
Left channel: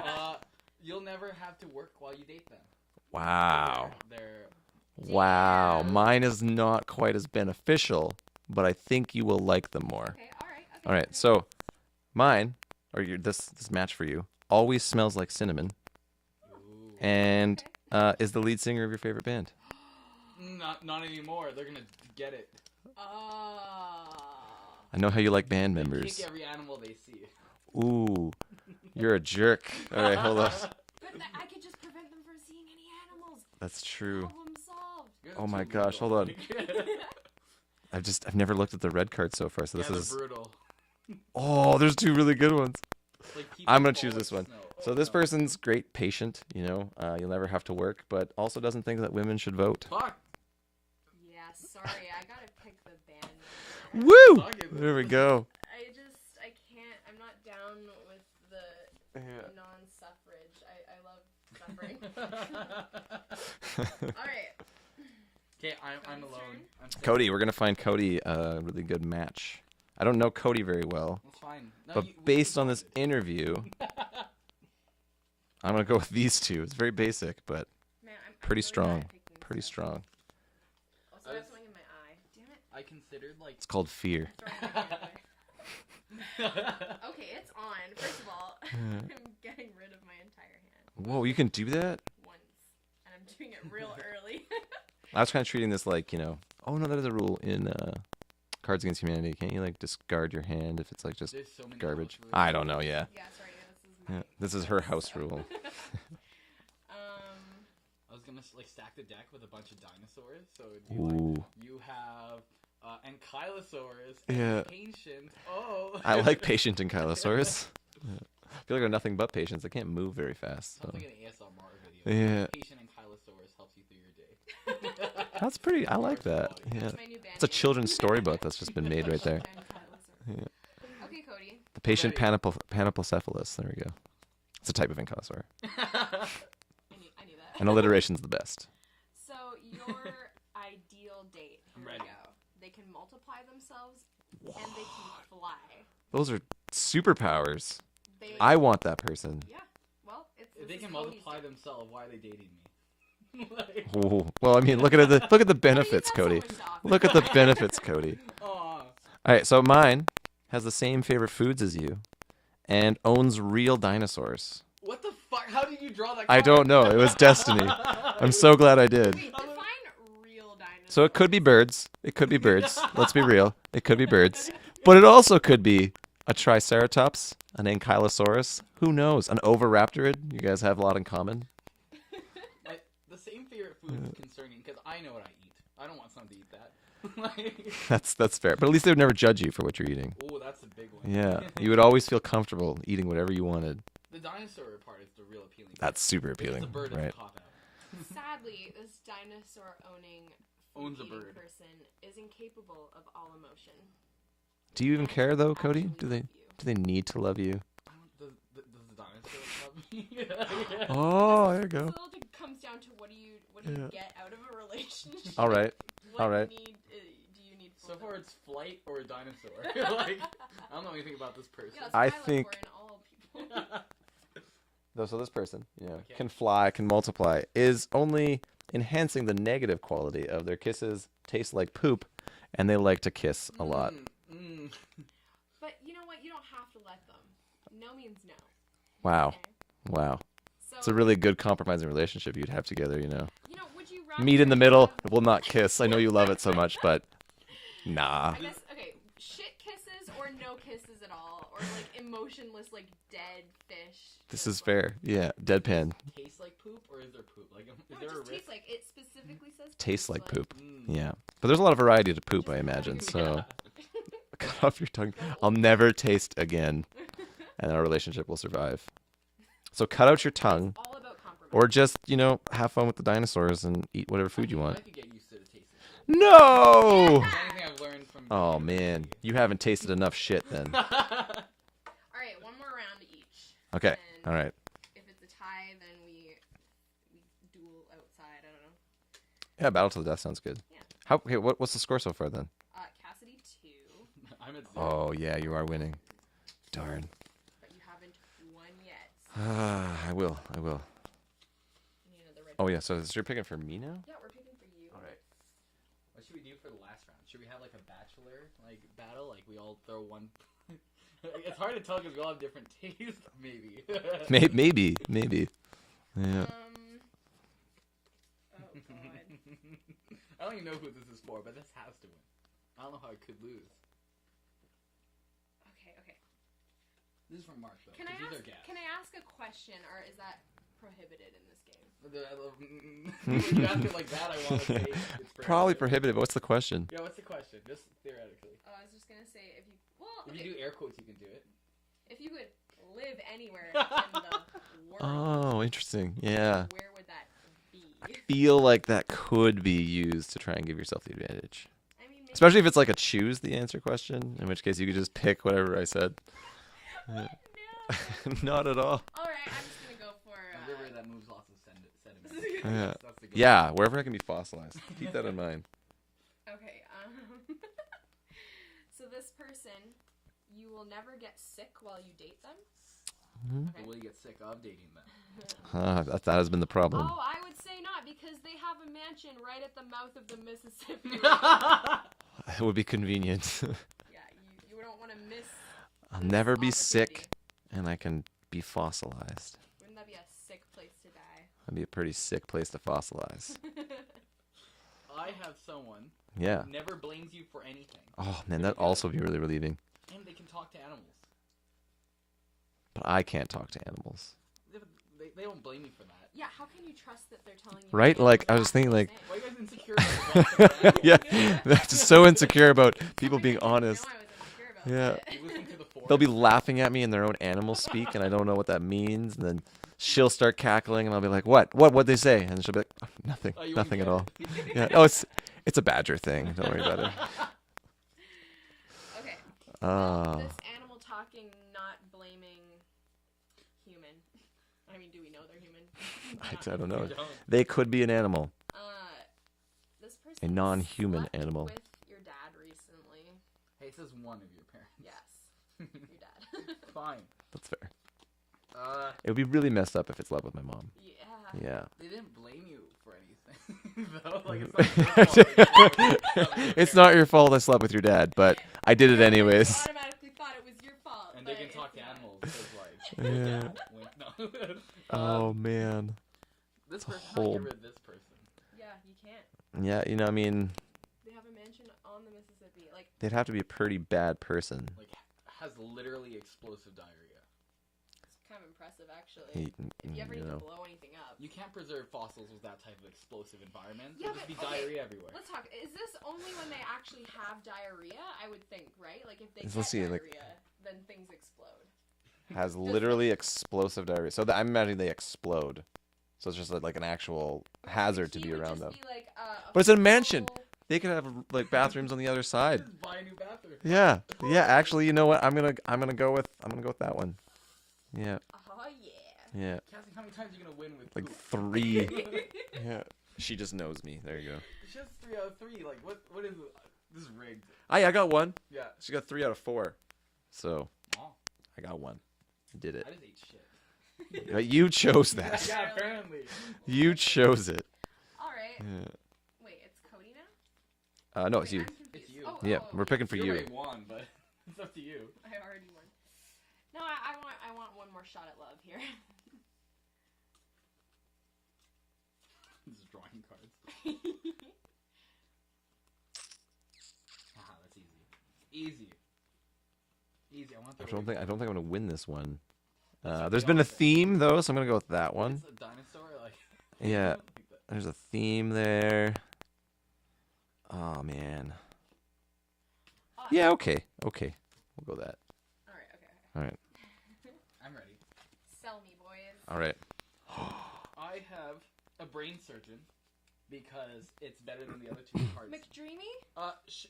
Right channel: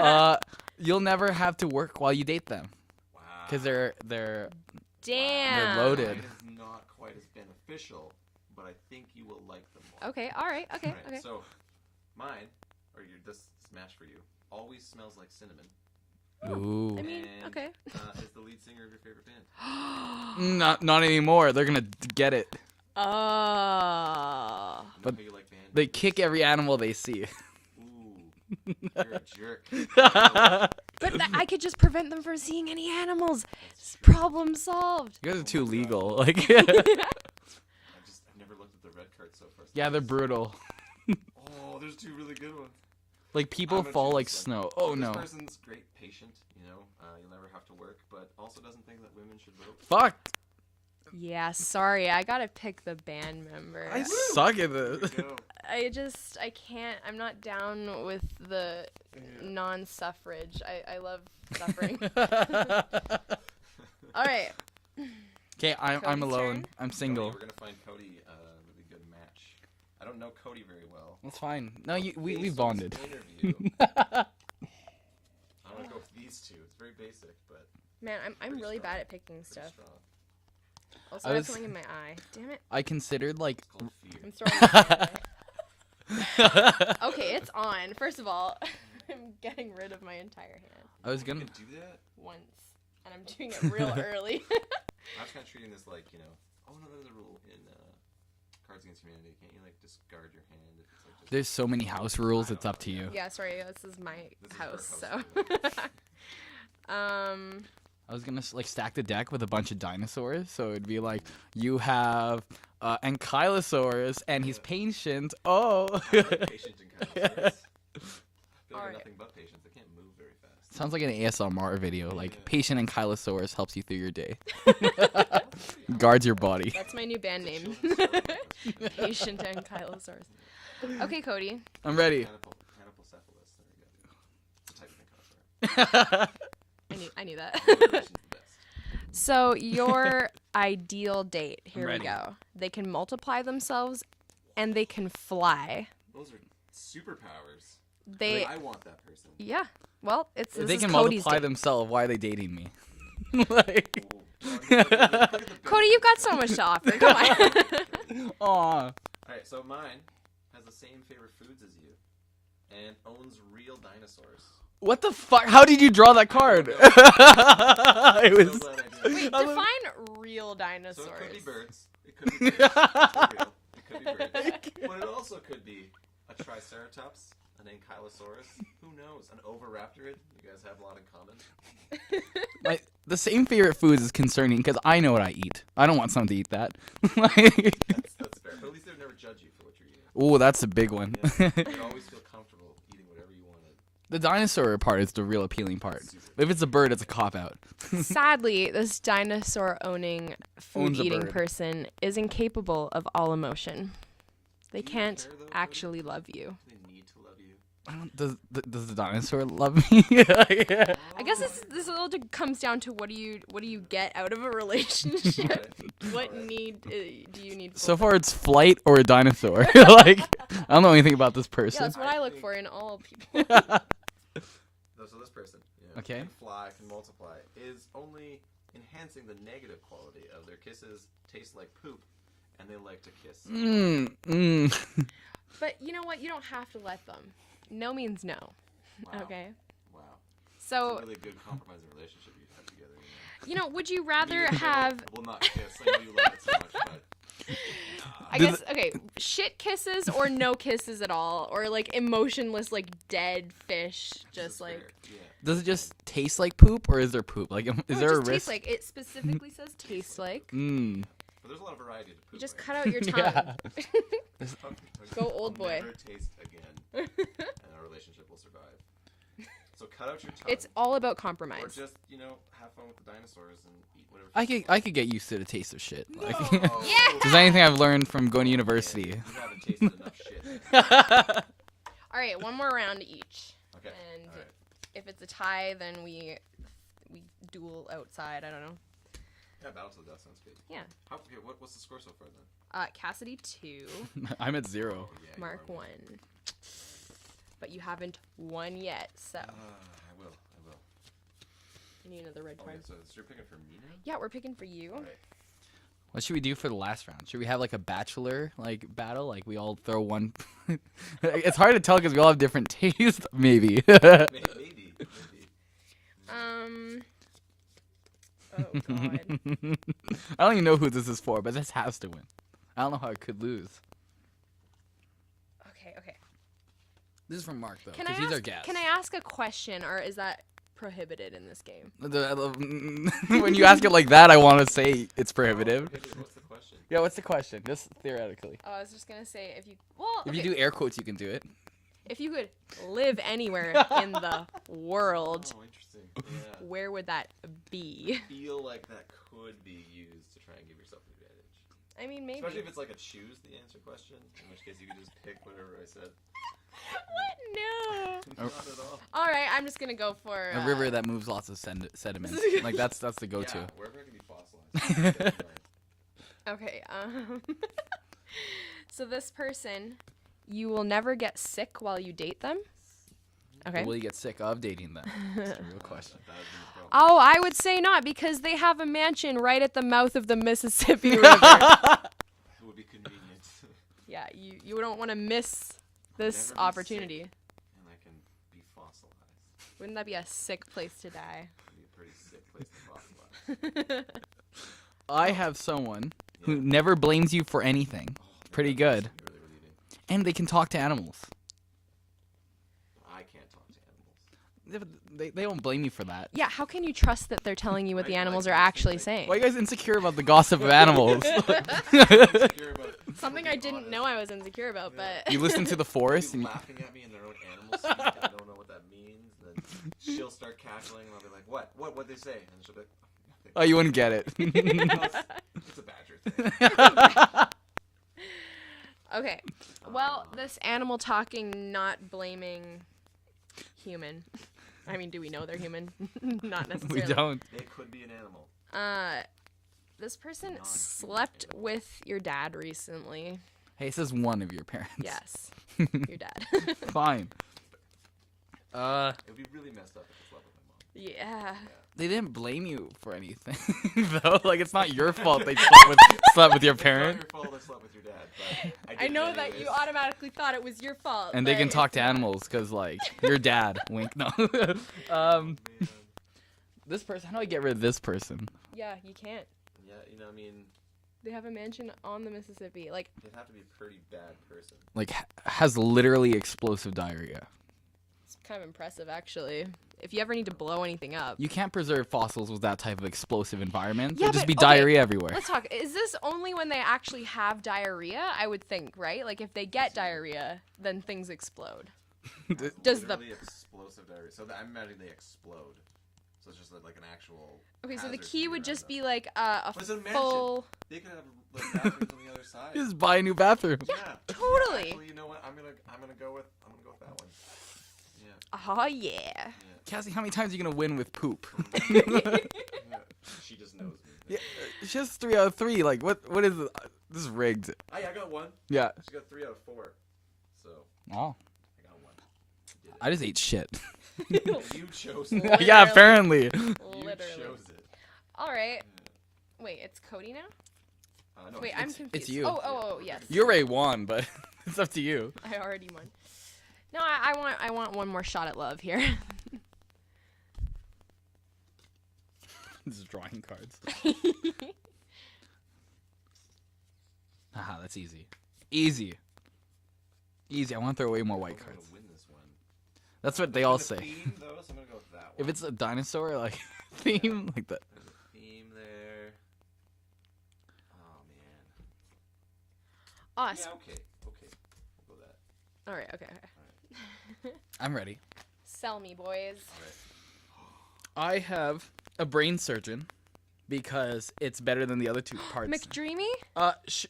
You'll never have to work while you date them Wow. because they're Wow. Damn. Mine is not quite as beneficial, but I think you will like them more. Okay. All right. Okay. All right. Okay. So, mine, or this match for you, always smells like cinnamon, ooh. and okay. is the lead singer of your favorite band. Not anymore. They're gonna get it. Oh. I know how you like band They members. kick every animal they see. Ooh, you're a jerk. All right, hold on. But I could just prevent them from seeing any animals. That's true. Problem solved. You guys are Oh too my gosh, legal. hold on. Like, I've never looked at the red card so far. So yeah, this they're is- brutal. Oh, there's two really good ones. Like people I'm gonna fall choose like this one. snow. So Oh this no. person's great, patient. You know, you'll never have to work, but also doesn't think that women should vote. Fuck. Yeah. Sorry, I gotta pick the band I member. Woo! Suck at There we this. go. I can't. I'm not down with the non-suffrage. I love suffering. All right. Okay, I'm Cody's alone. turn. I'm single. Cody, we're gonna find Cody a really good match. I don't know Cody very well, That's fine. No, but we based on this bonded. interview, I'm gonna go with these two. It's very basic, but Man, I'm pretty really strong. bad at picking pretty stuff. strong. Also, I I have was- something in my eye. Damn it. I considered like It's called fear. I'm throwing it away. Okay, it's on. First of all, I'm getting rid of my entire hand I was Oh, you gonna- can do that? once, and I'm doing it real early. I was kind of treating this like, you know. Oh no, that is a rule in Cards Against Humanity. Can't you like discard your hand if it's like just? there's so many Go. house rules. I it's don't up know, to yeah. you. Yeah, sorry, this is my. This is her house so. rule. I was gonna like stack the deck with a bunch of dinosaurs, so it'd be like Ooh. you have Ankylosaurus and he's Yeah. patient. Oh, I like patient Ankylosaurus. I feel like they're nothing but patients. They can't move very fast. sounds like an ASMR video. Yeah. Like patient Ankylosaurus helps you through your day, That's pretty. I like guards your that. body. That's my new band It's a name. children's storybook that's just been made right there. Patient Ankylosaurus. Okay, Cody. Patient ready. Panoplocephalus. There we go. It's a type of ankylosaur. I knew that. And alliteration's the best. So your ideal date. Here we ready. go. They can multiply themselves, and they can fly. Those are superpowers. They. I want that person. Yeah. Well, If this they is can Cody's multiply date. themselves, why are they dating me? Like, Ooh. Well, I mean, look at the benefits, Cody, you've got Cody. so much to offer. Look at the benefits, Cody. aw. All right, so mine has the same favorite foods as you, and owns real dinosaurs. What the fuck? How did you draw that I card? don't know. It was destiny. I'm It so was- glad I did. Wait, define real dinosaurs. So it could be birds. It could be birds. Let's be real. It could be birds. But it also could be a triceratops, an ankylosaurus. Who knows? An oviraptorid. You guys have a lot in common. The same favorite foods is concerning because I know what I eat. I don't want someone to eat that. Like, That's fair. But at least they would never judge you for what you're eating. oh, that's a big one. Yeah. You would always feel comfortable eating whatever you wanted. The dinosaur part is the real appealing part. That's super If it's a appealing, bird, it's a right. cop out. Sadly, this dinosaur-owning, Owns a food-eating bird. person is incapable of all emotion. They Do you even can't care, though, Cody? actually Do love they- you. Do they need to love you? I don't, does the dinosaur love me? Yeah. Oh, I there you guess this go. all comes down to what do you get out of a relationship? All right. What all right. need do you need? So far, it's flight or a dinosaur. Like, I don't know anything about this Yeah, person. that's what I I look think- for in all people. So this person, Okay. can fly, can multiply, is only enhancing the negative quality of their kisses. Taste like poop, and they like to kiss a lot. Mm. But you know what? You don't have to let them. No means no. Wow, Okay. wow. So It's a really good compromising relationship you'd have together. would you rather Meet in the middle. have- We'll not kiss. I know you love it so much, but Nah. I guess, okay, shit kisses or no kisses at all, or like emotionless, like dead fish. This just, is like, fair. Yeah. Does it Deadpan. just taste like poop, or is there poop? Like, No, is it there a just tastes risk? like it specifically says Tastes tastes like poop. Mm. Yeah. But there's a lot of variety to poop, Just I cut out imagine. your so- tongue. Cut off your tongue. Go old I'll boy. never taste again, and our relationship will survive. So cut out your It's tongue, all about compromise. or just have fun with the dinosaurs and eat whatever food you want. I could get used to the taste of shit. No. Is there anything I've learned from going to Oh, university? man. You haven't tasted enough shit then. All right, one more round each. Okay. And All right. if it's a tie, then we duel outside. I don't know. Yeah, battle to the death sounds good. Yeah. Okay, what's the score so far then? Cassidy 2. I'm at 0. Oh yeah, you Mark are winning. 1. Darn. But you haven't won yet. So I will. you need another red. Oh yeah, so you're picking for me now? Yeah, we're picking for you. What should we do for the last round? Should we have like a bachelor like battle? Like we all throw one. It's hard to tell because we all have different tastes. Maybe. Maybe. Yeah. Oh god. I don't even know who this is for, but this has to win. I don't know how it could lose. Okay. This is from Mark though, Can I because he's our ask? guest. Can I ask a question, or is that prohibited in this game? When you ask it like that, I want to say it's Probably prohibitive. prohibitive. What's the question? Yeah, what's the question? Just theoretically. Oh, I was just gonna say if you If you do air quotes, you can do it. if you could live anywhere in the world, Oh, interesting. Yeah. where would that be? Feel like that could be used to try and give yourself the advantage. I mean, maybe. Especially if it's like a choose the answer question, in which case you could just pick whatever I said. No. Not at all. All right, I'm just gonna go for A river that moves lots of sediment. Like that's the go. Yeah, wherever I can be fossilized. Keep that in mind. Okay. So this person, you will never get sick while you date them. Okay. Will you get sick of dating them? That has been the problem. Oh, I would say not, because they have a mansion right at the mouth of the Mississippi River. It would be convenient. Yeah, you don't want to miss I'll this never be opportunity. sick, and I can be fossilized. Wouldn't that be a sick place to die? That'd be a pretty sick place to fossilize. I have someone Yeah. who never blames you for anything, Oh, man, Pretty that'd good. also be really relieving. and they can talk to animals. But I can't talk to animals. They don't blame you for that. Yeah, how can you trust that they're telling you Right? what the Like, animals I are was actually thinking, like, saying? Why are you guys insecure about the gossip of animals? Yes. That's so insecure about people Something being I didn't honest. know I was insecure about, Yeah. but You listen to the They'll forest. be laughing at me in their own animal speak, and I don't know what that means. And then she'll start cackling, and I'll be like, "What? What'd they say?" And she'll be like, "Oh, "Nothing." Oh, you wouldn't nothing get at it. all." Yeah. Oh, it's a badger thing. Don't worry about it. okay. Well, Oh. this animal talking, not blaming human. I mean, do we know they're human? Not don't know. We necessarily. don't. They could be an animal. This person non-human slept animal. with your dad recently. Hey, it says one of your parents. Yes, your dad. Fine. That's fair. It It would be really messed up if it slept with my mom. Yeah. Yeah. They didn't blame you for anything, though. Like it's not your fault they slept with your parents. It's not your fault I slept with your dad, but I did I it know that anyways. You automatically thought it was your fault. And they but can talk it's to not. animals because, like, your dad. Wink. No. Oh man. This person. How do we get rid of this person? Yeah, you can't. Yeah, I mean, They have a mansion on the Mississippi. Like, they'd have to be a pretty bad person. Like, has literally explosive diarrhea. it's kind of impressive, actually. If you ever need to blow anything up. You can't preserve fossils with that type of explosive environment. Yeah, There'd just but- be okay, diarrhea everywhere. Let's talk. Is this only when they actually have diarrhea? I would think, right? Like, if they Does get this see, like- diarrhea, then things explode. Has Does the- literally explosive diarrhea. So I'm imagining they explode. So it's just like an actual Okay, hazard so the key to be would around just them. be like a But it's a mansion. full- They could have like bathrooms on the other side. Just buy a new bathroom. Yeah. Totally. Yeah. Actually, you know what? I'm gonna go with that one. Yeah. Oh yeah. Yeah. Cassie, how many times are you gonna win with poop? 3. Yeah. She just knows me. There you go. It's just 3 out of 3. Like, what is it? This is rigged. I got 1. Yeah. She got 3 out of 4. So Oh, I got 1. Did it. I just ate shit. You chose that. Yeah, apparently. You Literally. chose it. All right. Yeah. Wait, it's Cody now? No, Wait, it's you. I'm confused. It's you. Oh, Yeah, oh, we're picking yes. for You you. already won, but it's up to you. I already won. No, I want one more shot at love here. This is drawing cards. That's easy. Easy. I want to throw way more. I don't think I'm gonna win this one. That's what there's they been all a say. theme though, so I'm gonna go with that one. If it's a dinosaur, like theme, Yeah. like that. There's a theme there. Oh man. Awesome. Yeah. Okay. We'll go that. All right. Okay. All right. I'm ready. Sell me, boys. All right. I have a brain surgeon because it's better than the other two parts. McDreamy?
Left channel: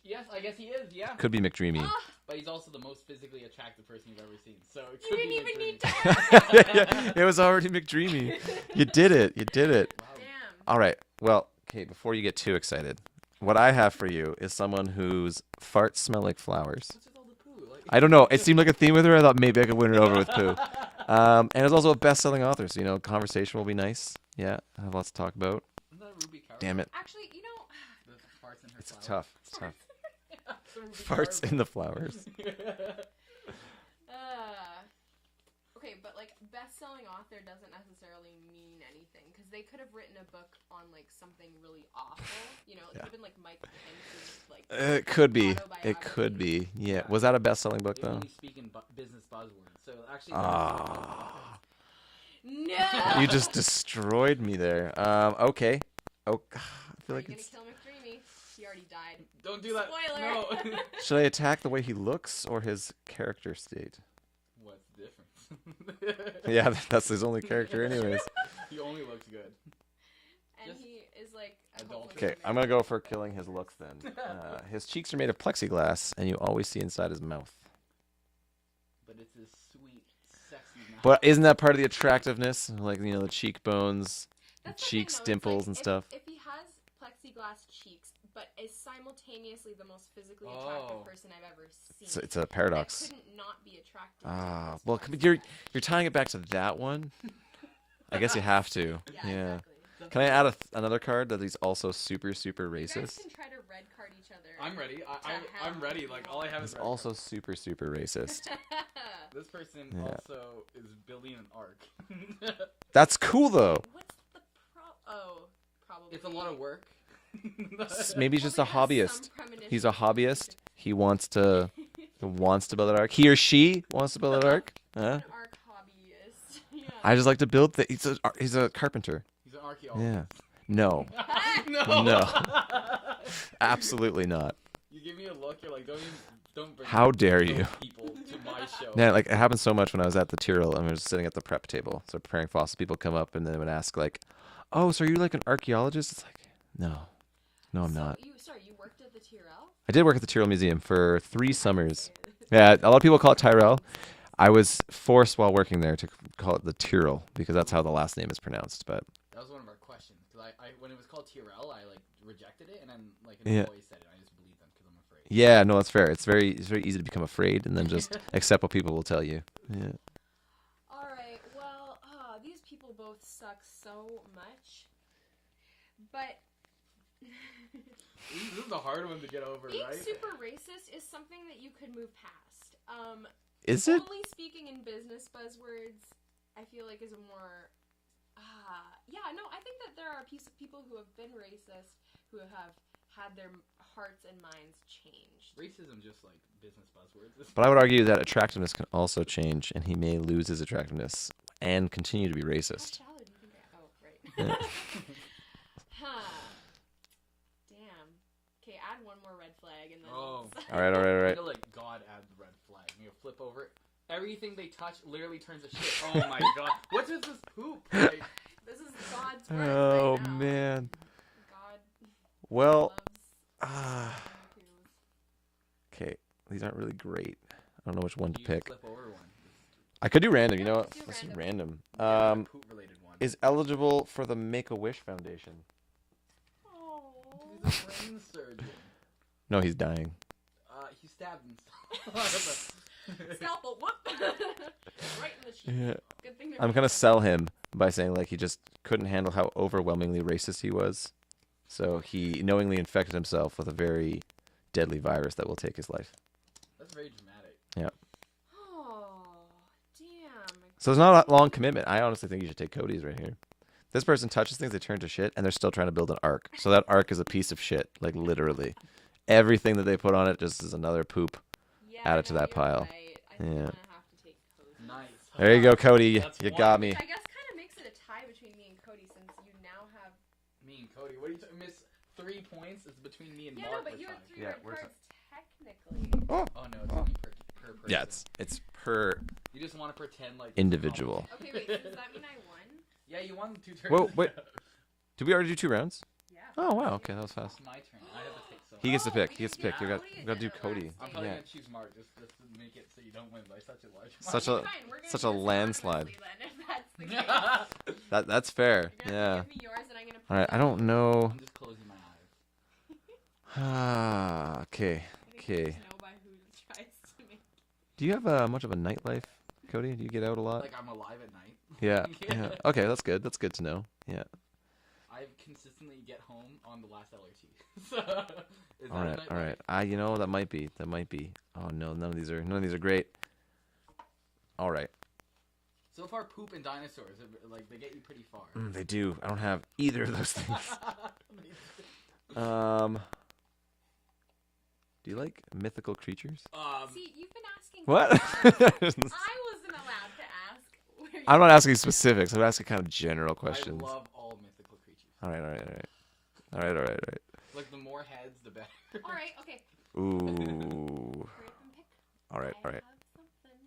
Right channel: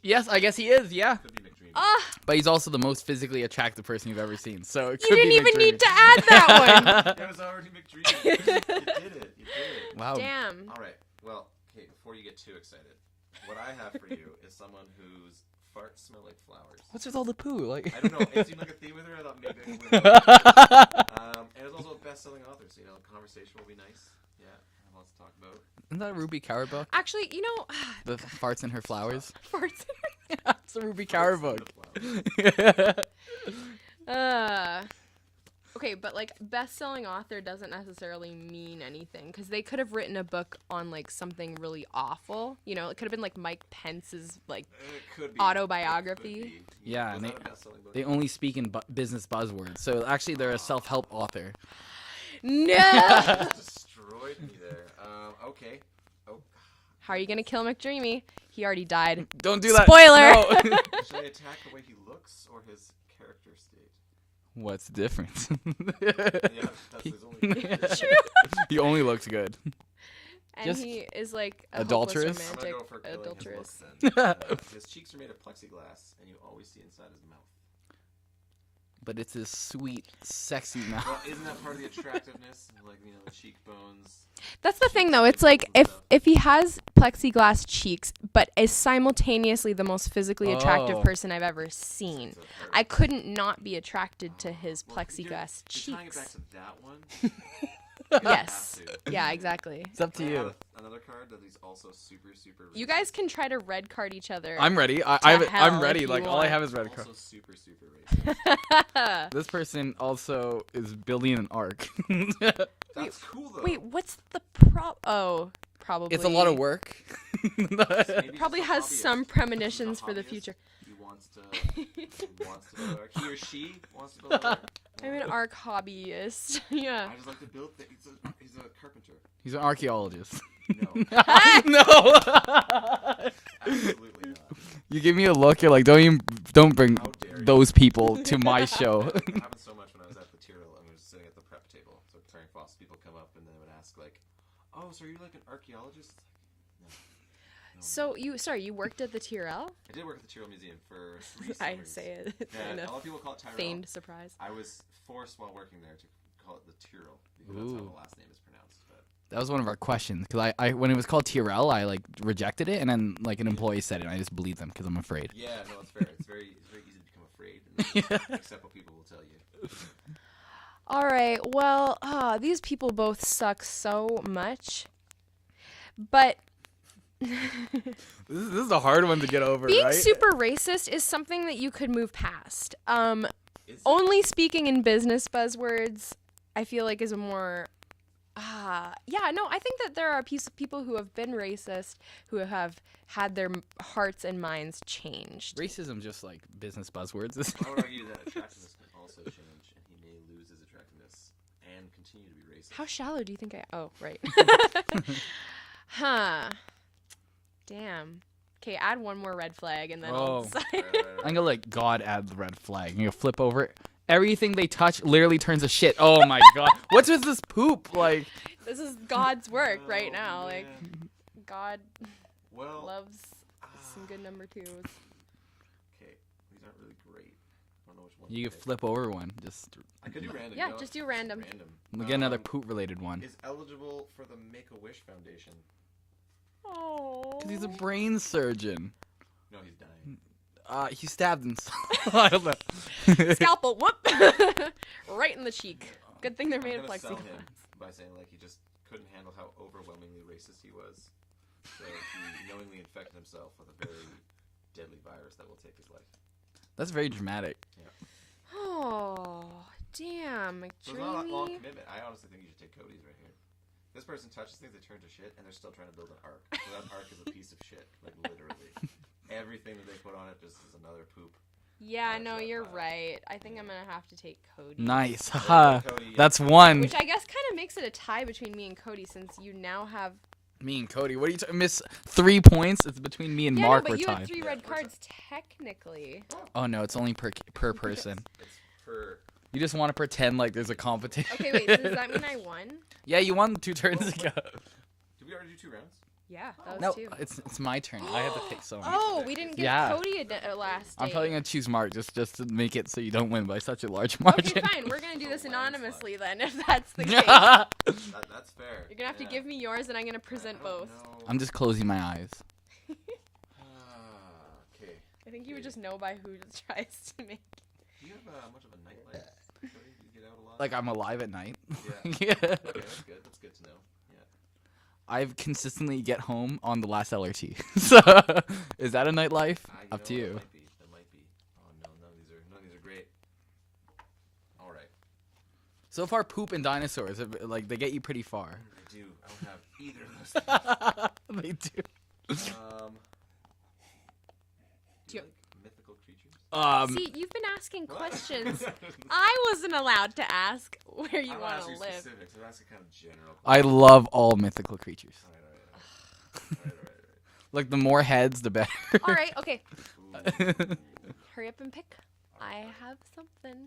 Yes, I guess he is. Yeah, Could be McDreamy. but he's also the most physically attractive person you've ever seen. So it You could didn't be even McDreamy. need to add that one. It was already McDreamy. You did it. Wow. Damn. All right. Well, okay. Before you get too excited, what I have for you is someone whose farts smell like flowers. What's with all the poo? Like I don't know. It seemed like a theme with her. I thought maybe I could win it over with too. And it's also a best-selling author, so conversation will be nice. Yeah, I have lots to talk about. Isn't that a Ruby Kaur Damn book? it. Actually, The farts in her flowers. farts. It's a Ruby Kaur Farts in the book. flowers. Okay, but like best-selling author doesn't necessarily mean anything because they could have written a book on like something really awful. It could have been like Mike Pence's like. It could be. Autobiography? It could be. Yeah. Yeah, Was that a best-selling book? They though? only speak in business buzzwords. So actually, they're a self-help author. No. You just destroyed me there. Okay. Oh. How are you gonna kill McDreamy? He already died. Don't do that. Spoiler. No. Should I attack the way he looks or his character state? What's the difference? Yeah, that's his only character anyways. He only looks good. And Just he is like a adulterous? hopeless I'm gonna go romantic for killing his adulteress. looks then. His cheeks are made of plexiglass, and you always see inside his mouth. But it's his sweet, sexy mouth. Well, isn't that part of the attractiveness? Like the cheekbones. That's the thing, cheeks, though. It's like dimples and if stuff. if he has plexiglass cheeks, but is simultaneously the most physically attractive Oh. person I've ever seen. It's a paradox. I couldn't not be attracted to his well, plexiglass you're tying it back cheeks. to that one. I guess you Yes. have to. Yeah, exactly. It's up Can to I you. add another card that he's also super racist? You guys can try to red card each other. I'm ready. To I'm hell ready. if Like you all I want. have is He's red. also super racist. This person Yeah. also is building an ark. That's cool though. Wait, what's the probably. It's a lot of work. Maybe he's just Probably a has hobbyist. some premonitions He's a for the hobbyist. future. He wants to build an ark. He or she wants to build an ark. I'm Huh? an arc hobbyist. Yeah. I just like to build things. He's a carpenter. He's an archaeologist. No, No. absolutely not. You give me a look. You're like, don't bring How dare you? those people to my show. Yeah, like it happened so much when I was at the Tyrrell and I was sitting at the prep table. So preparing fossils, people come up and they would ask like, "Oh, so are you like an archaeologist?" It's like, no, I'm So not. you worked at the Tyrrell? I did work at the Tyrrell Museum for 3 I summers. say it. Yeah, No. a lot of people call it Tyrrell. Named surprise. I was forced while working there to call it the Tyrrell because that's how the last name is pronounced. But That was one of our questions because I when it was called Tyrrell, I like rejected it, and then like an Yeah. employee said it, and I just believed them because I'm afraid. yeah, no, that's fair. It's very easy to become afraid and then just accept what people will tell you. Yeah. All right. Well, these people both suck so much. But This is a hard one to get over, being right? super racist is something that you could move past. Is it? Only speaking in business buzzwords, I feel like is a more. I think that there are people who have been racist who have had their hearts and minds changed. Racism just like business buzzwords. But I would argue that attractiveness can also change, and he may lose his attractiveness and continue to be racist. How shallow do you think I? Oh, right. Huh. Damn. Okay, add one more red flag and then I'll Oh. decide. All right. I'm gonna let God add the red flag. I'm gonna flip over it. Everything they touch literally turns to shit. Oh my god. What's with this poop? Like This is God's work oh, right now. man. Like, God Well, loves some good number twos. okay. These aren't really great. I don't know which one to you can pick. flip over one. Just I could do random. Yeah, you know just what? do random. Random. get another poop related one. Is eligible for the Make-A-Wish Foundation. Oh. Because he's a brain surgeon. No, he's dying. He stabbed himself. I don't know. Scalpel, whoop! Right in the cheek. Yeah. Good thing they're I'm made gonna of sell him by saying like he just couldn't handle how overwhelmingly racist he was, so he knowingly infected himself with a very deadly virus that will take his life. That's very dramatic. Oh, damn. So it's not a long Cody. commitment. I honestly think you should take Cody's right here. This person touches things, they turn to shit, and they're still trying to build an ark. So that ark is a piece of shit, like literally. everything that they put on it just is another poop. Yeah, Add it to no, that you're pile. right. I think Yeah. I'm gonna have to take Cody. Nice. There you go, Cody. That's You got one. me. Which I guess kind of makes it a tie between me and Cody, since you now have. Me and Cody. What are you miss 3 points? It's between me and Yeah, Mark. no, but you we're had tied. 3 red cards technically. Oh no, it's only per Yeah, person. it's per. You just want to pretend like there's Individual. a competition. Okay, wait. So does that mean I won? Yeah, you won 2 turns. Whoa, ago. wait. Did we already do 2 rounds? Yeah. Oh, wow. let's Okay, do it. that's It's my turn. I have to pick someone. He gets to Oh, pick. we He gets didn't to give pick. Cody You a gotta do last Cody. date. I'm probably gonna choose Mark just to make it so you don't win by such a large Such margin. a- Okay, fine. We're gonna Such do a this landslide. anonymously then, if that's the case. That's fair. You're gonna have to give me yours, and I'm gonna All present right, I don't both. know. I'm just closing my eyes. Okay. I think you Okay. just know by who tries to make. Do you have much of a nightlife, Cody? Do you get out a lot? Like I'm alive at night. yeah. Yeah. Okay, that's good. That's good to know. Yeah. I consistently get home on the last LRT. So is that a Alright, nightlife? alright. You Up know to that you. might be. That might be. Oh no, none of these are great. All right. So far, poop and dinosaurs, like they get you pretty far. They do. I don't have either of those things. They do. Do you like mythical creatures? See, you've been asking What? questions. I wasn't allowed to ask where you I'm not wanna asking live. specifics. I'm asking kind of general I questions. love all mythical creatures. All right. All right. Like the more heads, the better. All right, okay. Ooh. Hurry up and pick. All right. I All right. have something.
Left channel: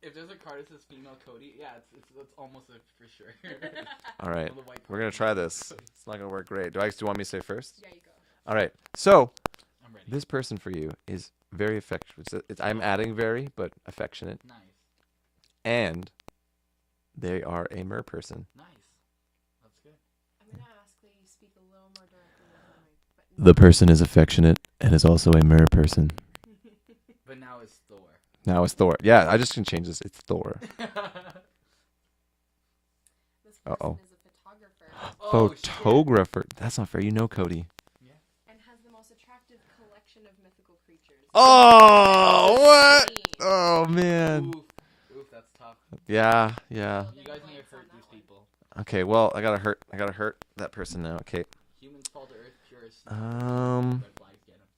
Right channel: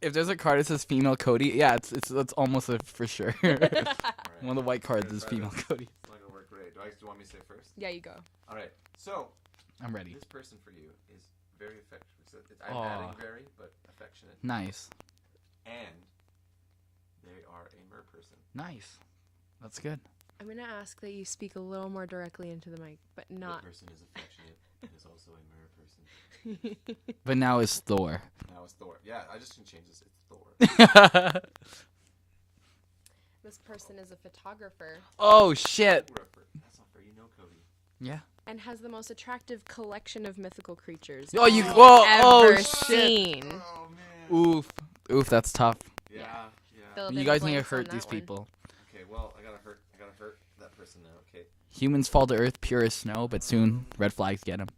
If there's a card that says female Cody, yeah, it's almost a for sure. All right. One of the white We're cards. gonna try is female this. Cody. It's not gonna work great. Do you want me to say first? Yeah, you go. All right. So I'm ready. this person for you is very affectionate. I'm Aw. adding very, but affectionate, Nice, and they are a mer person. nice. That's good. I'm gonna ask that you speak a little more directly into the mic, but The not- person is affectionate and is also a mer person. But now it's Thor. Now it's Thor. Yeah, I just can change this. It's Thor. This person Uh-oh. is a photographer Oh shit. Photographer. That's not fair. You know Cody. Yeah. and has the most attractive collection of mythical creatures Oh, you've ever what? seen. Oh man. Oof, that's tough. Yeah. Well, You then guys need to blanks on hurt that these one. people. Okay. Well, I gotta hurt that person now. Okay. Humans fall to earth pure as snow, but soon Um, red flags get them.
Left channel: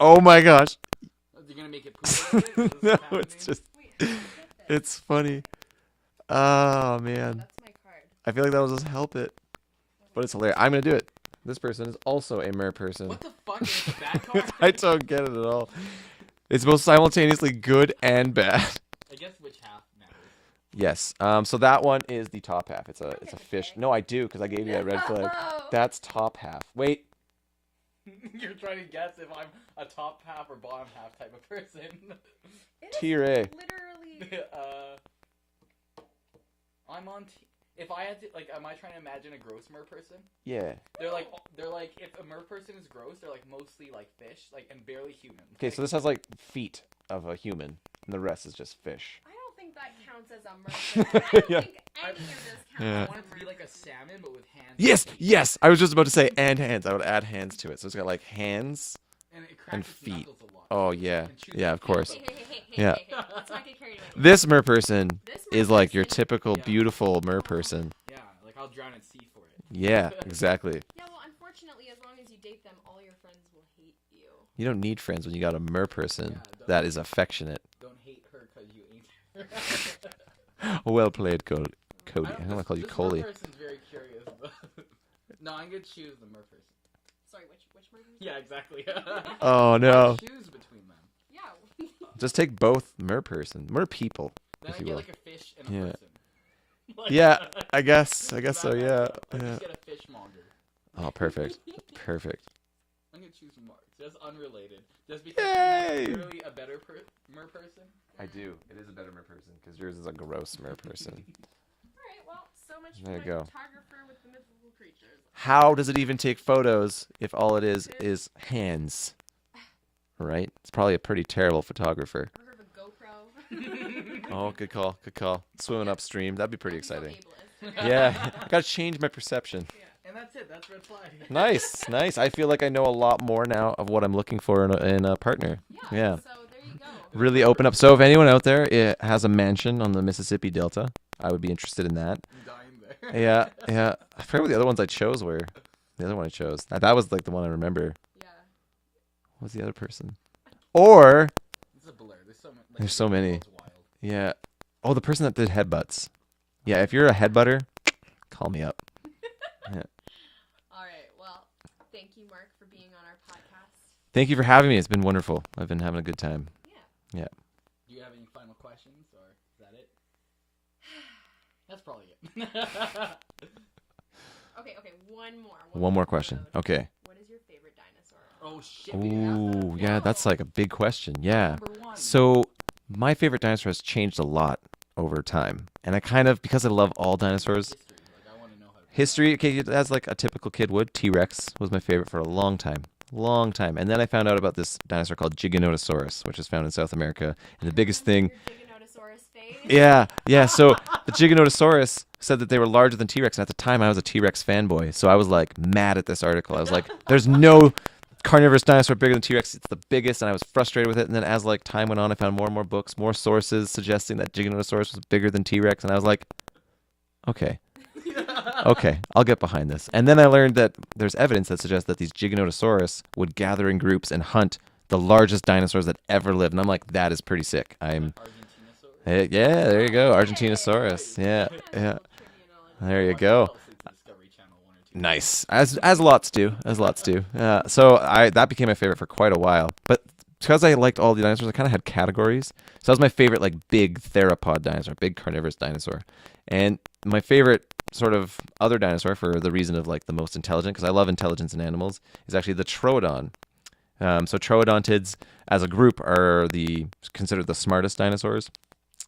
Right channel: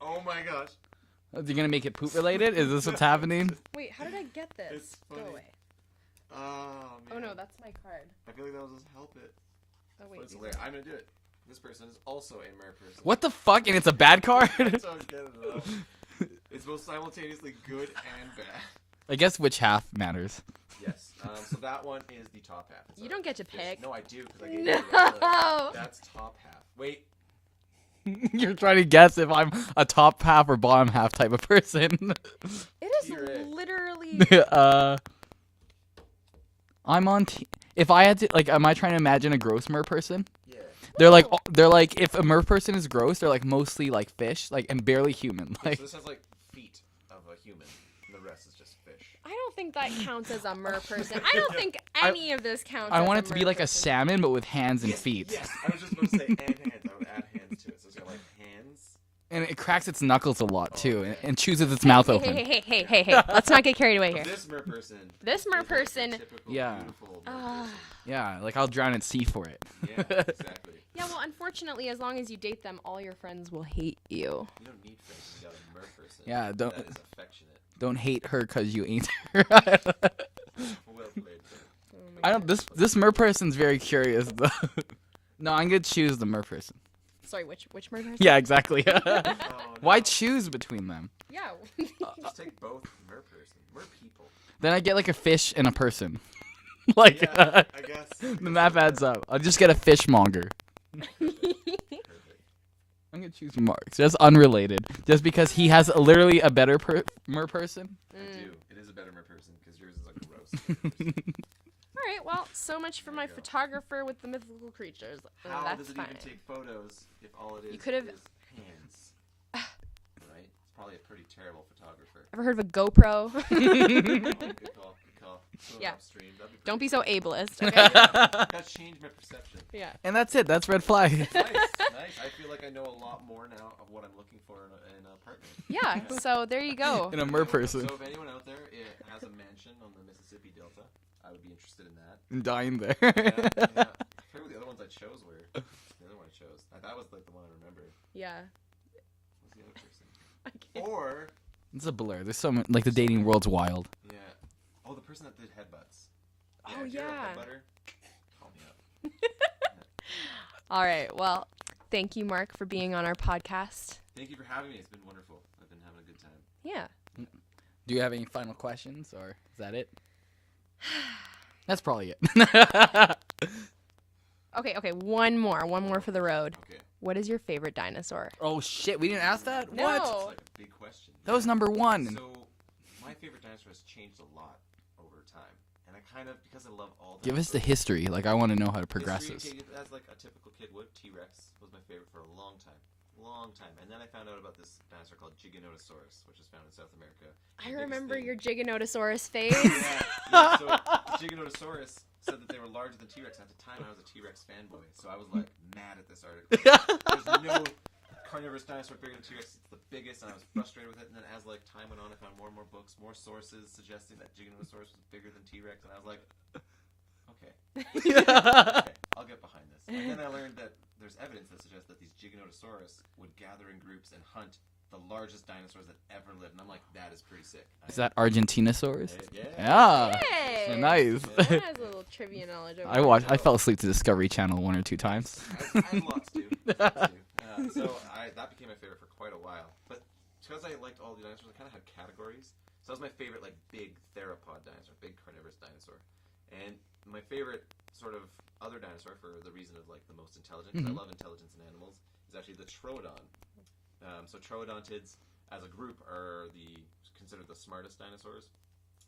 Oh my gosh. Are you gonna make it poop related? Is this what's No, happening? It's, just- Wait, how did I get this? it's funny. Oh Oh, no, man. that's my card. I feel like that will just help it. Oh, But wait. it's hilarious. I'm gonna do it. This person is also a mer person. What the fuck? And it's a bad card? I don't get it at all. It's both simultaneously good and bad. I guess which half matters. Yes. So that one is the top half. It's You a, don't it's get a to fish. pick. No, I do because I gave you a red flag. No. That's top half. Wait. You're trying to guess if I'm a top half or bottom half type of person. It is Tier A. literally. I'm on. If I had to, like, am I trying to imagine a gross mer person? Yeah. They're like, if a mer person is gross, they're like mostly like fish, like, and barely human. Okay, Like, so this has like feet of a human, and the rest is just fish. I don't think that counts as a mer person. I don't think any of this counts. Yeah. I as want a it to mer be like a person. salmon, but with hands and Yes. feet. Yes. I was just about to say and hands. I would add hands to it. So it's got like hands. And it cracks And its feet. knuckles a lot Oh, too, yeah. and chews Yeah, its of mouth course. open. Hey, Yeah. Let's not get carried away here. This mer person This mer is like your person- typical Yeah. beautiful mer person. Yeah, like I'll drown at sea for it. Yeah, exactly. Yeah, well, unfortunately, as long as you date them, all your friends will hate you. You don't need friends when you got a mer person Yeah, don't- that is affectionate. Don't hate her because you ain't her. Well played, Cody. I don't. This mer person's very curious though. No, I'm gonna choose the mer person. Sorry, which mer person? Yeah, exactly. Oh no! Why choose between them? Yeah. Just take both mer person, mer people. Then I you get will. like a fish and a Yeah. person. Like Yeah, I guess. I the guess math so, adds yeah. up. I'll just get a fishmonger. Oh, perfect, perfect. I'm gonna choose Mark, just unrelated, just because he has Yay. literally a better mer person. I do. It is a better mer person because yours is a gross mer person. All right. Well, so much for There my you go. photographer with the mythical creatures. How That's does it even fine. take photos if all it is Could've- is hands? Right? It's probably a pretty terrible photographer. Ever heard of a GoPro? Oh, good call, good call. Swimming Yeah. upstream, that'd be pretty. Don't be so exciting. ableist. Okay? Yeah, gotta change my perception. Yeah. And that's it. That's red flag. Nice, nice. I feel like I know a lot more now of what I'm looking for in a partner. Yeah. Yeah. So there you go. In a Really mer open up. person. So if anyone out there has a mansion on the Mississippi Delta, I would be interested in that. I'm dying there. Yeah, yeah. I forget what the other ones I chose were. The other one I chose. That was like the one I remember. Yeah. was the other person? Or It's a blur. There's so many. Like There's the so dating many. world's wild. yeah. Oh, the person that did headbutts. Yeah, Oh, if you're a yeah. headbutter, call me up. All right. Well, thank you, Mark, for being on our podcast. Thank you for having me. It's been wonderful. I've been having a good time. Yeah. Do you have any final questions, or is that it? That's probably it. Okay. One more for question. the road. Okay. What is your favorite dinosaur? Oh shit, we didn't ask that. Ooh, yeah, that's No. like a big question. Yeah. That was number one. So my favorite dinosaur has changed a lot over time, and I kind of, because I love all Give us the dinosaurs. history. Like I want to know how to progress History, this. okay, as like a typical kid would. T-Rex was my favorite for a long time. And then I found out about this dinosaur called Giganotosaurus, which is found in South America. And the biggest thing, Your Giganotosaurus phase. yeah. So the Giganotosaurus said that they were larger than T-Rex, and at the time I was a T-Rex fanboy, so I was like mad at this article. I was like, "There's no carnivorous dinosaur bigger than T-Rex. It's the biggest," and I was frustrated with it. And then as like time went on, I found more and more books, more sources suggesting that Giganotosaurus was bigger than T-Rex, and I was like, okay. Okay, I'll get behind this. And then I learned that there's evidence that suggests that these Giganotosaurus would gather in groups and hunt the largest dinosaurs that ever lived. And I'm like, that is pretty sick. Is that Argentinosaurus? Yeah, there you go, Oh. Argentinosaurus. Nice. Yeah, That's a yeah. little trivia knowledge. There I, you watched, go. I fell asleep to Discovery Channel 1 or 2 times. Nice, as lots do, So that became my favorite for quite a while. But because I liked all the dinosaurs, I kind of had categories. So that was my favorite, like big theropod dinosaur, big carnivorous dinosaur. And my favorite sort of other dinosaur, for the reason of like the most intelligent, because I love intelligence in animals, is actually the Troodon. So troodontids as a group are considered the smartest dinosaurs.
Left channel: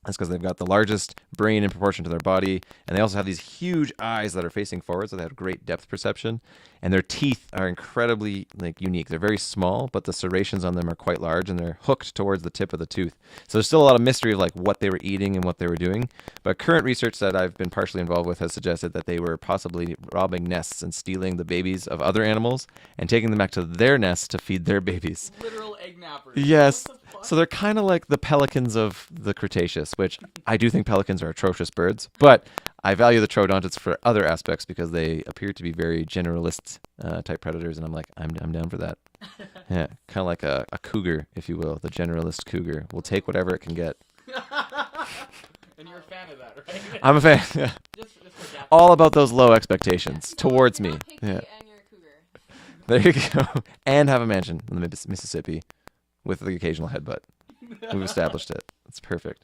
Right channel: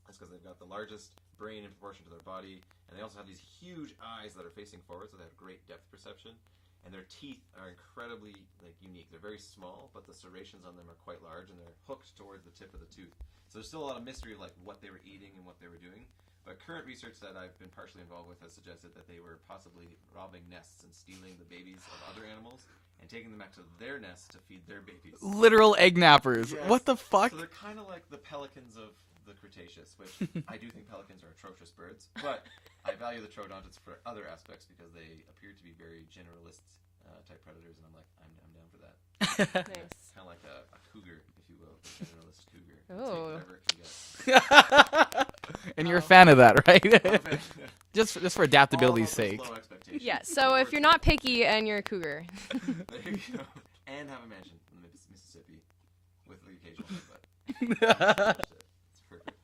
That's because they've got the largest brain in proportion to their body, and they also have these huge eyes that are facing forward, so they have great depth perception. And their teeth are incredibly unique. They're very small, but the serrations on them are quite large, and they're hooked towards the tip of the tooth. So there's still a lot of mystery of what they were eating and what they were doing. But current research that I've been partially involved with has suggested that they were possibly robbing nests and stealing the babies of other animals and taking them back to their nests to feed their babies. Literal egg nappers. Yes. What the fuck? So they're kind of like the pelicans of the Cretaceous, which I do think pelicans are atrocious birds, but I value the troodontids for other aspects because they appear to be very generalist type predators, and I'm like, I'm down for that. Yeah, kind of like a cougar, if you will, the generalist cougar. Will take Oh. whatever it can get. And you're a fan of that, right? I'm a fan. Yeah. just for adaptability. All about those low expectations Yeah. So towards if you're not me. picky Yeah. and you're a cougar, There you go. And have a mansion in the Mississippi with the occasional headbutt. We've established it. It's perfect.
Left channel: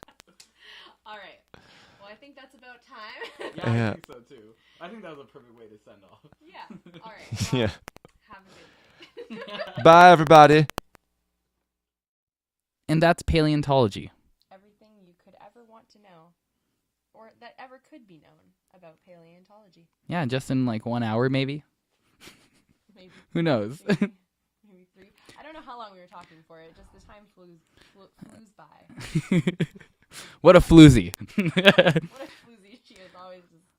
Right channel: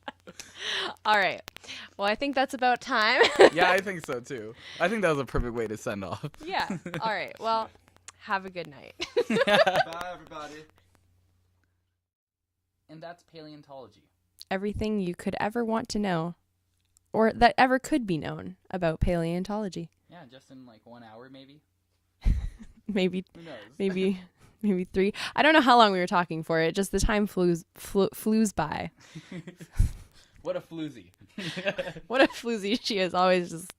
all right. Well, I think that's about time. Yeah, I Yeah. think so too. I think that was a perfect way to send off. Yeah. All right. Well, Yeah. have a good night. Bye, everybody. And that's paleontology. Everything you could ever want to know, or that ever could be known about paleontology. Yeah, just in 1 hour, maybe. Maybe, Who knows? maybe, maybe 3. I don't know how long we were talking for. It just the time flews by. What a floozy. What a floozy she is. Always just.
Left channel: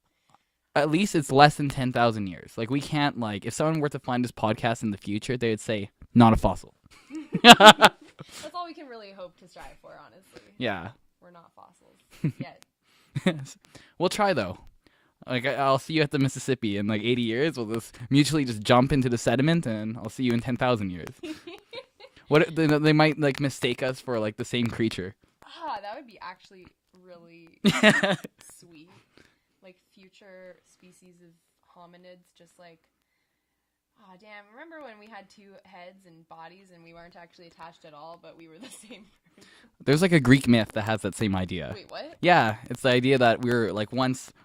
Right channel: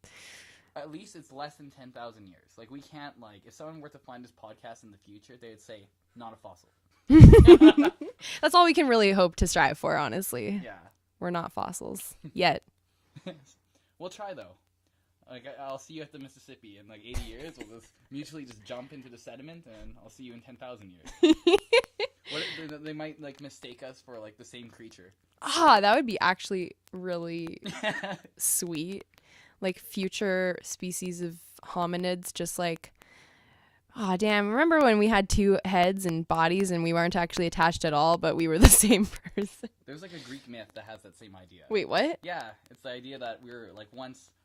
At least it's less than 10,000 years. We can't, if someone were to find this podcast in the future, they would say, not a fossil. That's all we can really hope to strive for. Honestly, Yeah. we're not fossils yet. We'll try, though. I'll see you at the Mississippi in 80 years. We'll just mutually just jump into the sediment, and I'll see you in 10,000 years. What they might mistake us for the same creature. Ah, that would be actually really sweet. Future species of hominids, just oh damn, remember when we had 2 heads and bodies and we weren't actually attached at all, but we were the same person? There's a Greek myth that has that same idea. Wait, what? Yeah, it's the idea that we're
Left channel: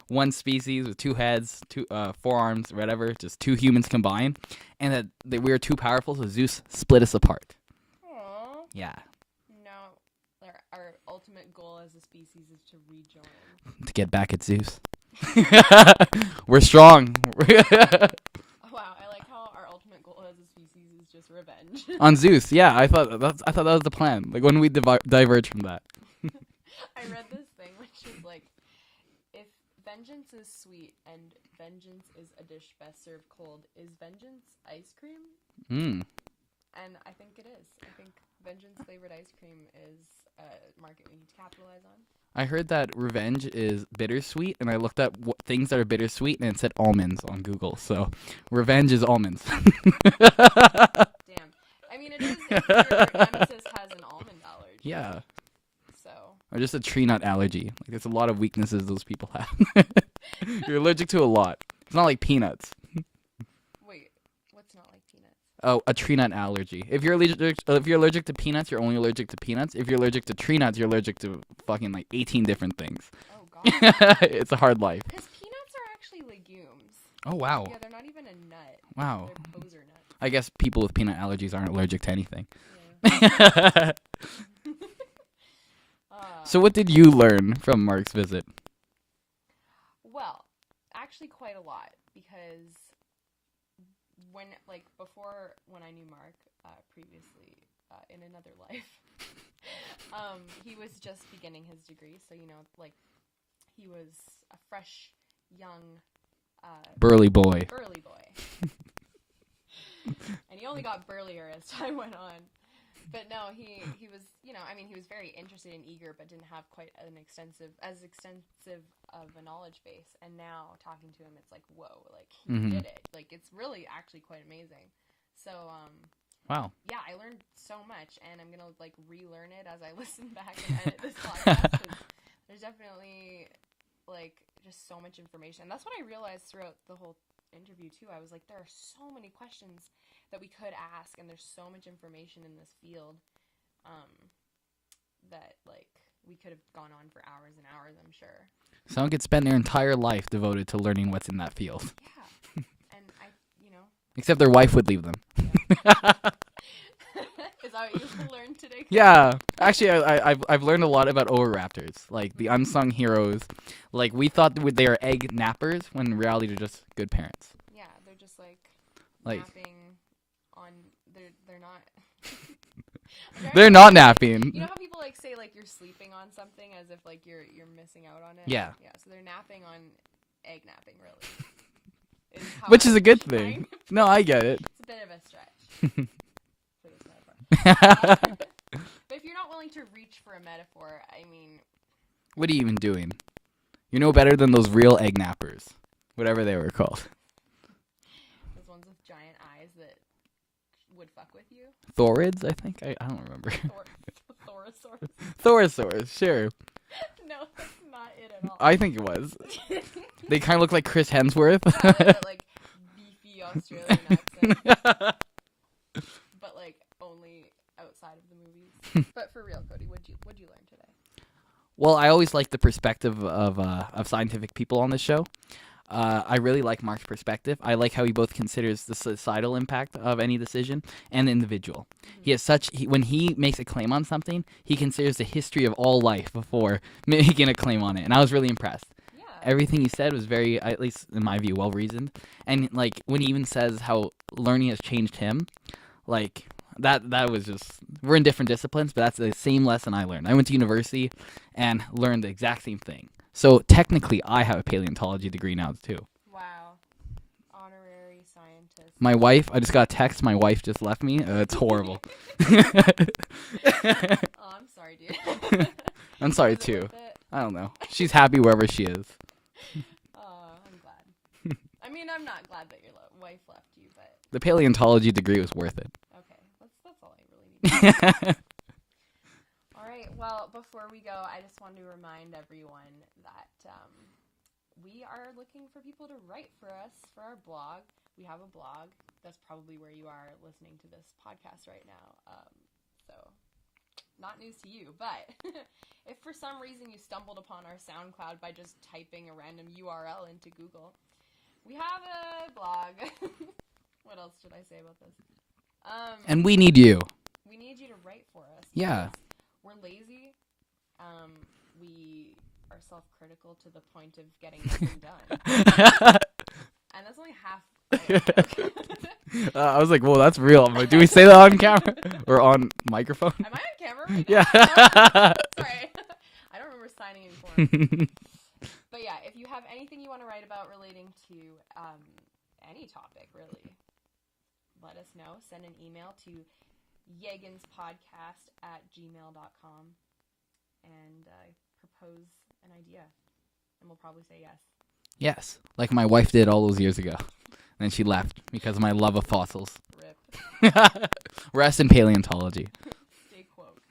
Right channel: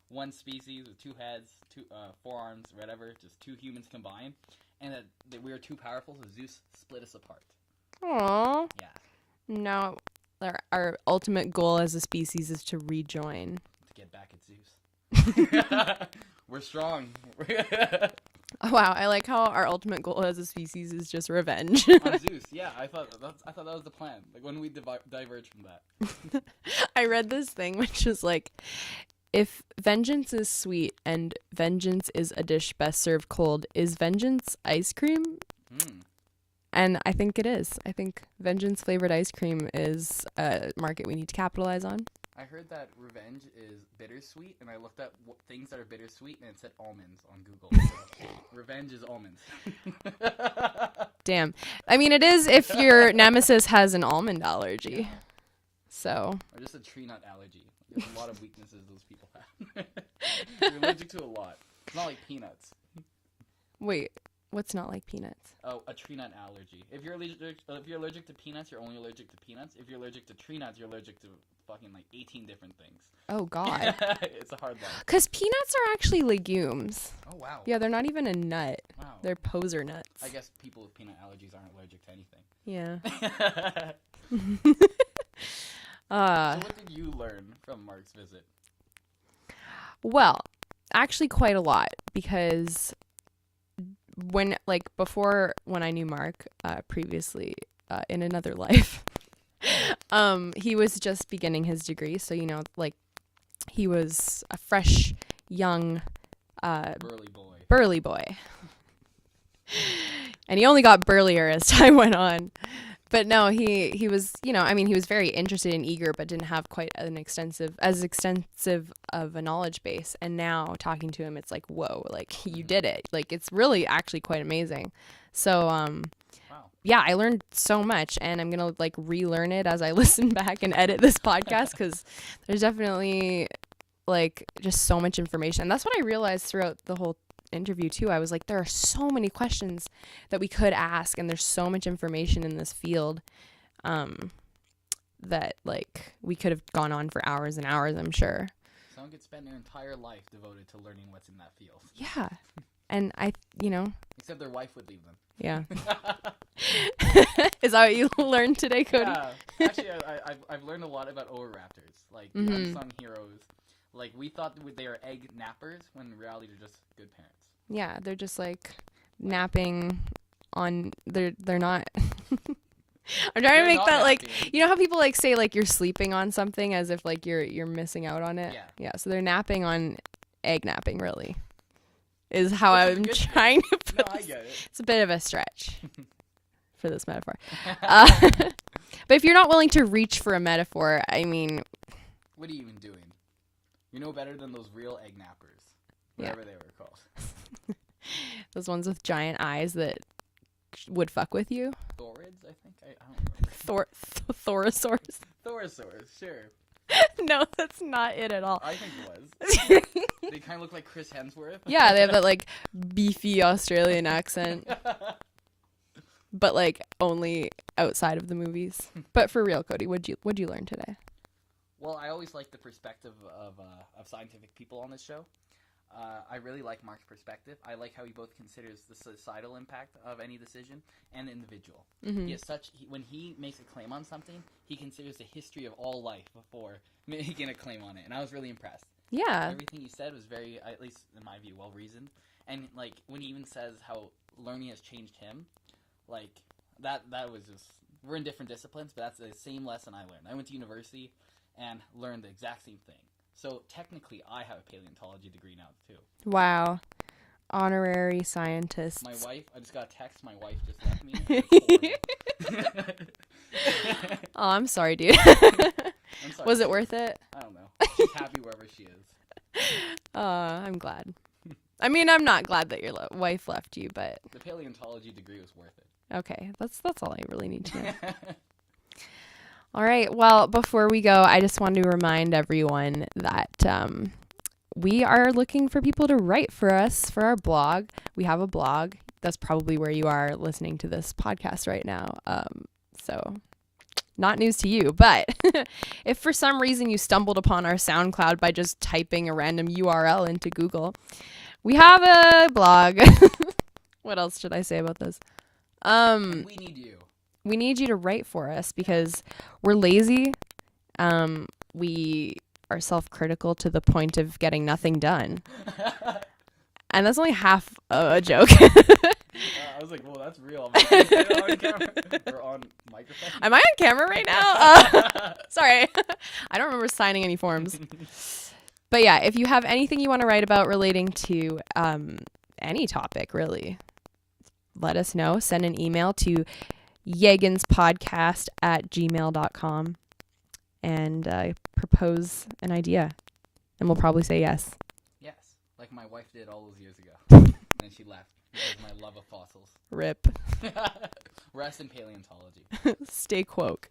one species with 2 heads, 2 forearms, whatever, just 2 humans combined, and that we were too powerful, so Zeus split us apart. Aw. Yeah, No, our ultimate goal as a species is to rejoin. to get back at Zeus. We're strong. Oh, wow, I like how our ultimate goal as a species is just revenge. On Zeus, yeah, I thought that was the plan. When we diverge from that. I read this thing which is if vengeance is sweet and vengeance is a dish best served cold, is vengeance ice cream? And I think it is. I think vengeance flavored ice cream is a market we need to capitalize on. I heard that revenge is bittersweet, and I looked up things that are bittersweet, and it said almonds on Google. So, revenge is almonds. Damn. I mean, it is if your nemesis has an almond allergy. Yeah. So. Or just a tree nut allergy. Like, there's a lot of weaknesses those people have. You're allergic to a lot. It's not like peanuts. Wait, what's not like peanuts? Oh, a tree nut allergy. If you're allergic to peanuts, you're only allergic to peanuts. If you're allergic to tree nuts, you're allergic to fucking like 18 different things. Oh, God. It's a hard life. Because peanuts are actually legumes. Oh, wow. Yeah, they're not even a nut. Wow. They're poser nuts. I guess people with peanut allergies aren't allergic to anything. Yeah. So what did you learn from Mark's visit? Well, actually quite a lot, because when I knew Mark previously in another life, he was just beginning his degree. So, like, he was a fresh, young Burly boy. And he only got burlier as time went on. But no, he was, he was very interested and eager, but didn't have quite as extensive of a knowledge base. And now talking to him, it's like, whoa, like, you did it. Like, it's really actually quite amazing. So, wow. Yeah, I learned so much, and I'm going to like relearn it as I listen back and edit this podcast, because there's definitely like just so much information. And that's what I realized throughout the whole interview too. I was like, there are so many questions that we could ask, and there's so much information in this field that like we could have gone on for hours and hours, I'm sure. Someone could spend their entire life devoted to learning what's in that field. Yeah. And Except their wife would leave them. Yeah. Is that what you learned today, Cody? Yeah. Actually, I've learned a lot about oviraptors, like the unsung heroes. Like, we thought they are egg nappers, when in reality they're just good parents. Yeah, they're just like napping on. They're not. They're not napping. Like, you know how people like say like you're sleeping on something as if like you're missing out on it. Yeah. Yeah. So they're napping on egg napping, really. Is how Which I'm is a good trying thing. to No, I get it. It's a bit of a stretch for this metaphor. But if you're not willing to reach for a metaphor, I mean, what are you even doing? You're no better than those real egg nappers, whatever they were called. those ones with giant eyes that would fuck with you. Thorids, I think. I don't remember. Thorosaurs. Thorosaurs, sure. No, that's not it at all. I think it was. They kind of look like Chris Hemsworth. Yeah, they have that like beefy Australian accent. But like only outside of the movies. But for real, Cody, what'd you learn today? Well, I always like the perspective of scientific people on this show. I really like Mark's perspective. I like how he both considers the societal impact of any decision and the individual. Mm-hmm. He has when he makes a claim on something, he considers the history of all life before making a claim on it. And I was really impressed. Yeah. Everything he said was very, at least in my view, well reasoned. And like when he even says how learning has changed him, like that was just, we're in different disciplines, but that's the same lesson I learned. I went to university and learned the exact same thing. So technically, I have a paleontology degree now too. Wow. Honorary scientist. My wife, I just got a text. My wife just left me. That's horrible. Oh, I'm sorry, dude. I'm sorry, Was it too. worth it? I don't know. She's happy wherever she is. I'm glad. I mean, I'm not glad that your wife left you, but The paleontology degree was worth it. okay. That's all I really need to know. All right. Well, before we go, I just wanted to remind everyone that we are looking for people to write for us for our blog. We have a blog. That's probably where you are listening to this podcast right now. So not news to you, but if for some reason you stumbled upon our SoundCloud by just typing a random URL into Google, we have a blog. What else should I say about this? And we need you. We need you to write for us because we're lazy. We are self-critical to the point of getting nothing done. And that's only half a joke. I was like, whoa, that's real. I'm like, do we say that on camera or on microphone? Am I on camera right now? Yeah. Sorry. I don't remember signing any forms. But yeah, if you have anything you want to write about relating to any topic, really, let us know. Send an email to YEGanspodcast@gmail.com. and propose an idea. And we'll probably say yes. Yes, like my wife did all those years ago. And she left because of my love of fossils. Rip. Rest in paleontology. Stay quoque.